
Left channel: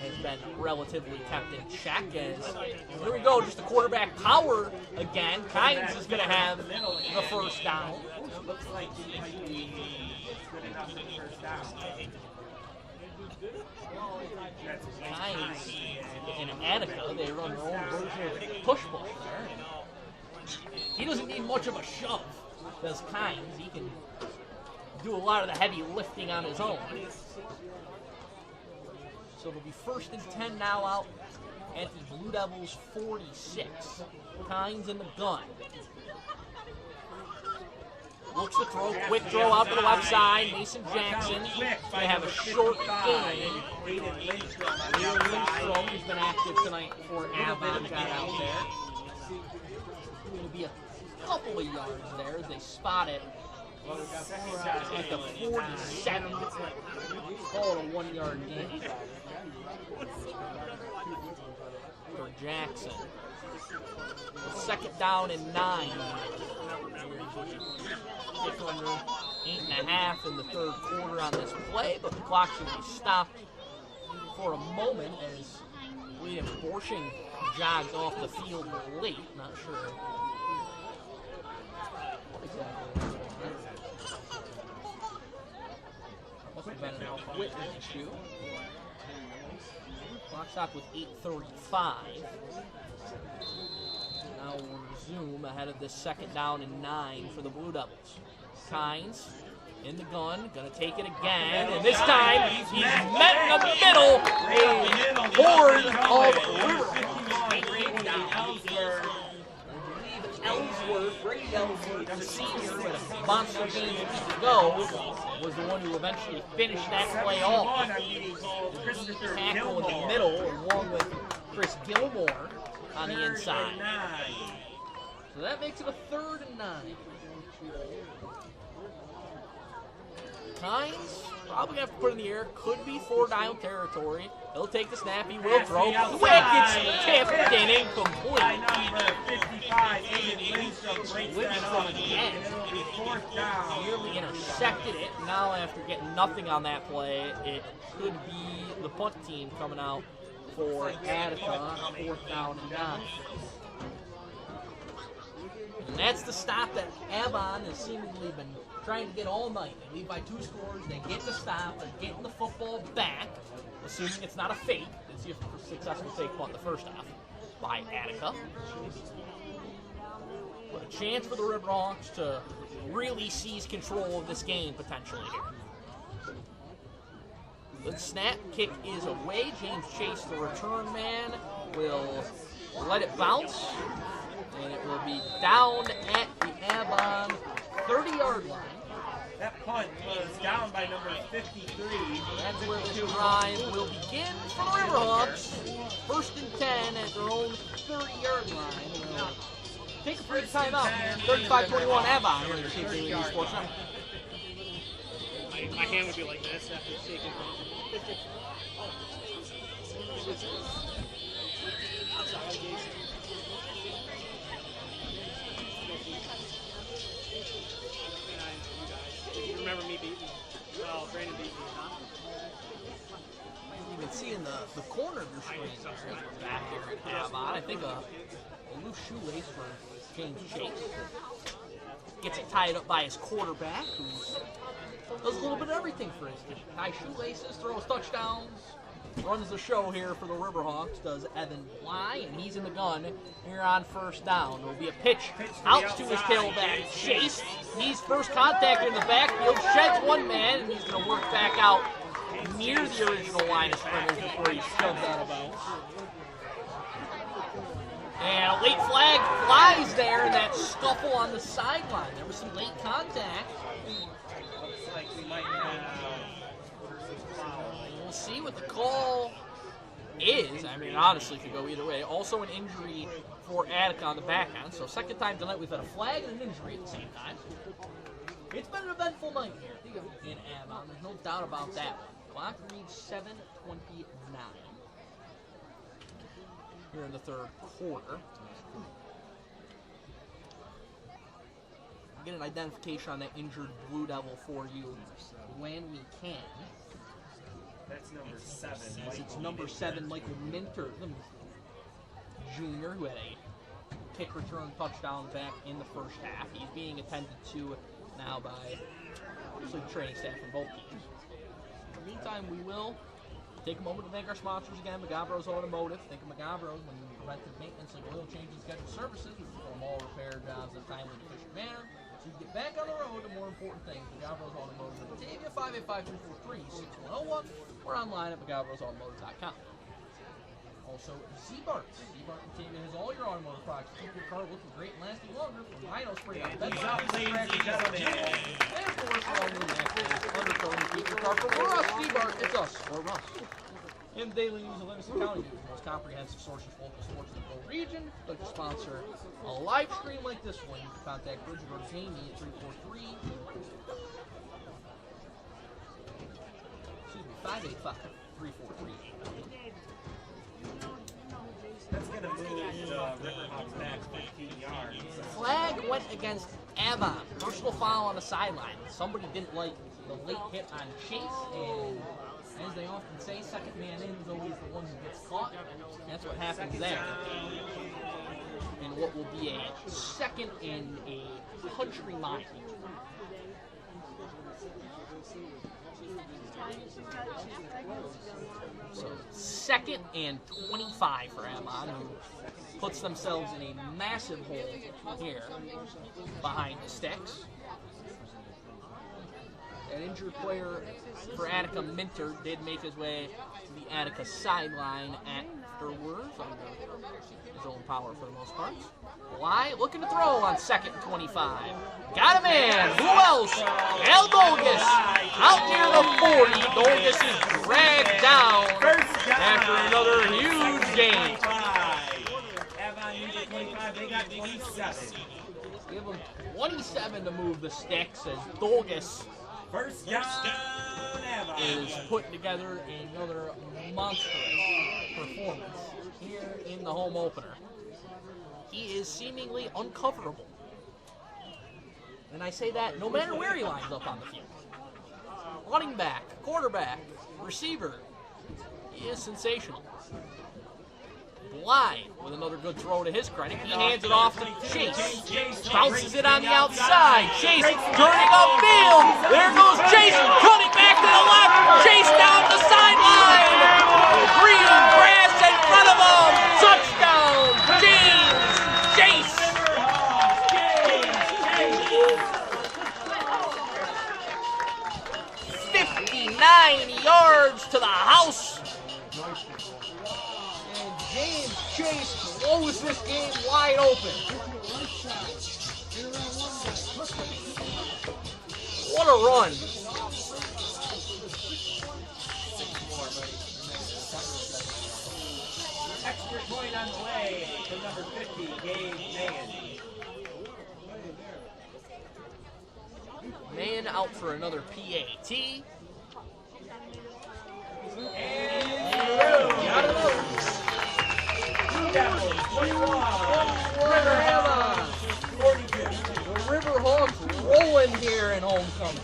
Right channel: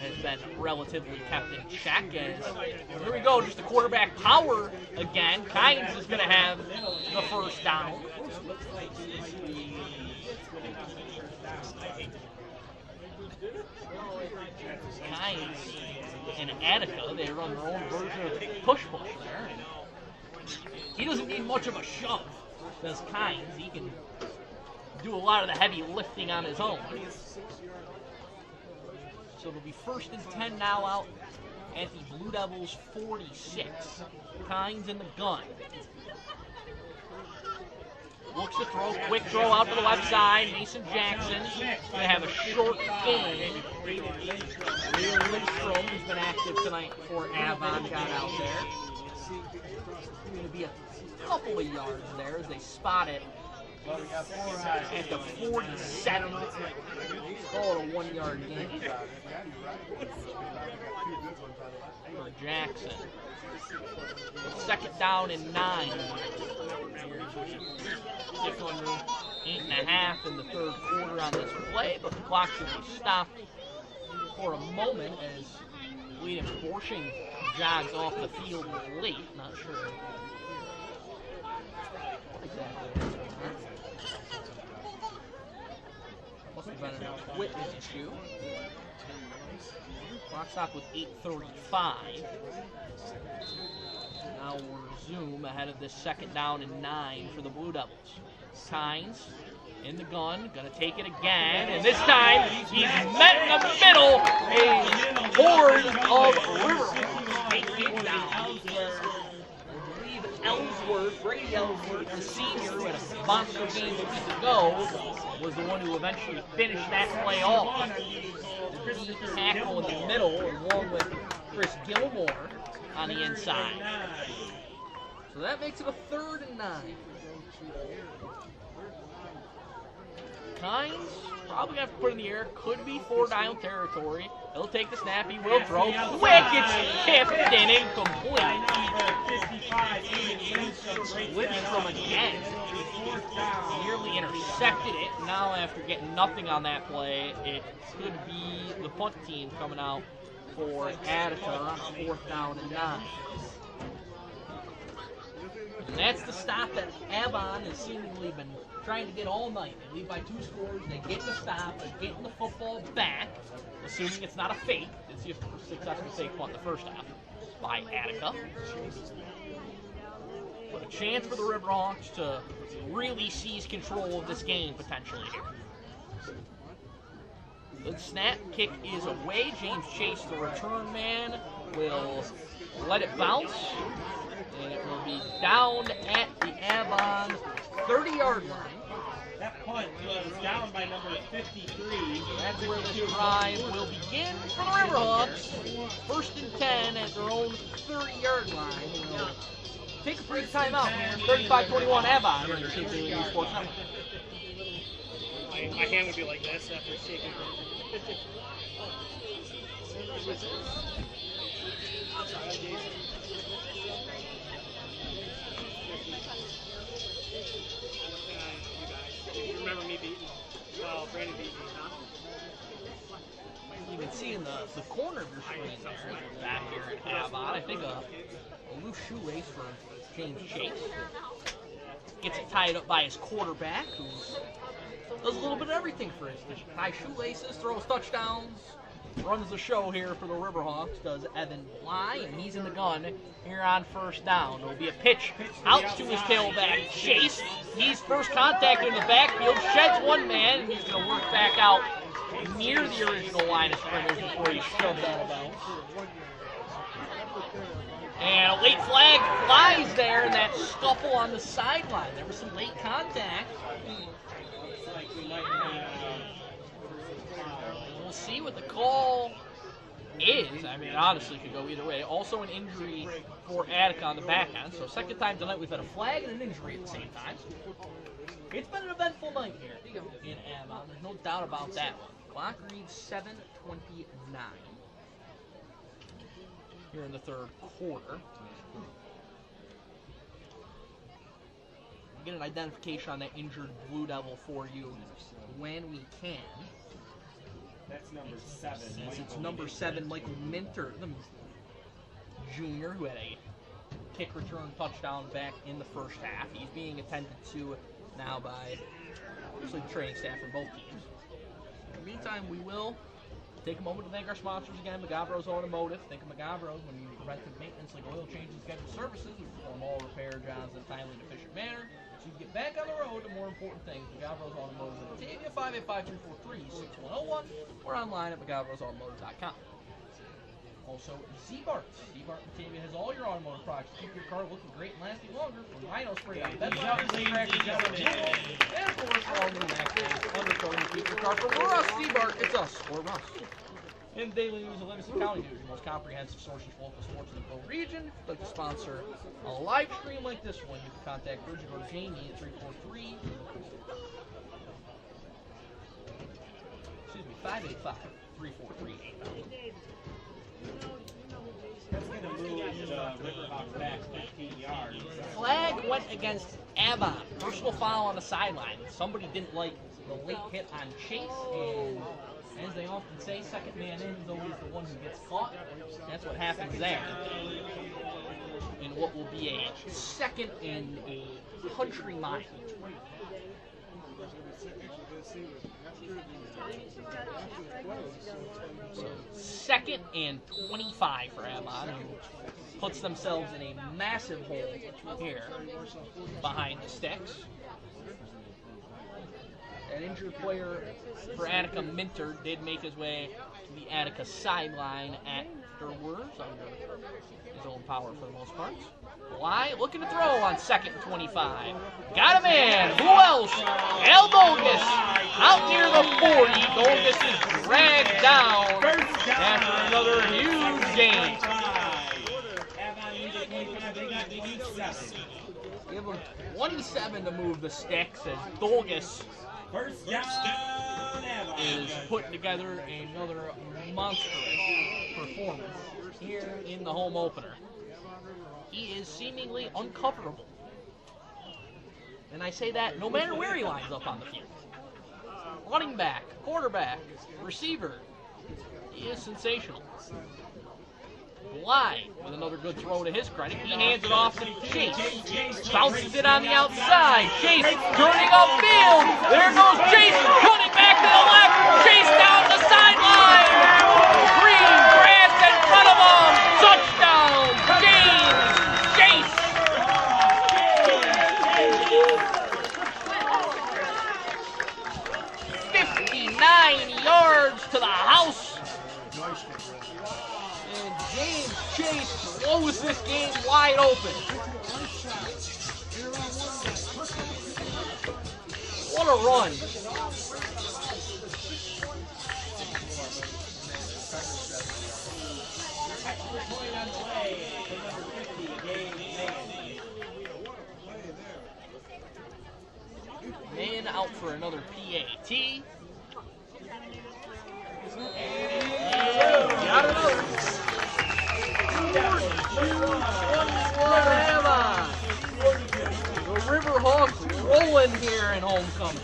has been relatively kept in check. As here we go, just the quarterback power again. Kynes is going to have the first down. Kynes in Attica, they run their own version of push-push there. He doesn't need much of a shove, does Kynes. He can do a lot of the heavy lifting on his own. So it'll be 1st and 10 now out at the Blue Devils 46. Kynes in the gun. Looks to throw, quick throw out to the left side. Mason Jackson going to have a short gain. Leo Lindstrom, who's been active tonight for Avon, got out there. Going to be a couple of yards there as they spot it at the 47. Call it a 1-yard gain for Jackson. Second down and 9. Just under 8.5 in the third quarter on this play, but the clock should be stopped for a moment as William Borshing jogs off the field late. Not sure what exactly. Must have been an equipment issue. Clock stopped with 8:35. Now we'll resume ahead of this second down and 9 for the Blue Devils. Kynes in the gun, gonna take it again, and this time he's met in the middle. A horde of Ellsworth, Brady Ellsworth, the senior who had a monster game a week ago, was the one who eventually finished that play off. Tackle in the middle, along with Chris Gilmore on the inside. So that makes it a 3rd and 9. Kynes probably going to have to put in the air. Could be 4-down territory. He'll take the snap. He will throw. Quick, it's tipped and incomplete. Lidstrom again. Nearly intercepted it. Now after getting nothing on that play, it could be the punt team coming out for Attica on 4th down and 9. And that's the stop that Avon has seemingly been trying to get all night. They lead by 2 scores, they get the stop, they're getting the football back, assuming it's not a fake. It's just a successful fake punt in the first half by Attica. But a chance for the Riverhawks to really seize control of this game potentially here. The snap kick is away. James Chase, the return man, will let it bounce. And it will be down at the Avon 30-yard line. That punt was down by number 53. That's where this drive will begin for the Riverhawks. 1st and 10 at their own 30-yard line. Take a brief timeout here. 35-21 Avon. We're going to do Sports Network. My hand would be like this after shaking. You remember me beating? Oh, Brandon beat me, huh? You can see in the corner of your screen back here at Avon. I think a loose shoelace for James Chase. Gets it tied up by his quarterback, who does a little bit of everything for his team. Ties shoelaces, throws touchdowns, runs the show here for the Riverhawks, does Evan Bly, and he's in the gun here on 1st down. There will be a pitch out to his tailback, Chase. He's first contact in the backfield, sheds one man, and he's going to work back out near the original line of scrimmage before he shoved out of bounds. And a late flag flies there in that scuffle on the sideline. There was some late contact. We'll see what the call is. I mean, it honestly could go either way. Also an injury for Attica on the back end. So 2nd time tonight we've had a flag and an injury at the same time. It's been an eventful night here in Avon. There's no doubt about that one. Clock reads 7:29 here in the 3rd quarter. Get an identification on that injured Blue Devil for you when we can. That's number 7. It's number 7, Michael Minter, the junior, who had a kick return touchdown back in the first half. He's being attended to now by obviously the training staff from both teams. In the meantime, we will take a moment to thank our sponsors again, Magavro's Automotive. Think of Magavro's when you need preventive maintenance like oil change and scheduled services. We perform all repair jobs in a timely and efficient manner. So you can get back on the road to more important things. Magavro's Automotive at Batavia, 585-343-6101, or online at magavrosautomotive.com. Also, Z-Bart. Z-Bart Batavia has all your automotive products to keep your car looking great and lasting longer, from rhino spray on bed liners, and of course, all new matches, undercoating to keep your car from rust. Z-Bart, it's us or rust. And Daily News of Livingston County News, the most comprehensive source of local sports in the whole region. If you'd like to sponsor a live stream like this one, you can contact Bridget or Jamie at 585-343-8000. That's going to move the Riverhawks back 15 yards. Flag went against Avon. Personal foul on the sideline. Somebody didn't like the late hit on Chase, and as they often say, second man in is always the one who gets caught. That's what happens there. In what will be a second in a country mile. So second and 25 for Avon, who puts themselves in a massive hole here behind the sticks. An injured player for Attica, Minter, did make his way to the Attica sideline afterwards under his own power for the most part. Why? Looking to throw on second and 25. Got a man. Who else? El Dolgus out near the 40. Dolgus is dragged down after another huge game. Give him 27 to move the sticks as Dolgus is putting together another monstrous performance here in the home opener. He is seemingly uncoverable. And I say that no matter where he lines up on the field. Running back, quarterback, receiver. He is sensational. Bly with another good throw to his credit. He hands it off to Chase. Bounces it on the outside. Chase turning upfield. There goes Chase, cutting back to the left. Chase down the sideline. Green grass in front of him. Touchdown, James Chase. 59 yards to the house. And James Chase blows this game wide open. What a run. Extra point on the way to number 50, Dave Mann. Man out for another PAT. Got another. The Riverhawks rolling here in homecoming.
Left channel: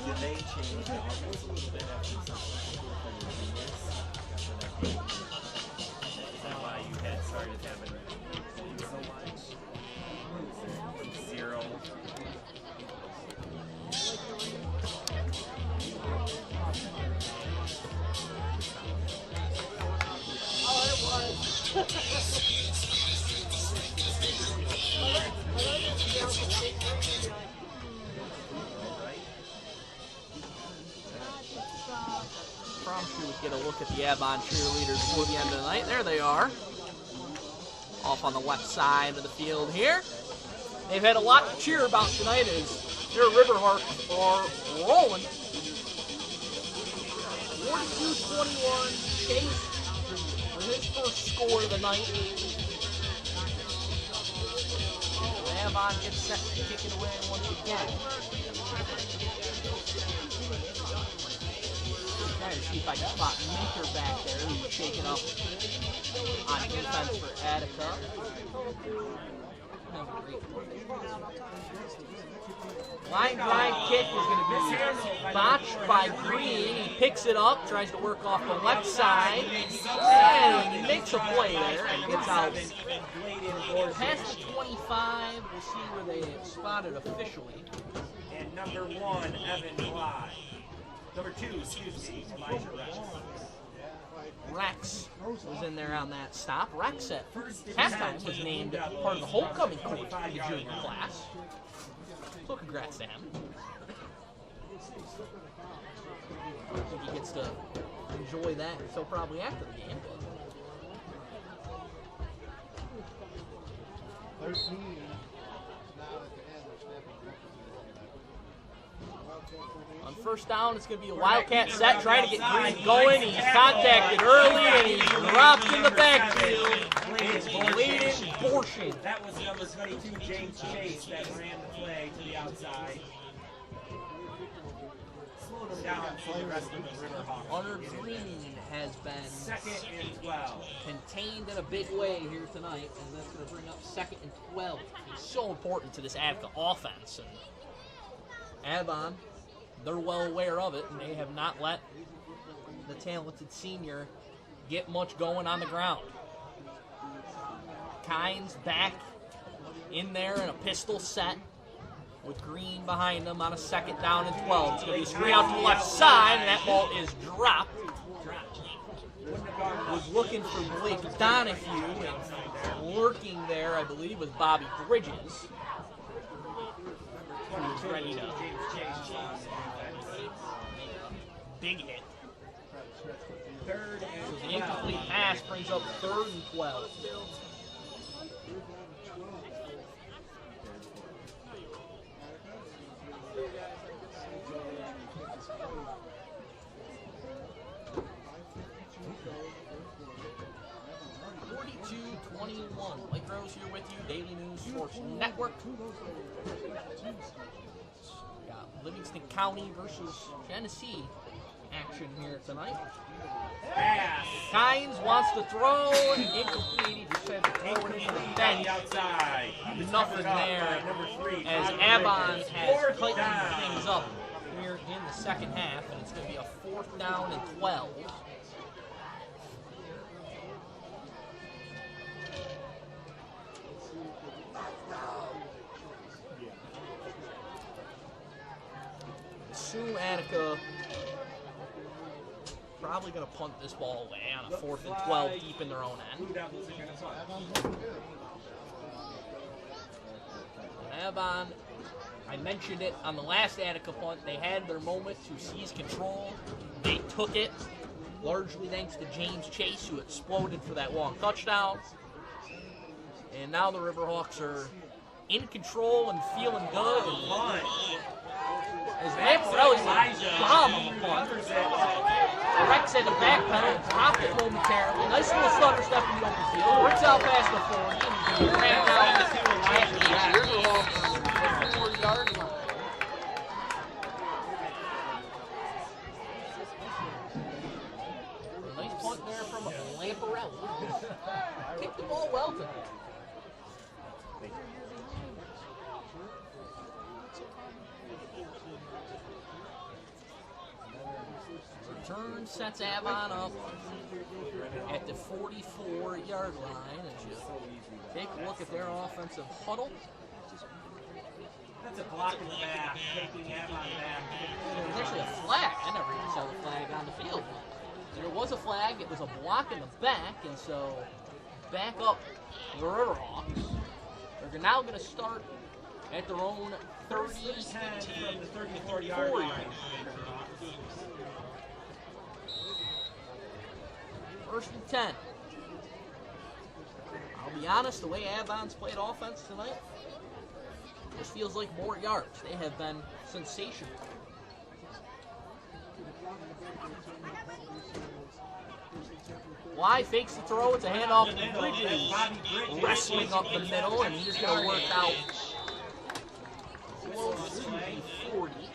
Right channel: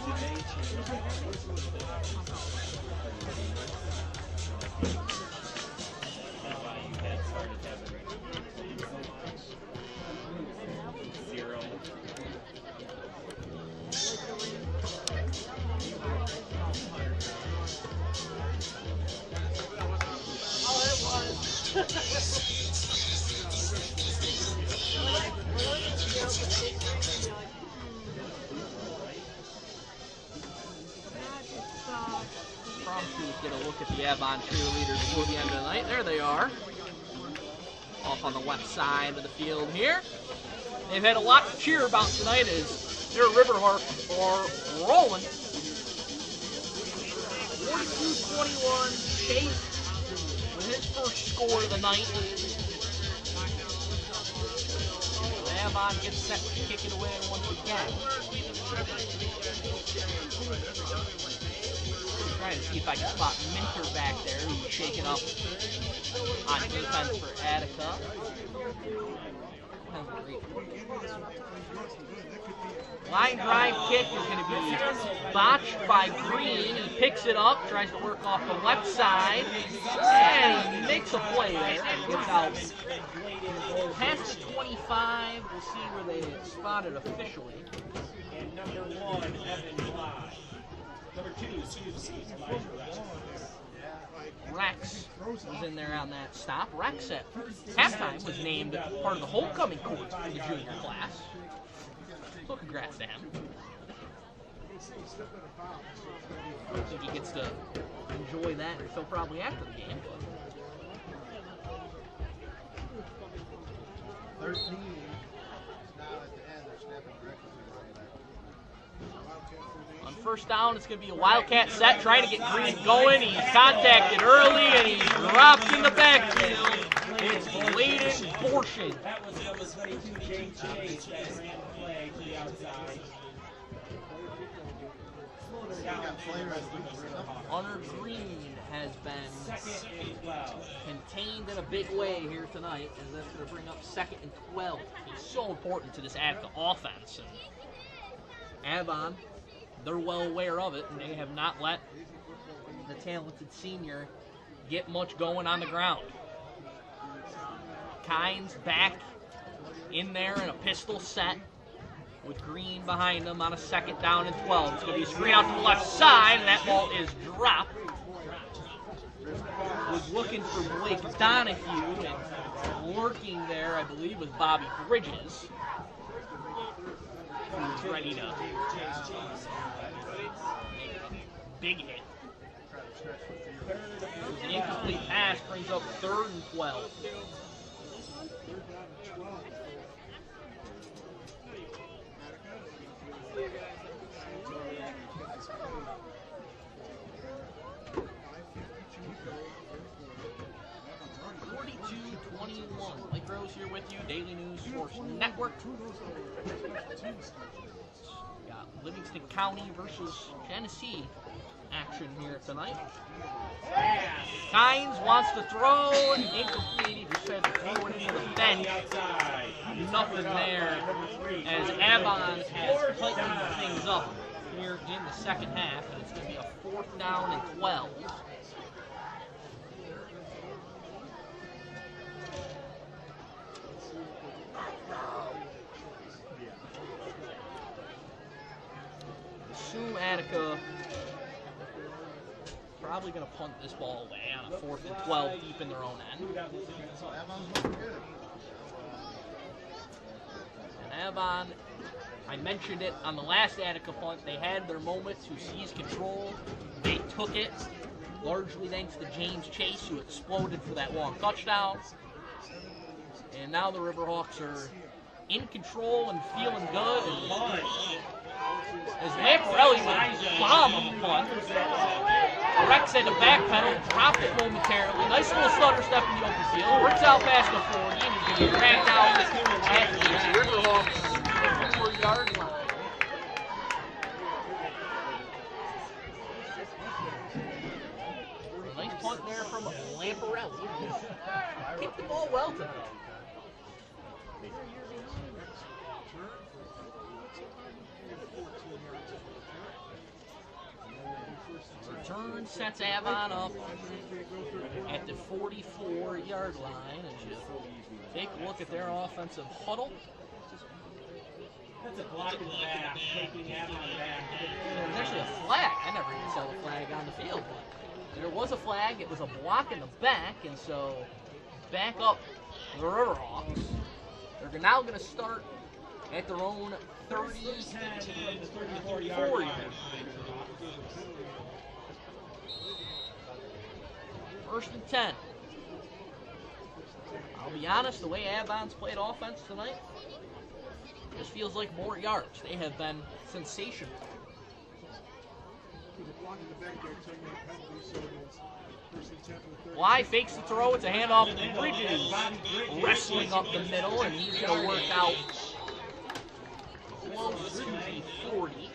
Get a look at the Avon cheerleaders before the end of the night. There they are. Off on the left side of the field here. They've had a lot to cheer about tonight as their Riverhawks are rolling. 42-21. Chase with his first score of the night. Avon gets set to kick it away once again. Trying to see if I can spot Minter back there, who's shaking up on defense for Attica. Line drive kick is going to be botched by Green. He picks it up, tries to work off the left side, and he makes a play there and gets out past the 25. We'll see where they spot it officially. And number 1, Evan Bly. Number 2, excuse me. Rex was in there on that stop. Rex at halftime was named part of the homecoming court for the junior class. So congrats to him. I don't think he gets to enjoy that until probably after the game. 13. On first down, it's going to be a Wildcat set, trying to get Green going. He's contacted early, and he's dropped in the backfield. It's Bladen Borschen. That was number 22, James Chase, that ran the play to the outside. Slowed him down. Hunter Green has been Second and 12. contained in a big way here tonight, and that's going to bring up 2nd and 12. It's so important to this Attica offense. And Avon, they're well aware of it, and they have not let the talented senior get much going on the ground. Kynes back in there in a pistol set with Green behind him on a 2nd down and 12. It's going to be a screen out to the left side, and that ball is dropped. Was looking for Blake Donahue, and lurking there, I believe, was Bobby Bridges, who was ready to big hit. So the incomplete pass brings up 3rd and 12. Lake Rose here with you, Daily News Sports Network. Got Livingston County versus Genesee action here tonight. Kynes wants to throw, incomplete. He just had to throw it into the bench. Nothing there as Avon has tightened things up here in the second half. And it's going to be a 4th down and 12. Assume Attica probably going to punt this ball away on a 4th and 12 deep in their own end. And Avon, I mentioned it on the last Attica punt, they had their moment to seize control. They took it, largely thanks to James Chase, who exploded for that long touchdown. And now the Riverhawks are in control and feeling good. As Lamparelli was bomb on the punt. Rex had the back pedal, dropped it momentarily. Nice little stutter step in the open field. Works out past the 40, and you can get back out at the Riverhawks 4-yard line. Nice punt there from Lamparelli. Kicked the ball well tonight. Return sets Avon up at the 44-yard line as you take a look at their offensive huddle. That's a block in the back, taking Avon back. There was actually a flag. I never even saw the flag on the field. There was a flag. It was a block in the back, and so back up the Riverhawks. They're now going to start at their own 34 yard. First and 10. I'll be honest, the way Avon's played offense tonight, this feels like more yards. They have been sensational. Why fakes the throw? It's a handoff to Bridges, wrestling up the middle, and he's going to work out close to the 40.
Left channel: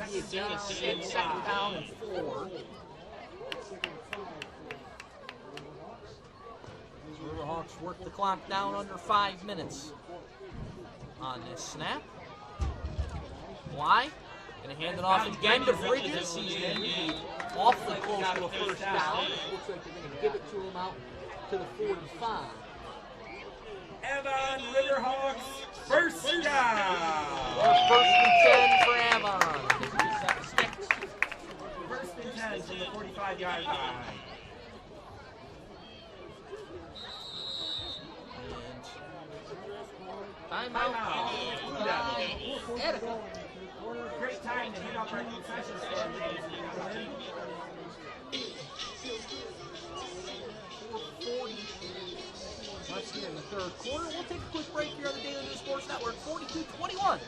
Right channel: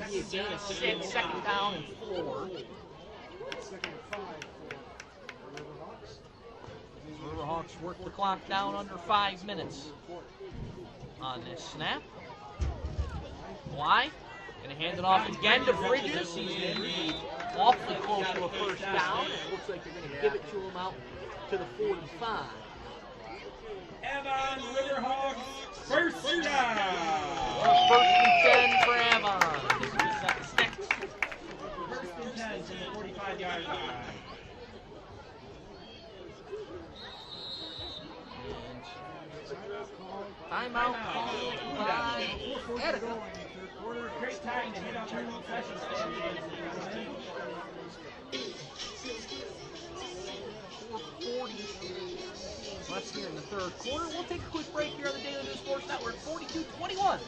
A gain of 6, 2nd down and 4. Riverhawks work the clock down under 5 minutes on this snap. Why? Going to hand it off again to Bridges. He's going to be awfully close to a first down. It looks like they're going to give it to him out to the 45. Avon Riverhawks, first down. First and 10 for Avon. Sticks. First and 10 from the 45-yard line. Timeout by Attica. Great time to hit up our concession stand. 4:40 shots here in the third quarter. We'll take a quick break here on the Daily News Sports Network. 42-21.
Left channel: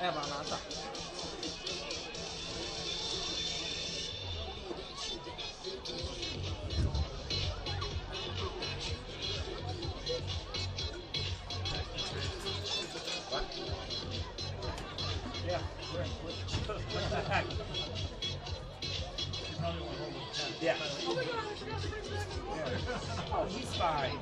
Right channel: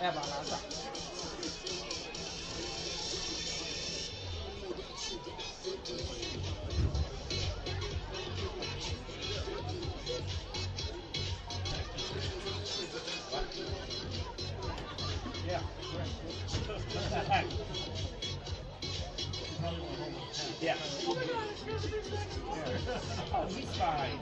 Avon on top. Yeah. Oh, he's fine.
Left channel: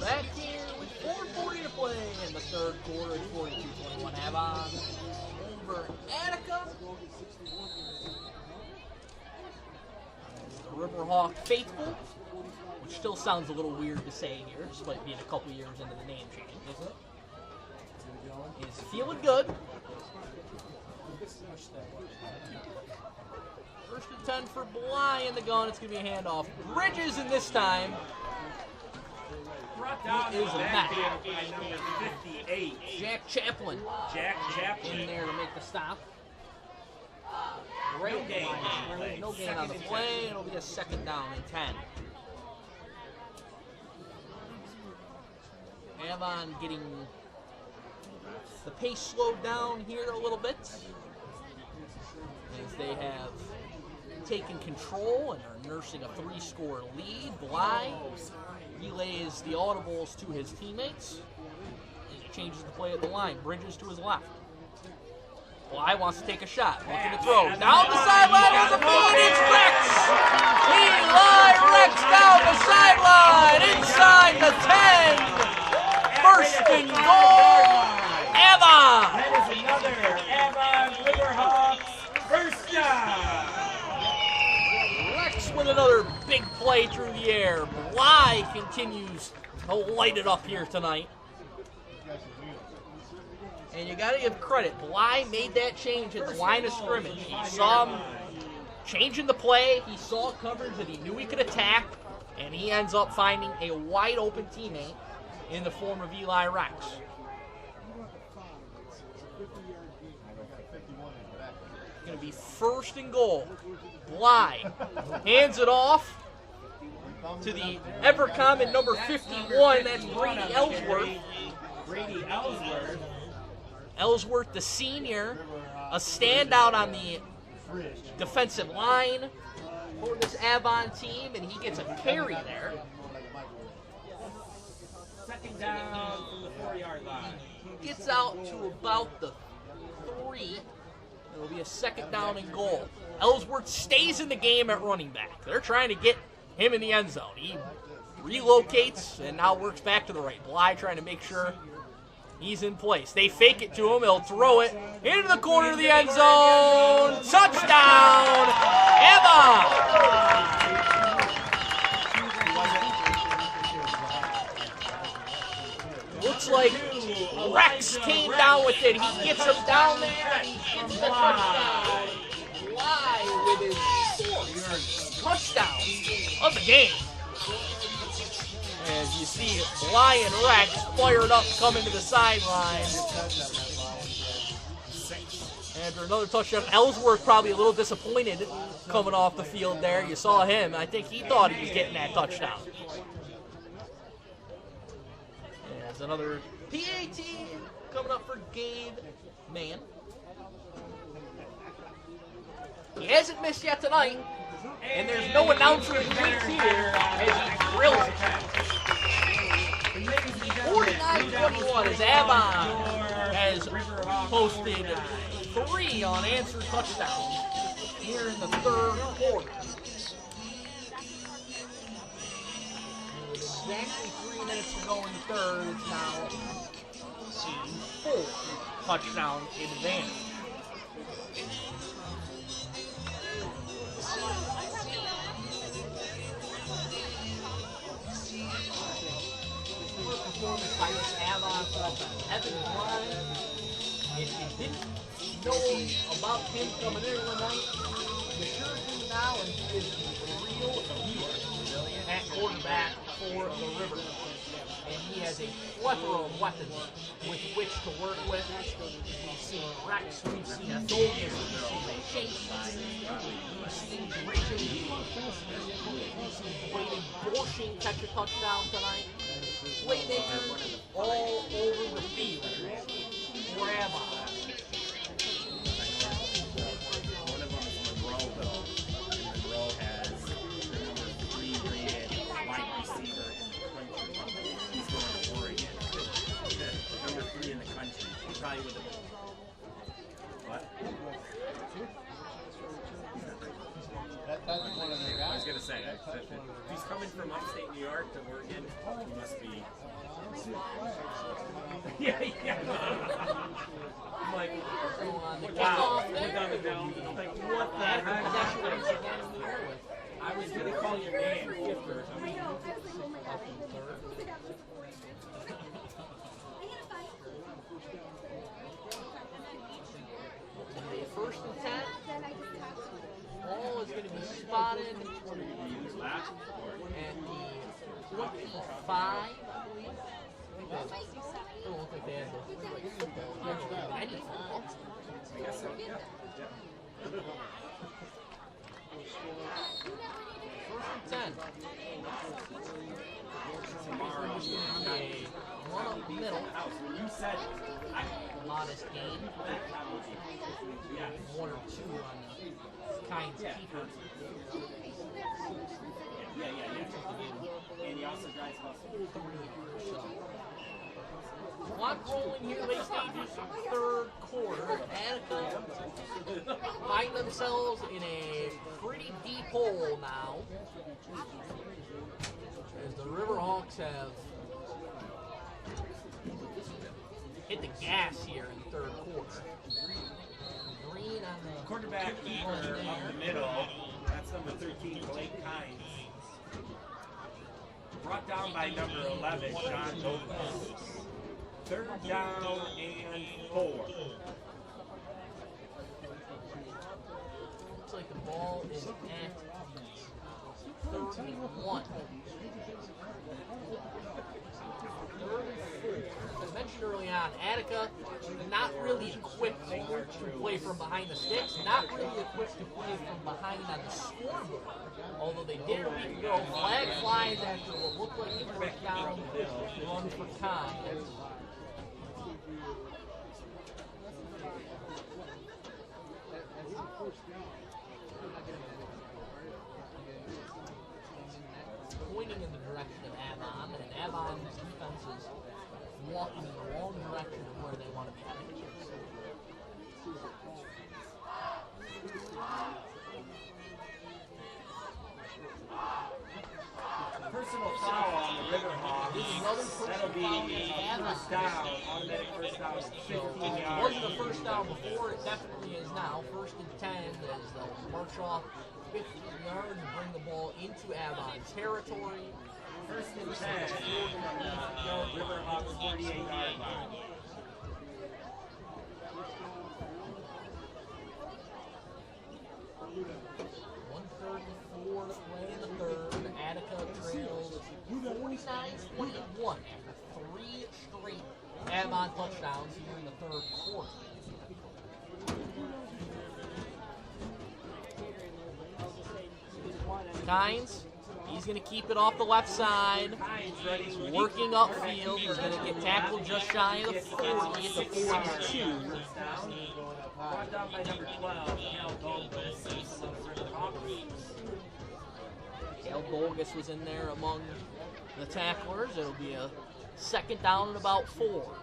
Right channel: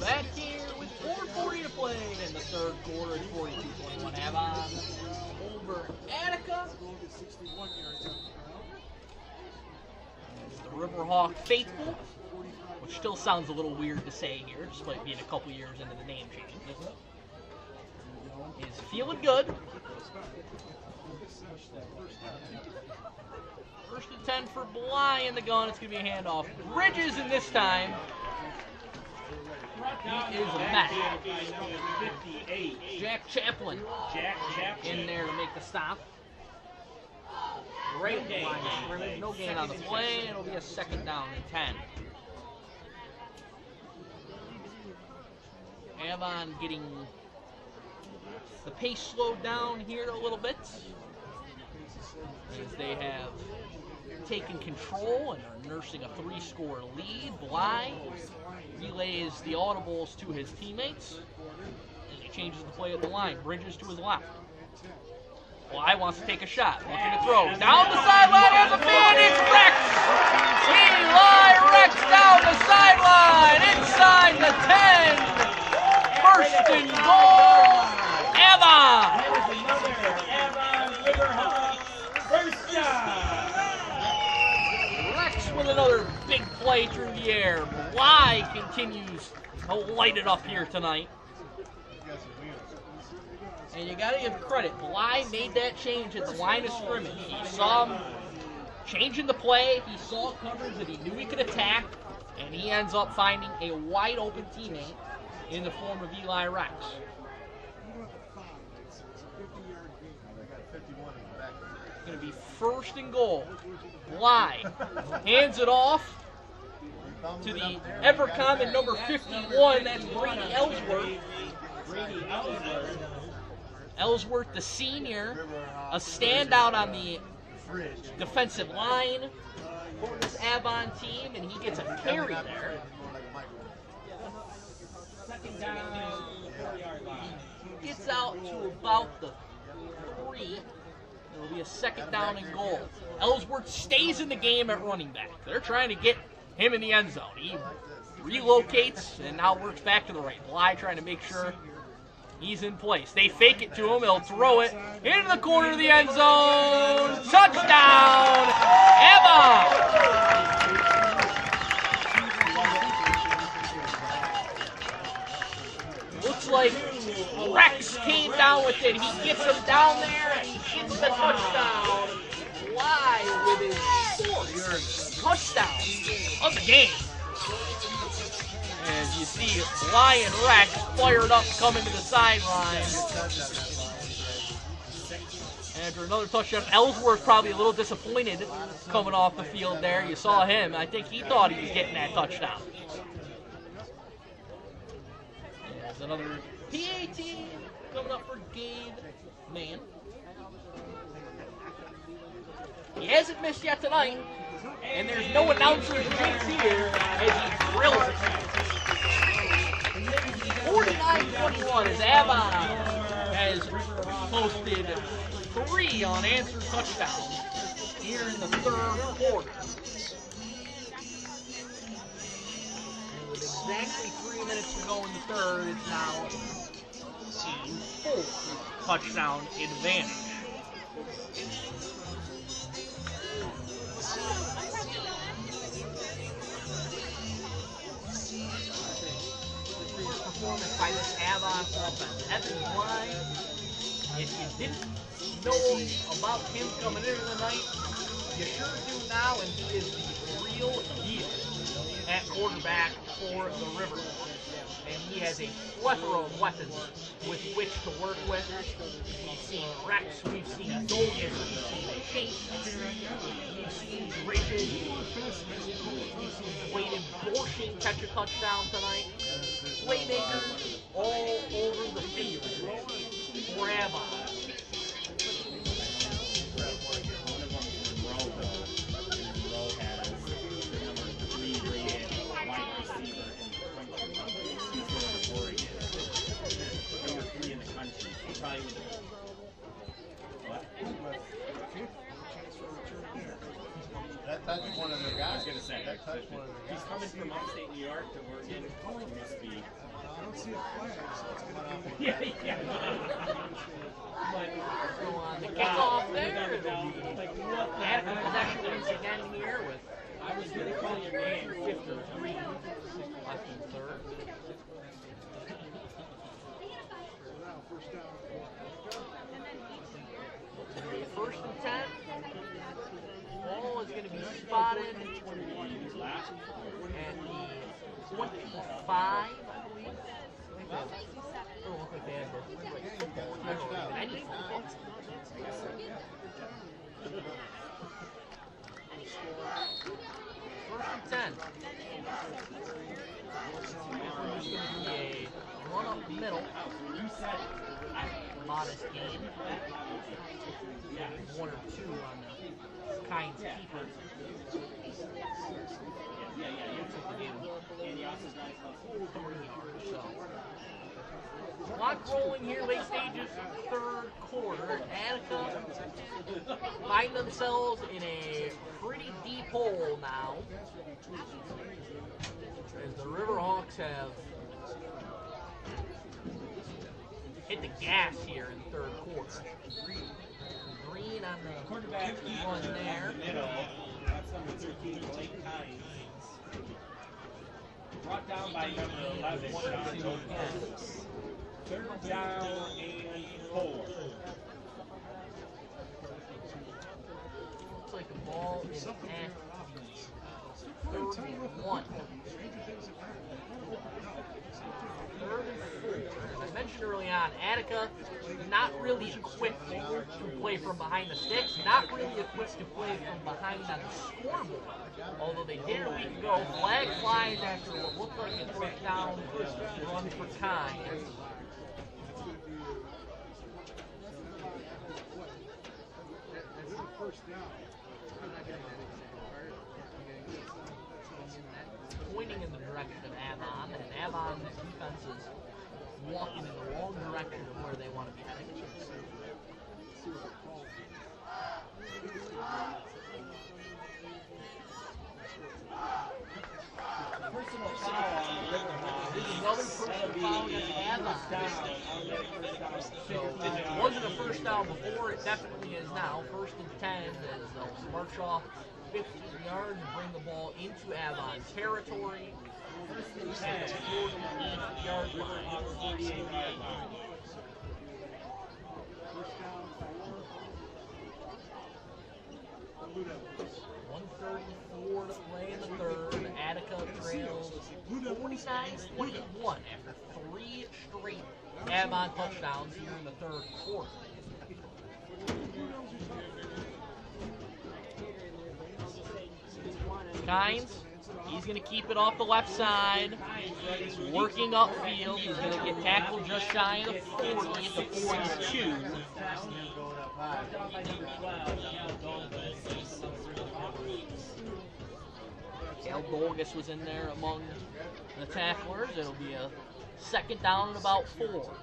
Back here with 4:40 to play in the third quarter. It's 42-21 Avon over Attica. As the Riverhawk faithful, which still sounds a little weird to say here, despite being a couple years into the name change, is feeling good. First and 10 for Bly in the gun. It's going to be a handoff. Bridges in this time. He is a mess. Jack Chaplin in there to make the stop. Right at the line of scrimmage. No gain on the play. It'll be a second down and 10. Avon getting the pace slowed down here a little bit as they have taken control and are nursing a 3-score lead. Bly relays the audibles to his teammates. And he changes the play at the line. Bridges to his left. Bly wants to take a shot. Looking to throw. Down the sideline. There's a man. It's Rex. Eli Rex down the sideline. Inside the 10. First and goal. Avon. There's another Avon Riverhawks first down. Rex with another big play through the air. Bly continues to light it up here tonight. And you got to give credit. Bly made that change at the line of scrimmage. He saw him changing the play. He saw coverage that he knew he could attack. And he ends up finding a wide open teammate in the form of Eli Rex. It's going to be first and goal. Bly hands it off to the ever-common number 51. That's Brady Ellsworth. Ellsworth, the senior, a standout on the defensive line for this Avon team, and he gets a carry there. Second down, 4-yard line. He gets out to about the 3. It'll be a second down and goal. Ellsworth stays in the game at running back. They're trying to get him in the end zone. He relocates and now works back to the right. Bly trying to make sure he's in place. They fake it to him. He'll throw it into the corner of the end zone. Touchdown, Avon! Looks like Rex came down with it. He gets him down there and he gets the touchdown. Bly with his 4th touchdown of the game. As you see Bly and Rex fired up coming to the sideline. After another touchdown, Ellsworth probably a little disappointed coming off the field there. You saw him. I think he thought he was getting that touchdown. There's another PAT coming up for Gabe Mann. He hasn't missed yet tonight. And there's no announcer drinks here as he drills it. 49-21 as Avon has posted 3 unanswered touchdowns here in the third quarter. And with exactly 3 minutes to go in the third, it's now a 4 touchdown advantage. Performance by this Avon offense. Evan Bly, if you didn't know about him coming in tonight, you sure do now, and he is the real deal. at quarterback for the River. And he has a plethora of weapons with which to work with. We've seen Rex, we've seen Dolgus, we've seen Chase, we've seen Bridges, we've seen Dwayne Borshing catch a touchdown tonight. Playmakers all over the field for Avon. One of them is Monroe, though. And Monroe has the number 3 rated wide receiver in the country. He's going to Oregon. Number 3 in the country. He probably would have. What? That's one of their I guys. was going to say. He's coming from upstate New York to Oregon. He must be. Yeah, yeah. I'm like, So on the kickoff there, had the possession once again here with I was going to call your name. 53, 6 left in the third. First and 10. Ball is going to be spotted at the 25, I believe. It don't look like they have their football here or any football. First and 10. We're just going to be a run up the middle. Modest gain. 1 or 2 on the kind keeper. So, clock rolling here, late stages, third quarter. Attica find themselves in a pretty deep hole now, as the Riverhawks have hit the gas here in the third quarter. Green on the Quarterback run in there. the middle. That's number 13, Blake Hines. Brought down by number 11, John Lopez. Third down and 4. Looks like the ball is at 31. Third and 4. As I mentioned early on, Attica not really equipped to play from behind the sticks, not really equipped to play from behind on the scoreboard. Although they did a week ago, flag flies after what looked like a first down run for Kai. Pointing in the direction of Avon, and Avon's defense is walking in the wrong direction of where they want to be heading. Personal foul on the Riverhawks. This is another personal foul against Avon. So it wasn't a first down before, it definitely is now. First and 10 as they'll march off 50 yards and bring the ball into Avon territory. First and 10. 48-yard Riverhawks 48-yard line. .134 to play in the third. Attica trails 49-21 after 3 straight Avon touchdowns here in the third quarter. Kynes, he's going to keep it off the left side, working upfield. He's going to get tackled just shy of the 40 at the 42. Cal Dolgus was in there among the tacklers. It'll be a second down and about 4.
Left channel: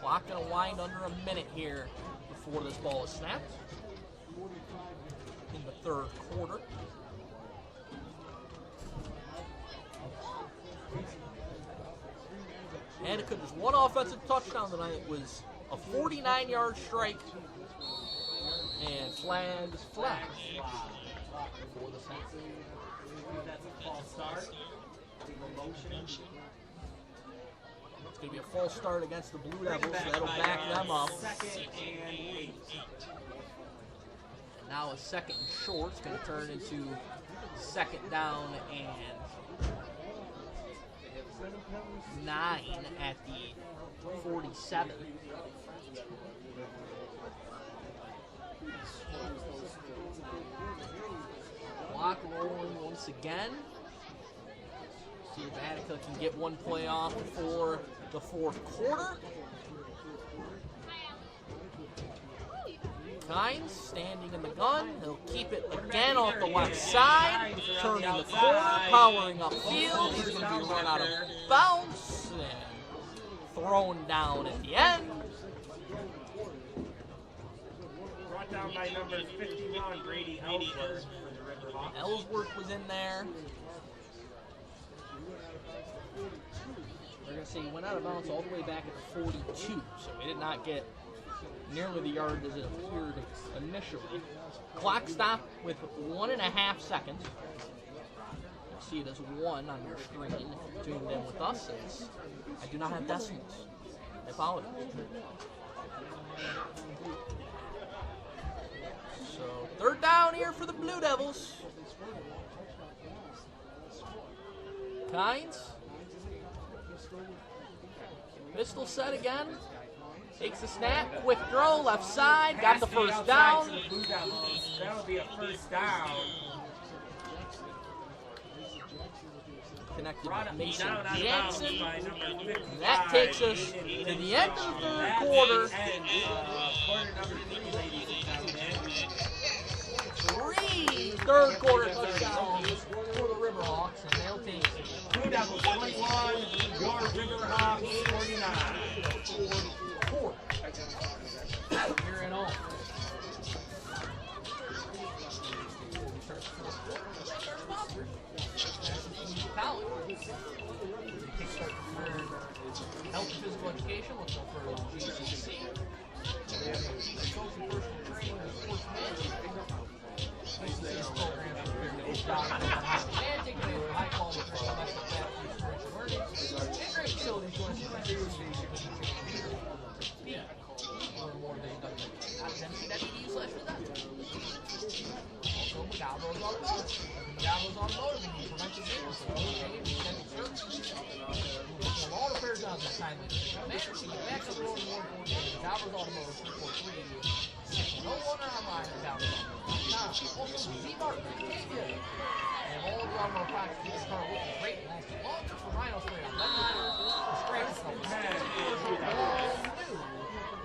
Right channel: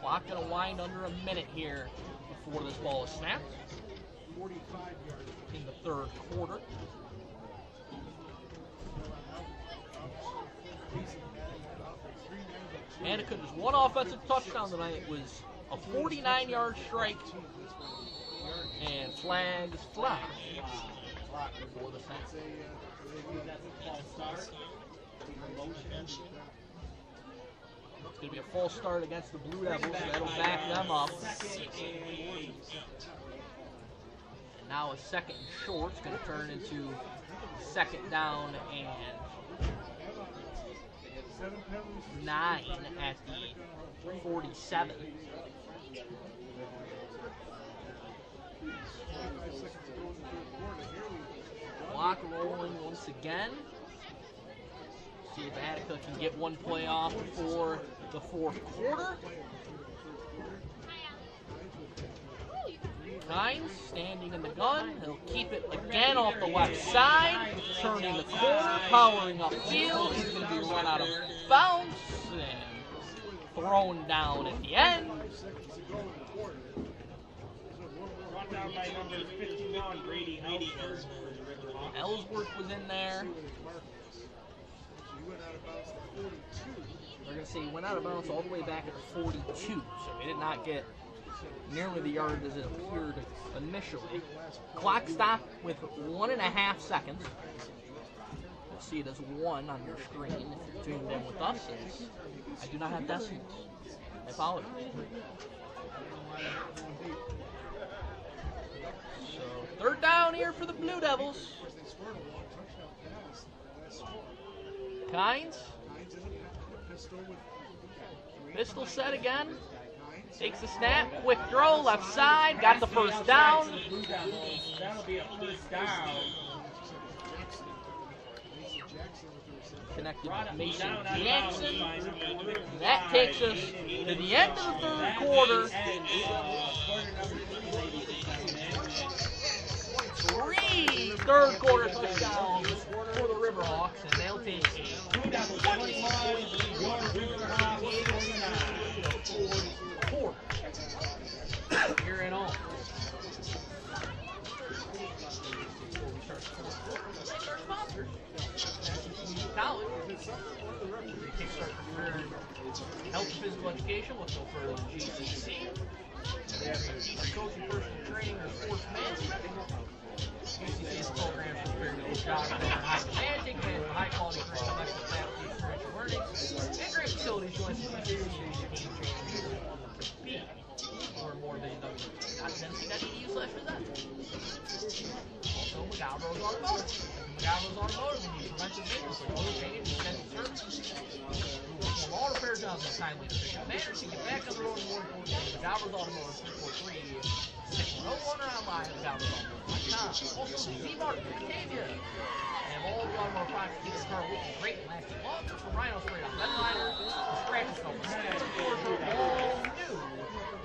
Clock going to wind under a minute here before this ball is snapped in the third quarter. Attica just one offensive touchdown tonight. It was a 49-yard strike, and flags fly before the snap. going to be a false start against the Blue Devils, so that'll back them up. And now a second and short. It's going to turn into second down and 9 at the 47. Clock rolling once again. See if Attica can get one play off before the fourth quarter. Kynes standing in the gun. He'll keep it again off the left side. Turning the corner, powering upfield. He's going to be run out of bounds and thrown down at the end. Brought down by number 51, Brady Ellsworth. Ellsworth was in there. They're going to say he went out of bounds all the way back at the 42, so he did not get nearly the yard as it appeared initially. Clock stopped with 1.5 seconds. You'll see it as 1 on your screen if you're tuned in with us. I do not have decimals. I apologize. So third down here for the Blue Devils. Kynes. Pistol set again. Takes the snap. Quick throw. Left side. Got the first down. That'll be a first down. Connected with Mason Jansen. That takes us to the end of the third quarter. Three third quarter touchdowns for the Riverhawks, and they'll take Blue Devils 21, your Riverhawks 49. Quarter. Here at home. Before we start the fourth quarter, we'll thank our sponsors. College. Kickstart your career in health and physical education. Look no further than GCC. They have coaching, personal training, or sports management. GCC's programs for preparing to those jobs in high demand, take advantage of high quality curriculum, excellent faculty, experiential learning, and great facilities. Join GCC to game changing speed. Learn more at www.tennessee.edu/design. Also, McGallo's Automotive. McGallo's Automotive, we need preventive maintenance like oil change, extended services. We perform all repair jobs in a timely and efficient manner. So you get back on the road and more important things. McGallo's Automotive, 343-6101, or online at McGallo'sautomotive.com. Also, Z-Mart in Batavia. And all the automotive products keep your car looking great and lasting longer. For Rhino Sprayed on Red Liner, the scratch stuff, all new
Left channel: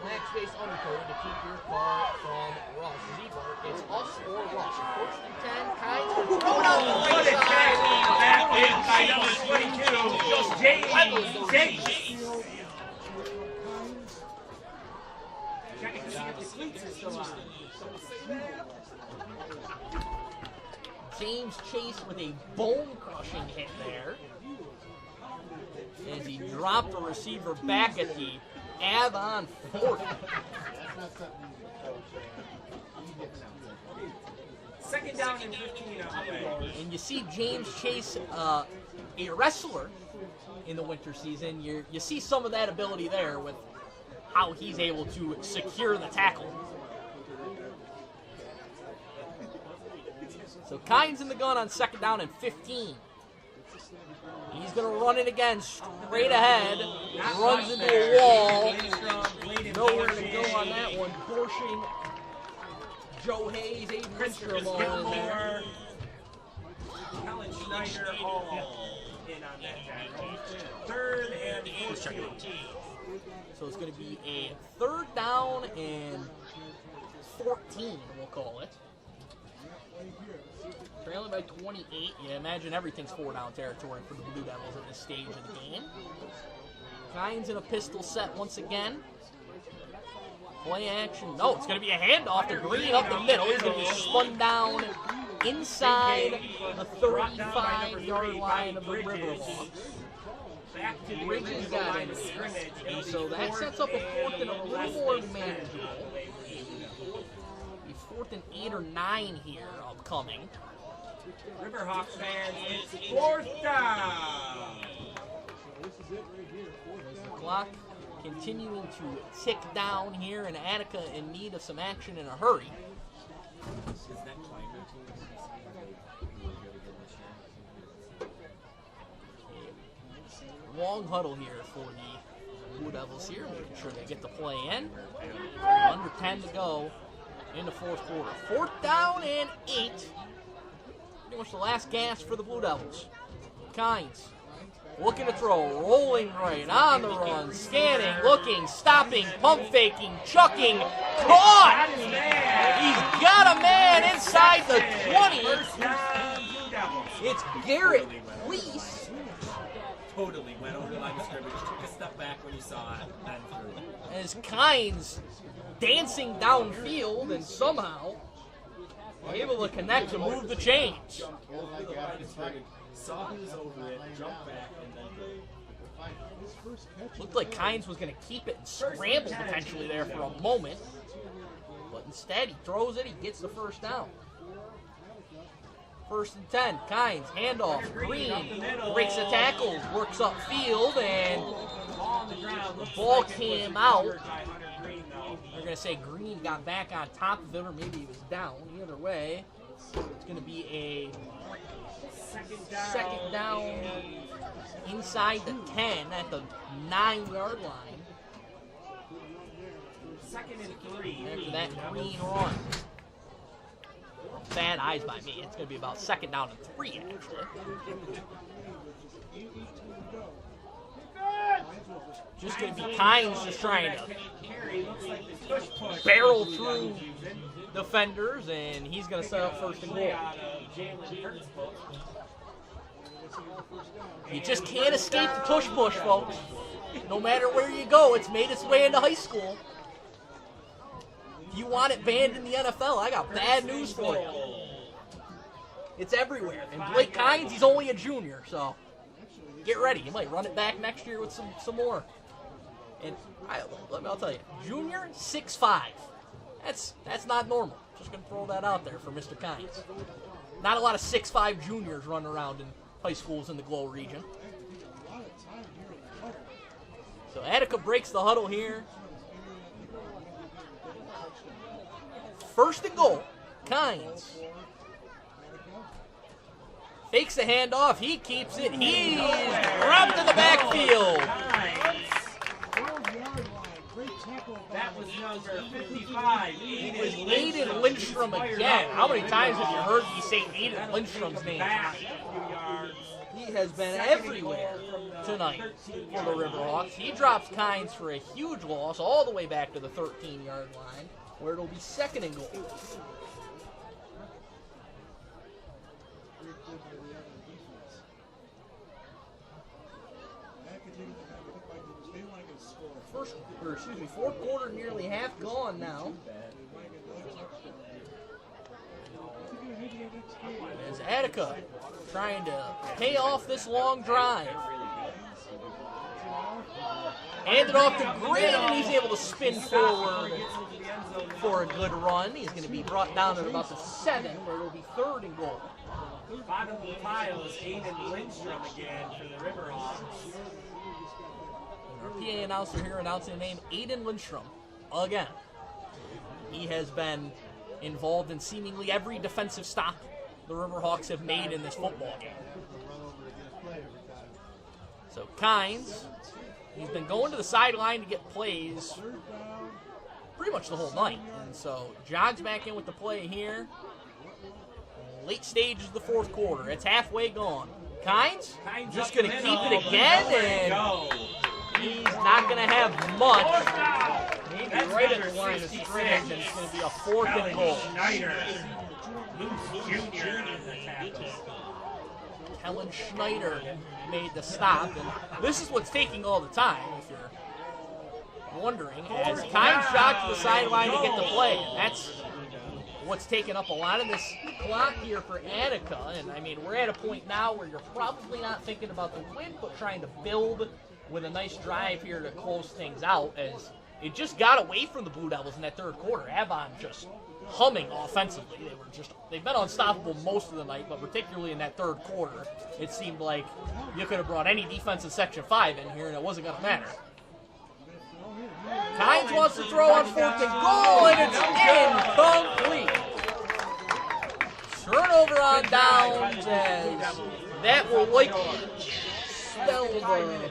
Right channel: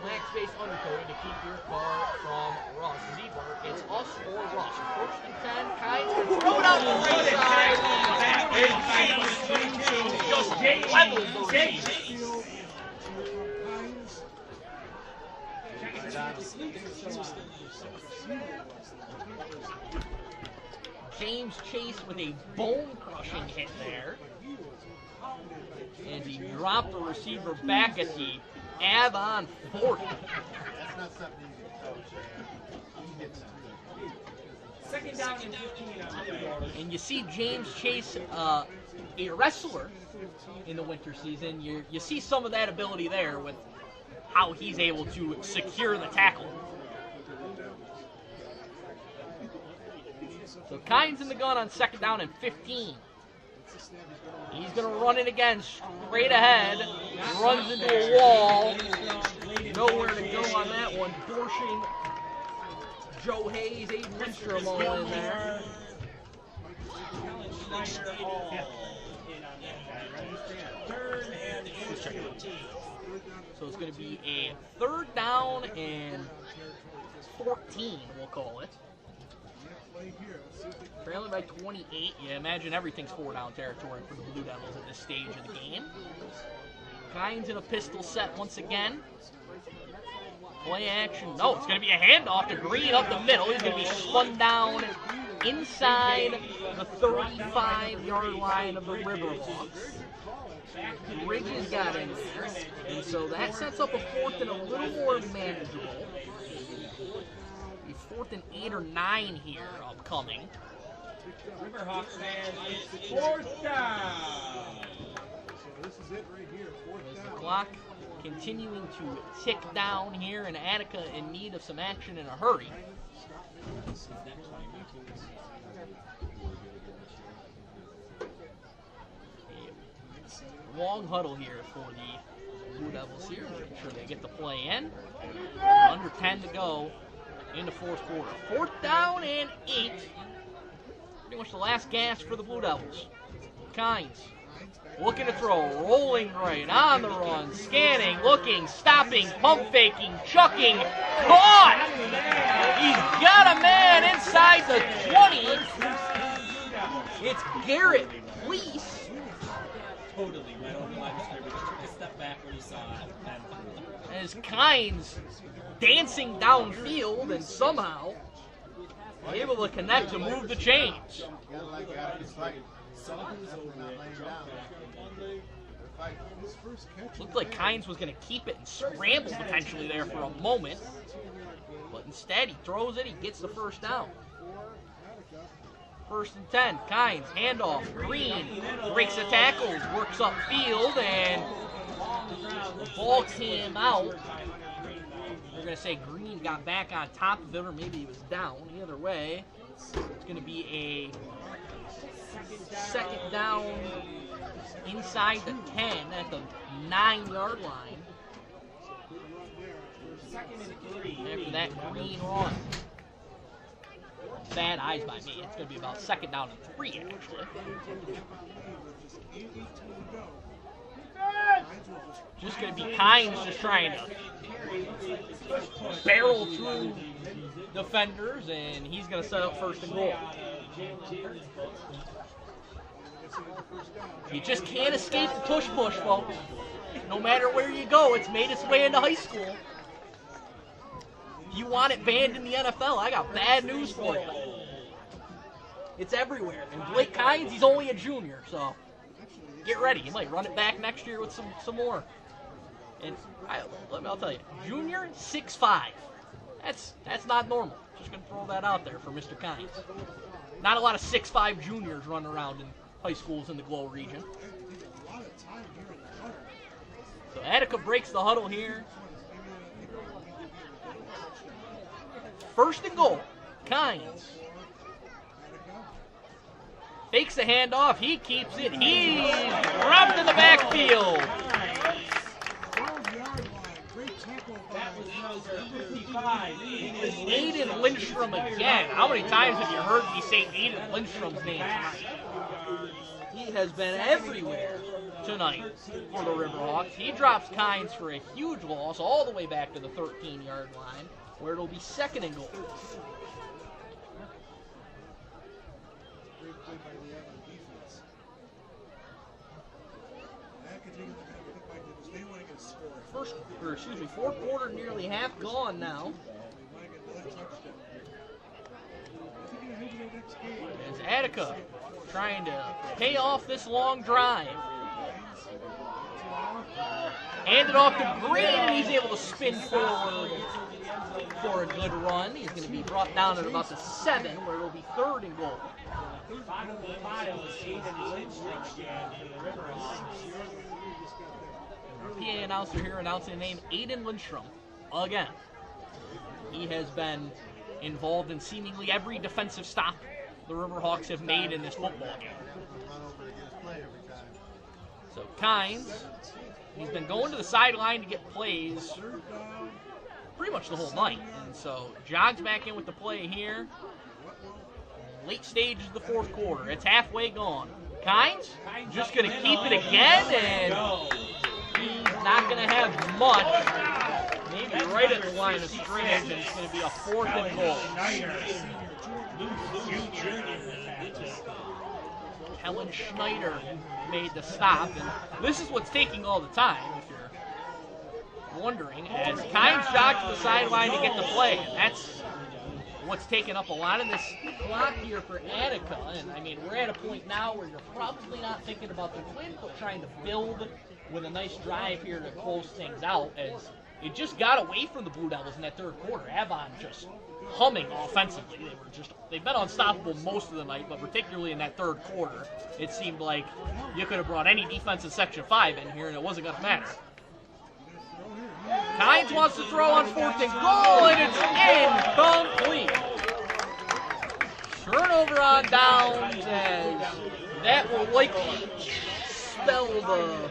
black space undercoating to keep your car from rust. Z-Mart, it's us or rust. First and 10, Kynes gonna throw it out the right side. Just levels the receiver. James Chase with a bone-crushing hit there. And he dropped the receiver back at the Avon 40. Second down and 15 on the way. And you see James Chase, a wrestler in the winter season. You see some of that ability there with how he's able to secure the tackle. So Kynes in the gun on second down and 15. He's going to run it again straight ahead. Runs into a wall. Nowhere to go on that one. Dorshing, Joe Hayes, Aiden Lindstrom all in there. Third and 14. So it's going to be a third down and 14, we'll call it. Trailing by 28. You imagine everything's 4-down territory for the Blue Devils at this stage of the game. Kynes in a pistol set once again. Play action. No, it's going to be a handoff to Green up the middle. He's going to be spun down inside the 35-yard line of the Riverhawks. Bridges got in there. And so that sets up a fourth and a little more manageable. A fourth and 8 or 9 here upcoming. Riverhawks fans, it's fourth down. As the Clock continuing to tick down here, and Attica in need of some action in a hurry. A long huddle here for the Blue Devils here. Making sure they get the play in. Under 10 to go in the fourth quarter. 4th down and 8. Pretty much the last gasp for the Blue Devils. Kynes looking to throw, rolling right, on the run, scanning, looking, stopping, pump faking, chucking, caught! He's got a man inside the 20. It's Garrett Lease. Totally went over the line of scrimmage, took a step back when he saw it. As Kynes dancing downfield and somehow able to connect to move the chains. Looked like Kynes was going to keep it and scramble potentially there for a moment. But instead, he throws it, he gets the first down. 1st and 10, Kynes, handoff, Green, breaks the tackle, works upfield, and the ball came out. We're going to say Green got back on top of it, or maybe he was down. Either way, it's going to be a second down inside the 10 at the 9-yard line. After that Green run. Bad eyes by me. It's going to be about 2nd down and 3, actually. Just going to be Kynes just trying to barrel through defenders, and he's going to set up 1st and goal. You just can't escape the tush push, folks. No matter where you go, it's made its way into high school. If you want it banned in the NFL, I got bad news for you. It's everywhere. And Blake Kynes, he's only a junior, so get ready. You might run it back next year with some more. And I'll tell you, junior, 6'5". That's not normal. Just going to throw that out there for Mr. Kynes. Not a lot of 6'5" juniors running around in high schools in the Glow region. So Attica breaks the huddle here. 1st and goal. Kynes fakes the handoff. He keeps it. He's dropped in the backfield. That was number 55. Aiden Lindstrom again. How many times have you heard me say Aiden Lindstrom's name tonight? He has been everywhere tonight for the Riverhawks. He drops Kynes for a huge loss all the way back to the 13-yard line, where it'll be 2nd and goal. Fourth quarter nearly half gone now. As Attica trying to pay off this long drive. Hand it off to Green, and he's able to spin forward for a good run. He's going to be brought down at about the 7, where it'll be 3rd and goal. Bottom of the pile is Aiden Lindstrom again for the Riverhawks. Our PA announcer here announcing the name Aiden Lindstrom again. He has been involved in seemingly every defensive stop the Riverhawks have made in this football game. So Kynes, he's been going to the sideline to get plays pretty much the whole night. And so jogs back in with the play here. Late stage of the 4th quarter. It's halfway gone. Kynes just going to keep it again, and he's not going to have much. Maybe right at the line of scrimmage, and it's going to be a 4th and goal. Helen Schneider made the stop, and this is what's taking all the time, if you're wondering, as Kynes jogged to the sideline to get the play, and that's what's taking up a lot of this clock here for Attica. And I mean, we're at a point now where you're probably not thinking about the win, but trying to build with a nice drive here to close things out, as they just got away from the Blue Devils in that 3rd quarter. Avon just humming offensively. They've been unstoppable most of the night, but particularly in that 3rd quarter, it seemed like you could have brought any defense in Section 5 in here and it wasn't going to matter. Kynes wants to throw on 4th and goal, and it's incomplete. Turnover on downs, as that will likely spell the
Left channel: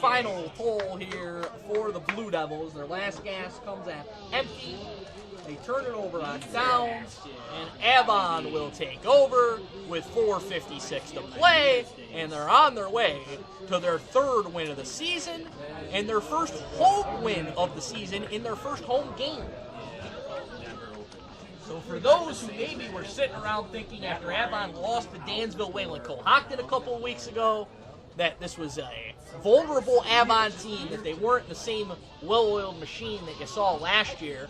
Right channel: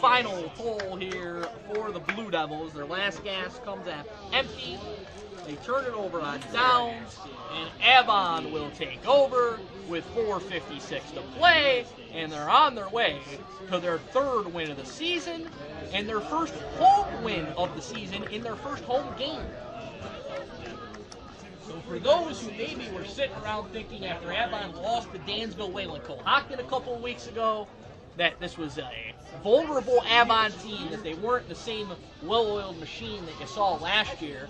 final toll here for the Blue Devils. Their last gas comes at empty. They turn it over on downs, and Avon will take over with 4:56 to play, and they're on their way to their 3rd win of the season and their first home win of the season in their first home game. So for those who maybe were sitting around thinking after Avon lost to Dansville Wayland Cohocton a couple of weeks ago that this was a vulnerable Avon team, that they weren't the same well-oiled machine that you saw last year,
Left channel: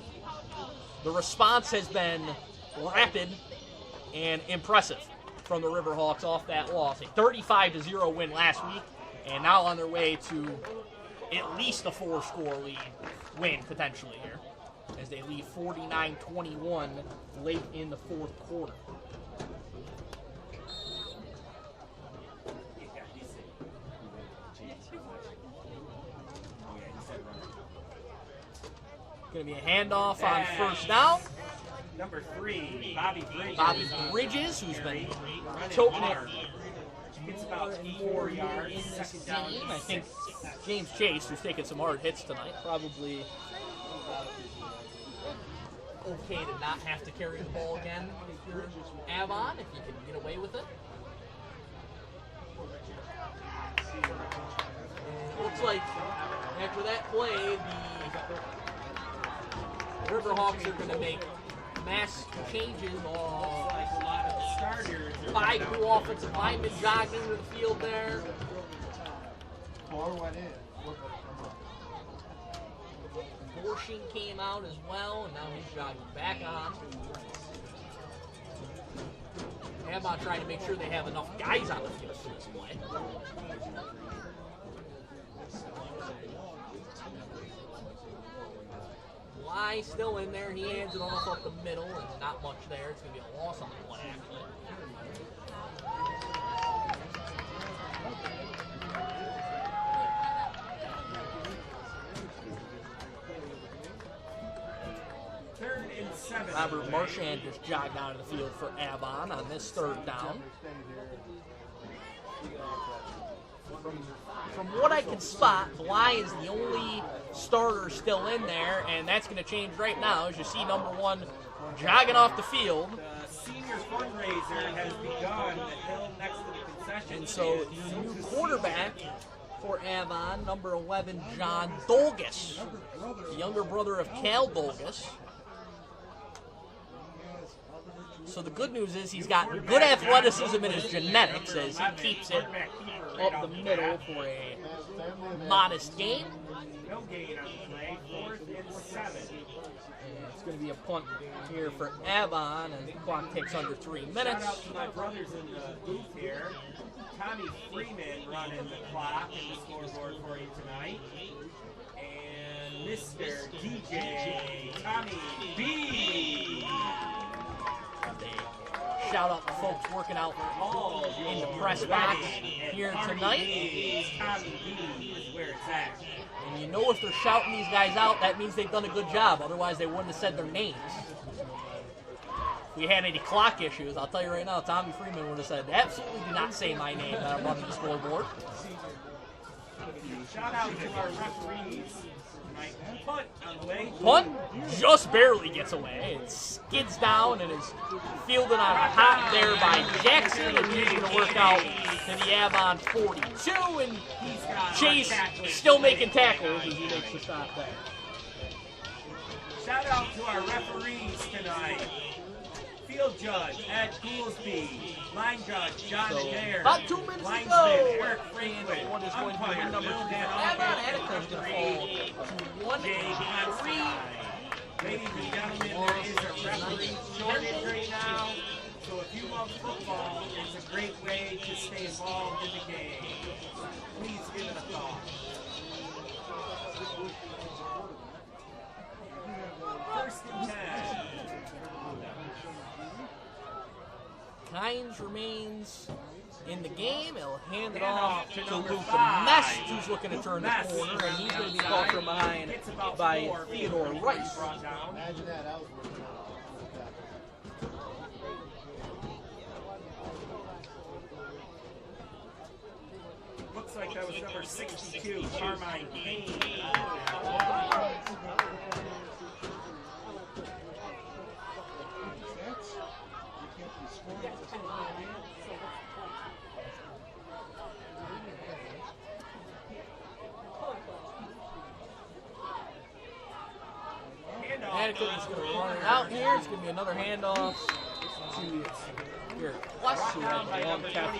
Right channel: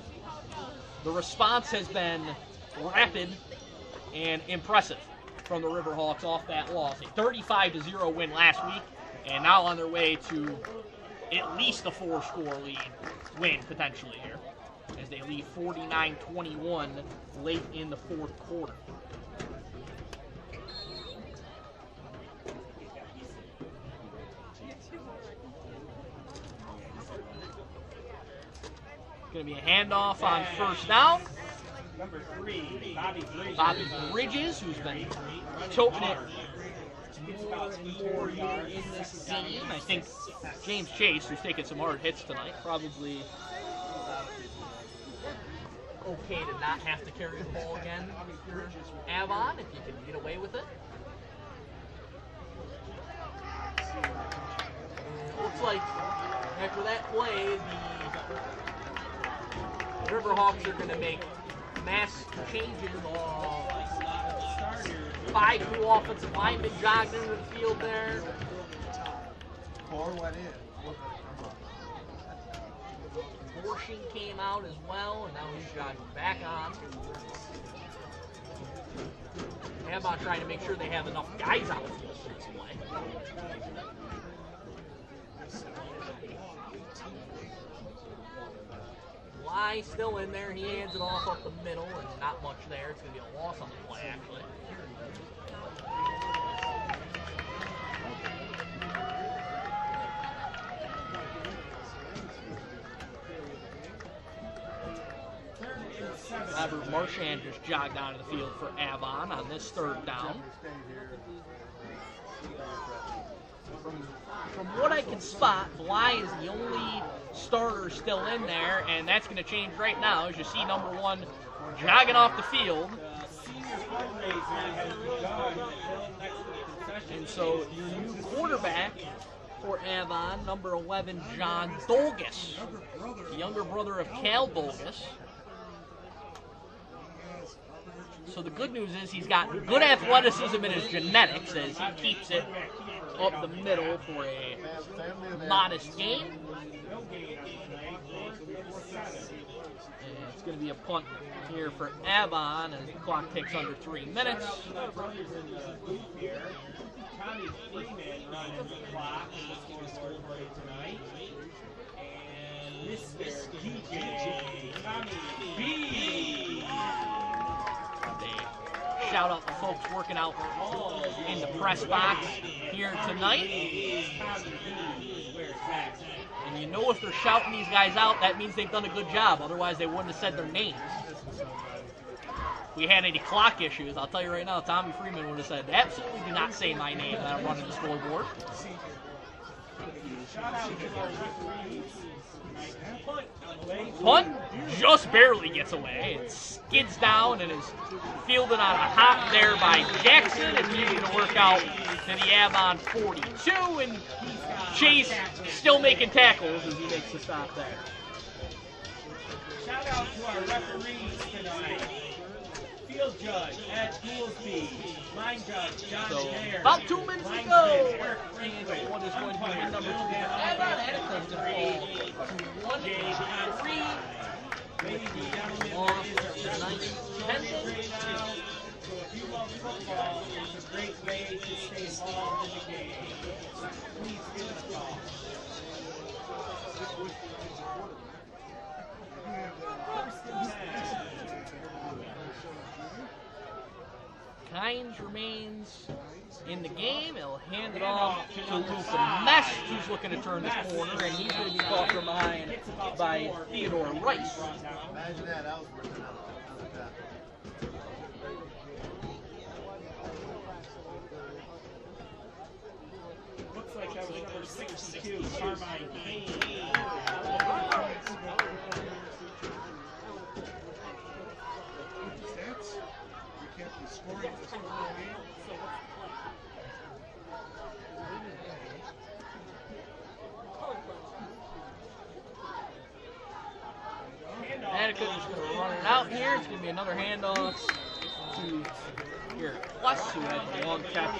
the response has been rapid and impressive from the Riverhawks off that loss. A 35-0 win last week, and now on their way to at least a 4-score lead win potentially here, as they lead 49-21 late in the 4th quarter. Going to be a handoff on 1st down. Number 3, Bobby Bridges. Bobby Bridges, who's been choking it more and more here in this game. I think James Chase, who's taking some hard hits tonight, probably okay to not have to carry the ball again if you're Avon, if you can get away with it. Looks like after that play, the Riverhawks are going to make mass changes. 5 new offensive linemen jogged into the field there. 4 went in. Borshing came out as well, and now he's jogging back on. Avon trying to make sure they have enough guys on the field for this play. Bly still in there. He hands it off up the middle, and not much there. It's going to be a loss on the play, actually. Robert Marchand just jogged out of the field for Avon on this 3rd down. From what I can spot, Bly is the only starter still in there, and that's going to change right now as you see number 1 jogging off the field. Senior fundraiser has begun next to the concession. And so the new quarterback for Avon, number 11, John Dolgus, the younger brother of Cal Dolgus. So the good news is he's got good athleticism in his genetics as he keeps it up the middle for a modest gain. And it's going to be a punt here for Avon as the clock takes under 3 minutes. Brothers in the booth here. Tommy Freeman running the clock and the scoreboard for you tonight. And Mr. DJ Tommy B. Shout out to folks working out in the press box here tonight. And you know if they're shouting these guys out, that means they've done a good job. Otherwise, they wouldn't have said their names. If we had any clock issues, I'll tell you right now, Tommy Freeman would have said, absolutely do not say my name that I'm running the scoreboard. Shout out to our referees. Punt just barely gets away. It skids down and is fielded on a hop there by Jackson, and he's going to work out to the Avon 42, and Chase still making tackles as he makes the stop there. Shout out to our referees tonight. Field judge Ed Goolsby, line judge John Baird. About 2 minutes to go. Eric Franklin, One is going to be umpire number 2. Bill Avon had a touchdown ball. James 3. Ladies and gentlemen, it is a wrestling shortage right now. So if you love football, it's a great way to stay involved in the game. Please give us a call. First and 10. Kynes remains in the game. He'll hand it off to Luca Mess, who's looking to turn the corner, and he's going to be caught from behind by Theodore Rice. Imagine that. I was working out. Looks like that was number 62, Carmine Kane. Attica is going to run it out here. It's going to be another handoff to Garrett Plus, who had the long catch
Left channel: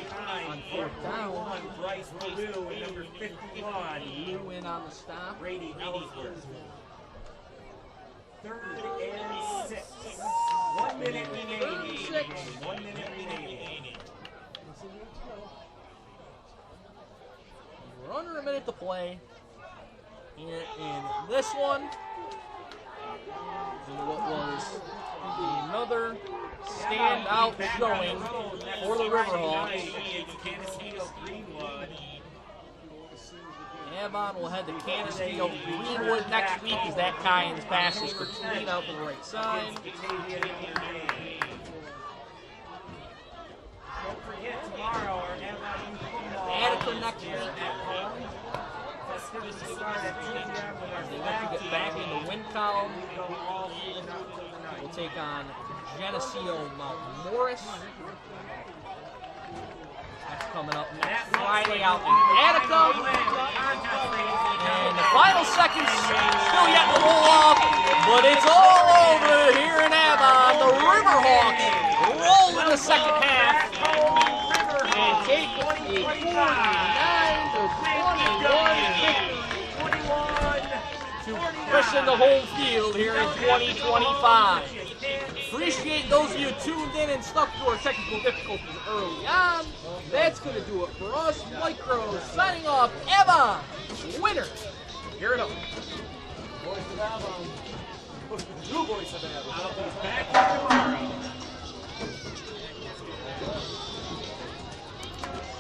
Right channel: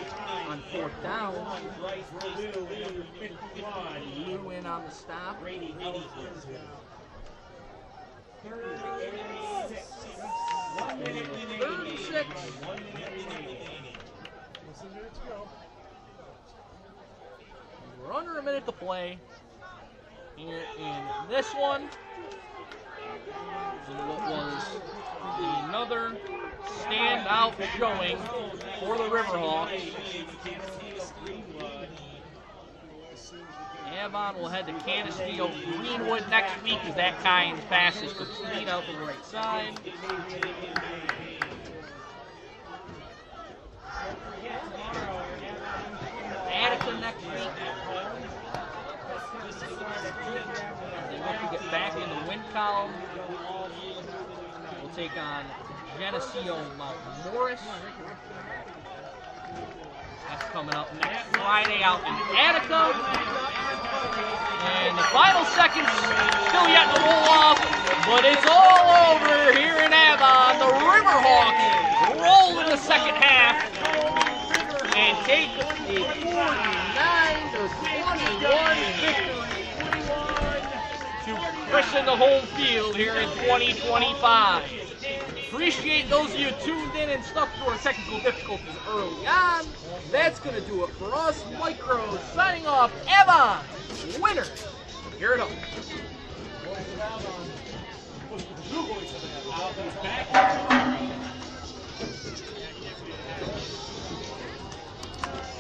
on 4th down. Number 51. Lou in on the stop. Brady Ellsworth. 3rd and 6. 1 minute remaining. 36. 1 minute remaining. We're under a minute to play here in this one. And what was another standout showing for the Riverhawks. Avon will head to Canisteo Greenwood next week as that Kynes pass is complete out to the right side. Attica next week. They have to get back in the win column. We'll take on Geneseo Mount Morris. That's coming up next Friday out in Attica. And the final seconds still yet to roll off, but it's all over here in Avon. The Riverhawks roll in the second half and take a 49-21 victory to christen the home field here in 2025. Appreciate those of you tuned in and stuck through our technical difficulties early on. That's going to do it for us. Mike Rose signing off. Avon, winner. Here it is. Voice of Avon. New voice of Avon. Back.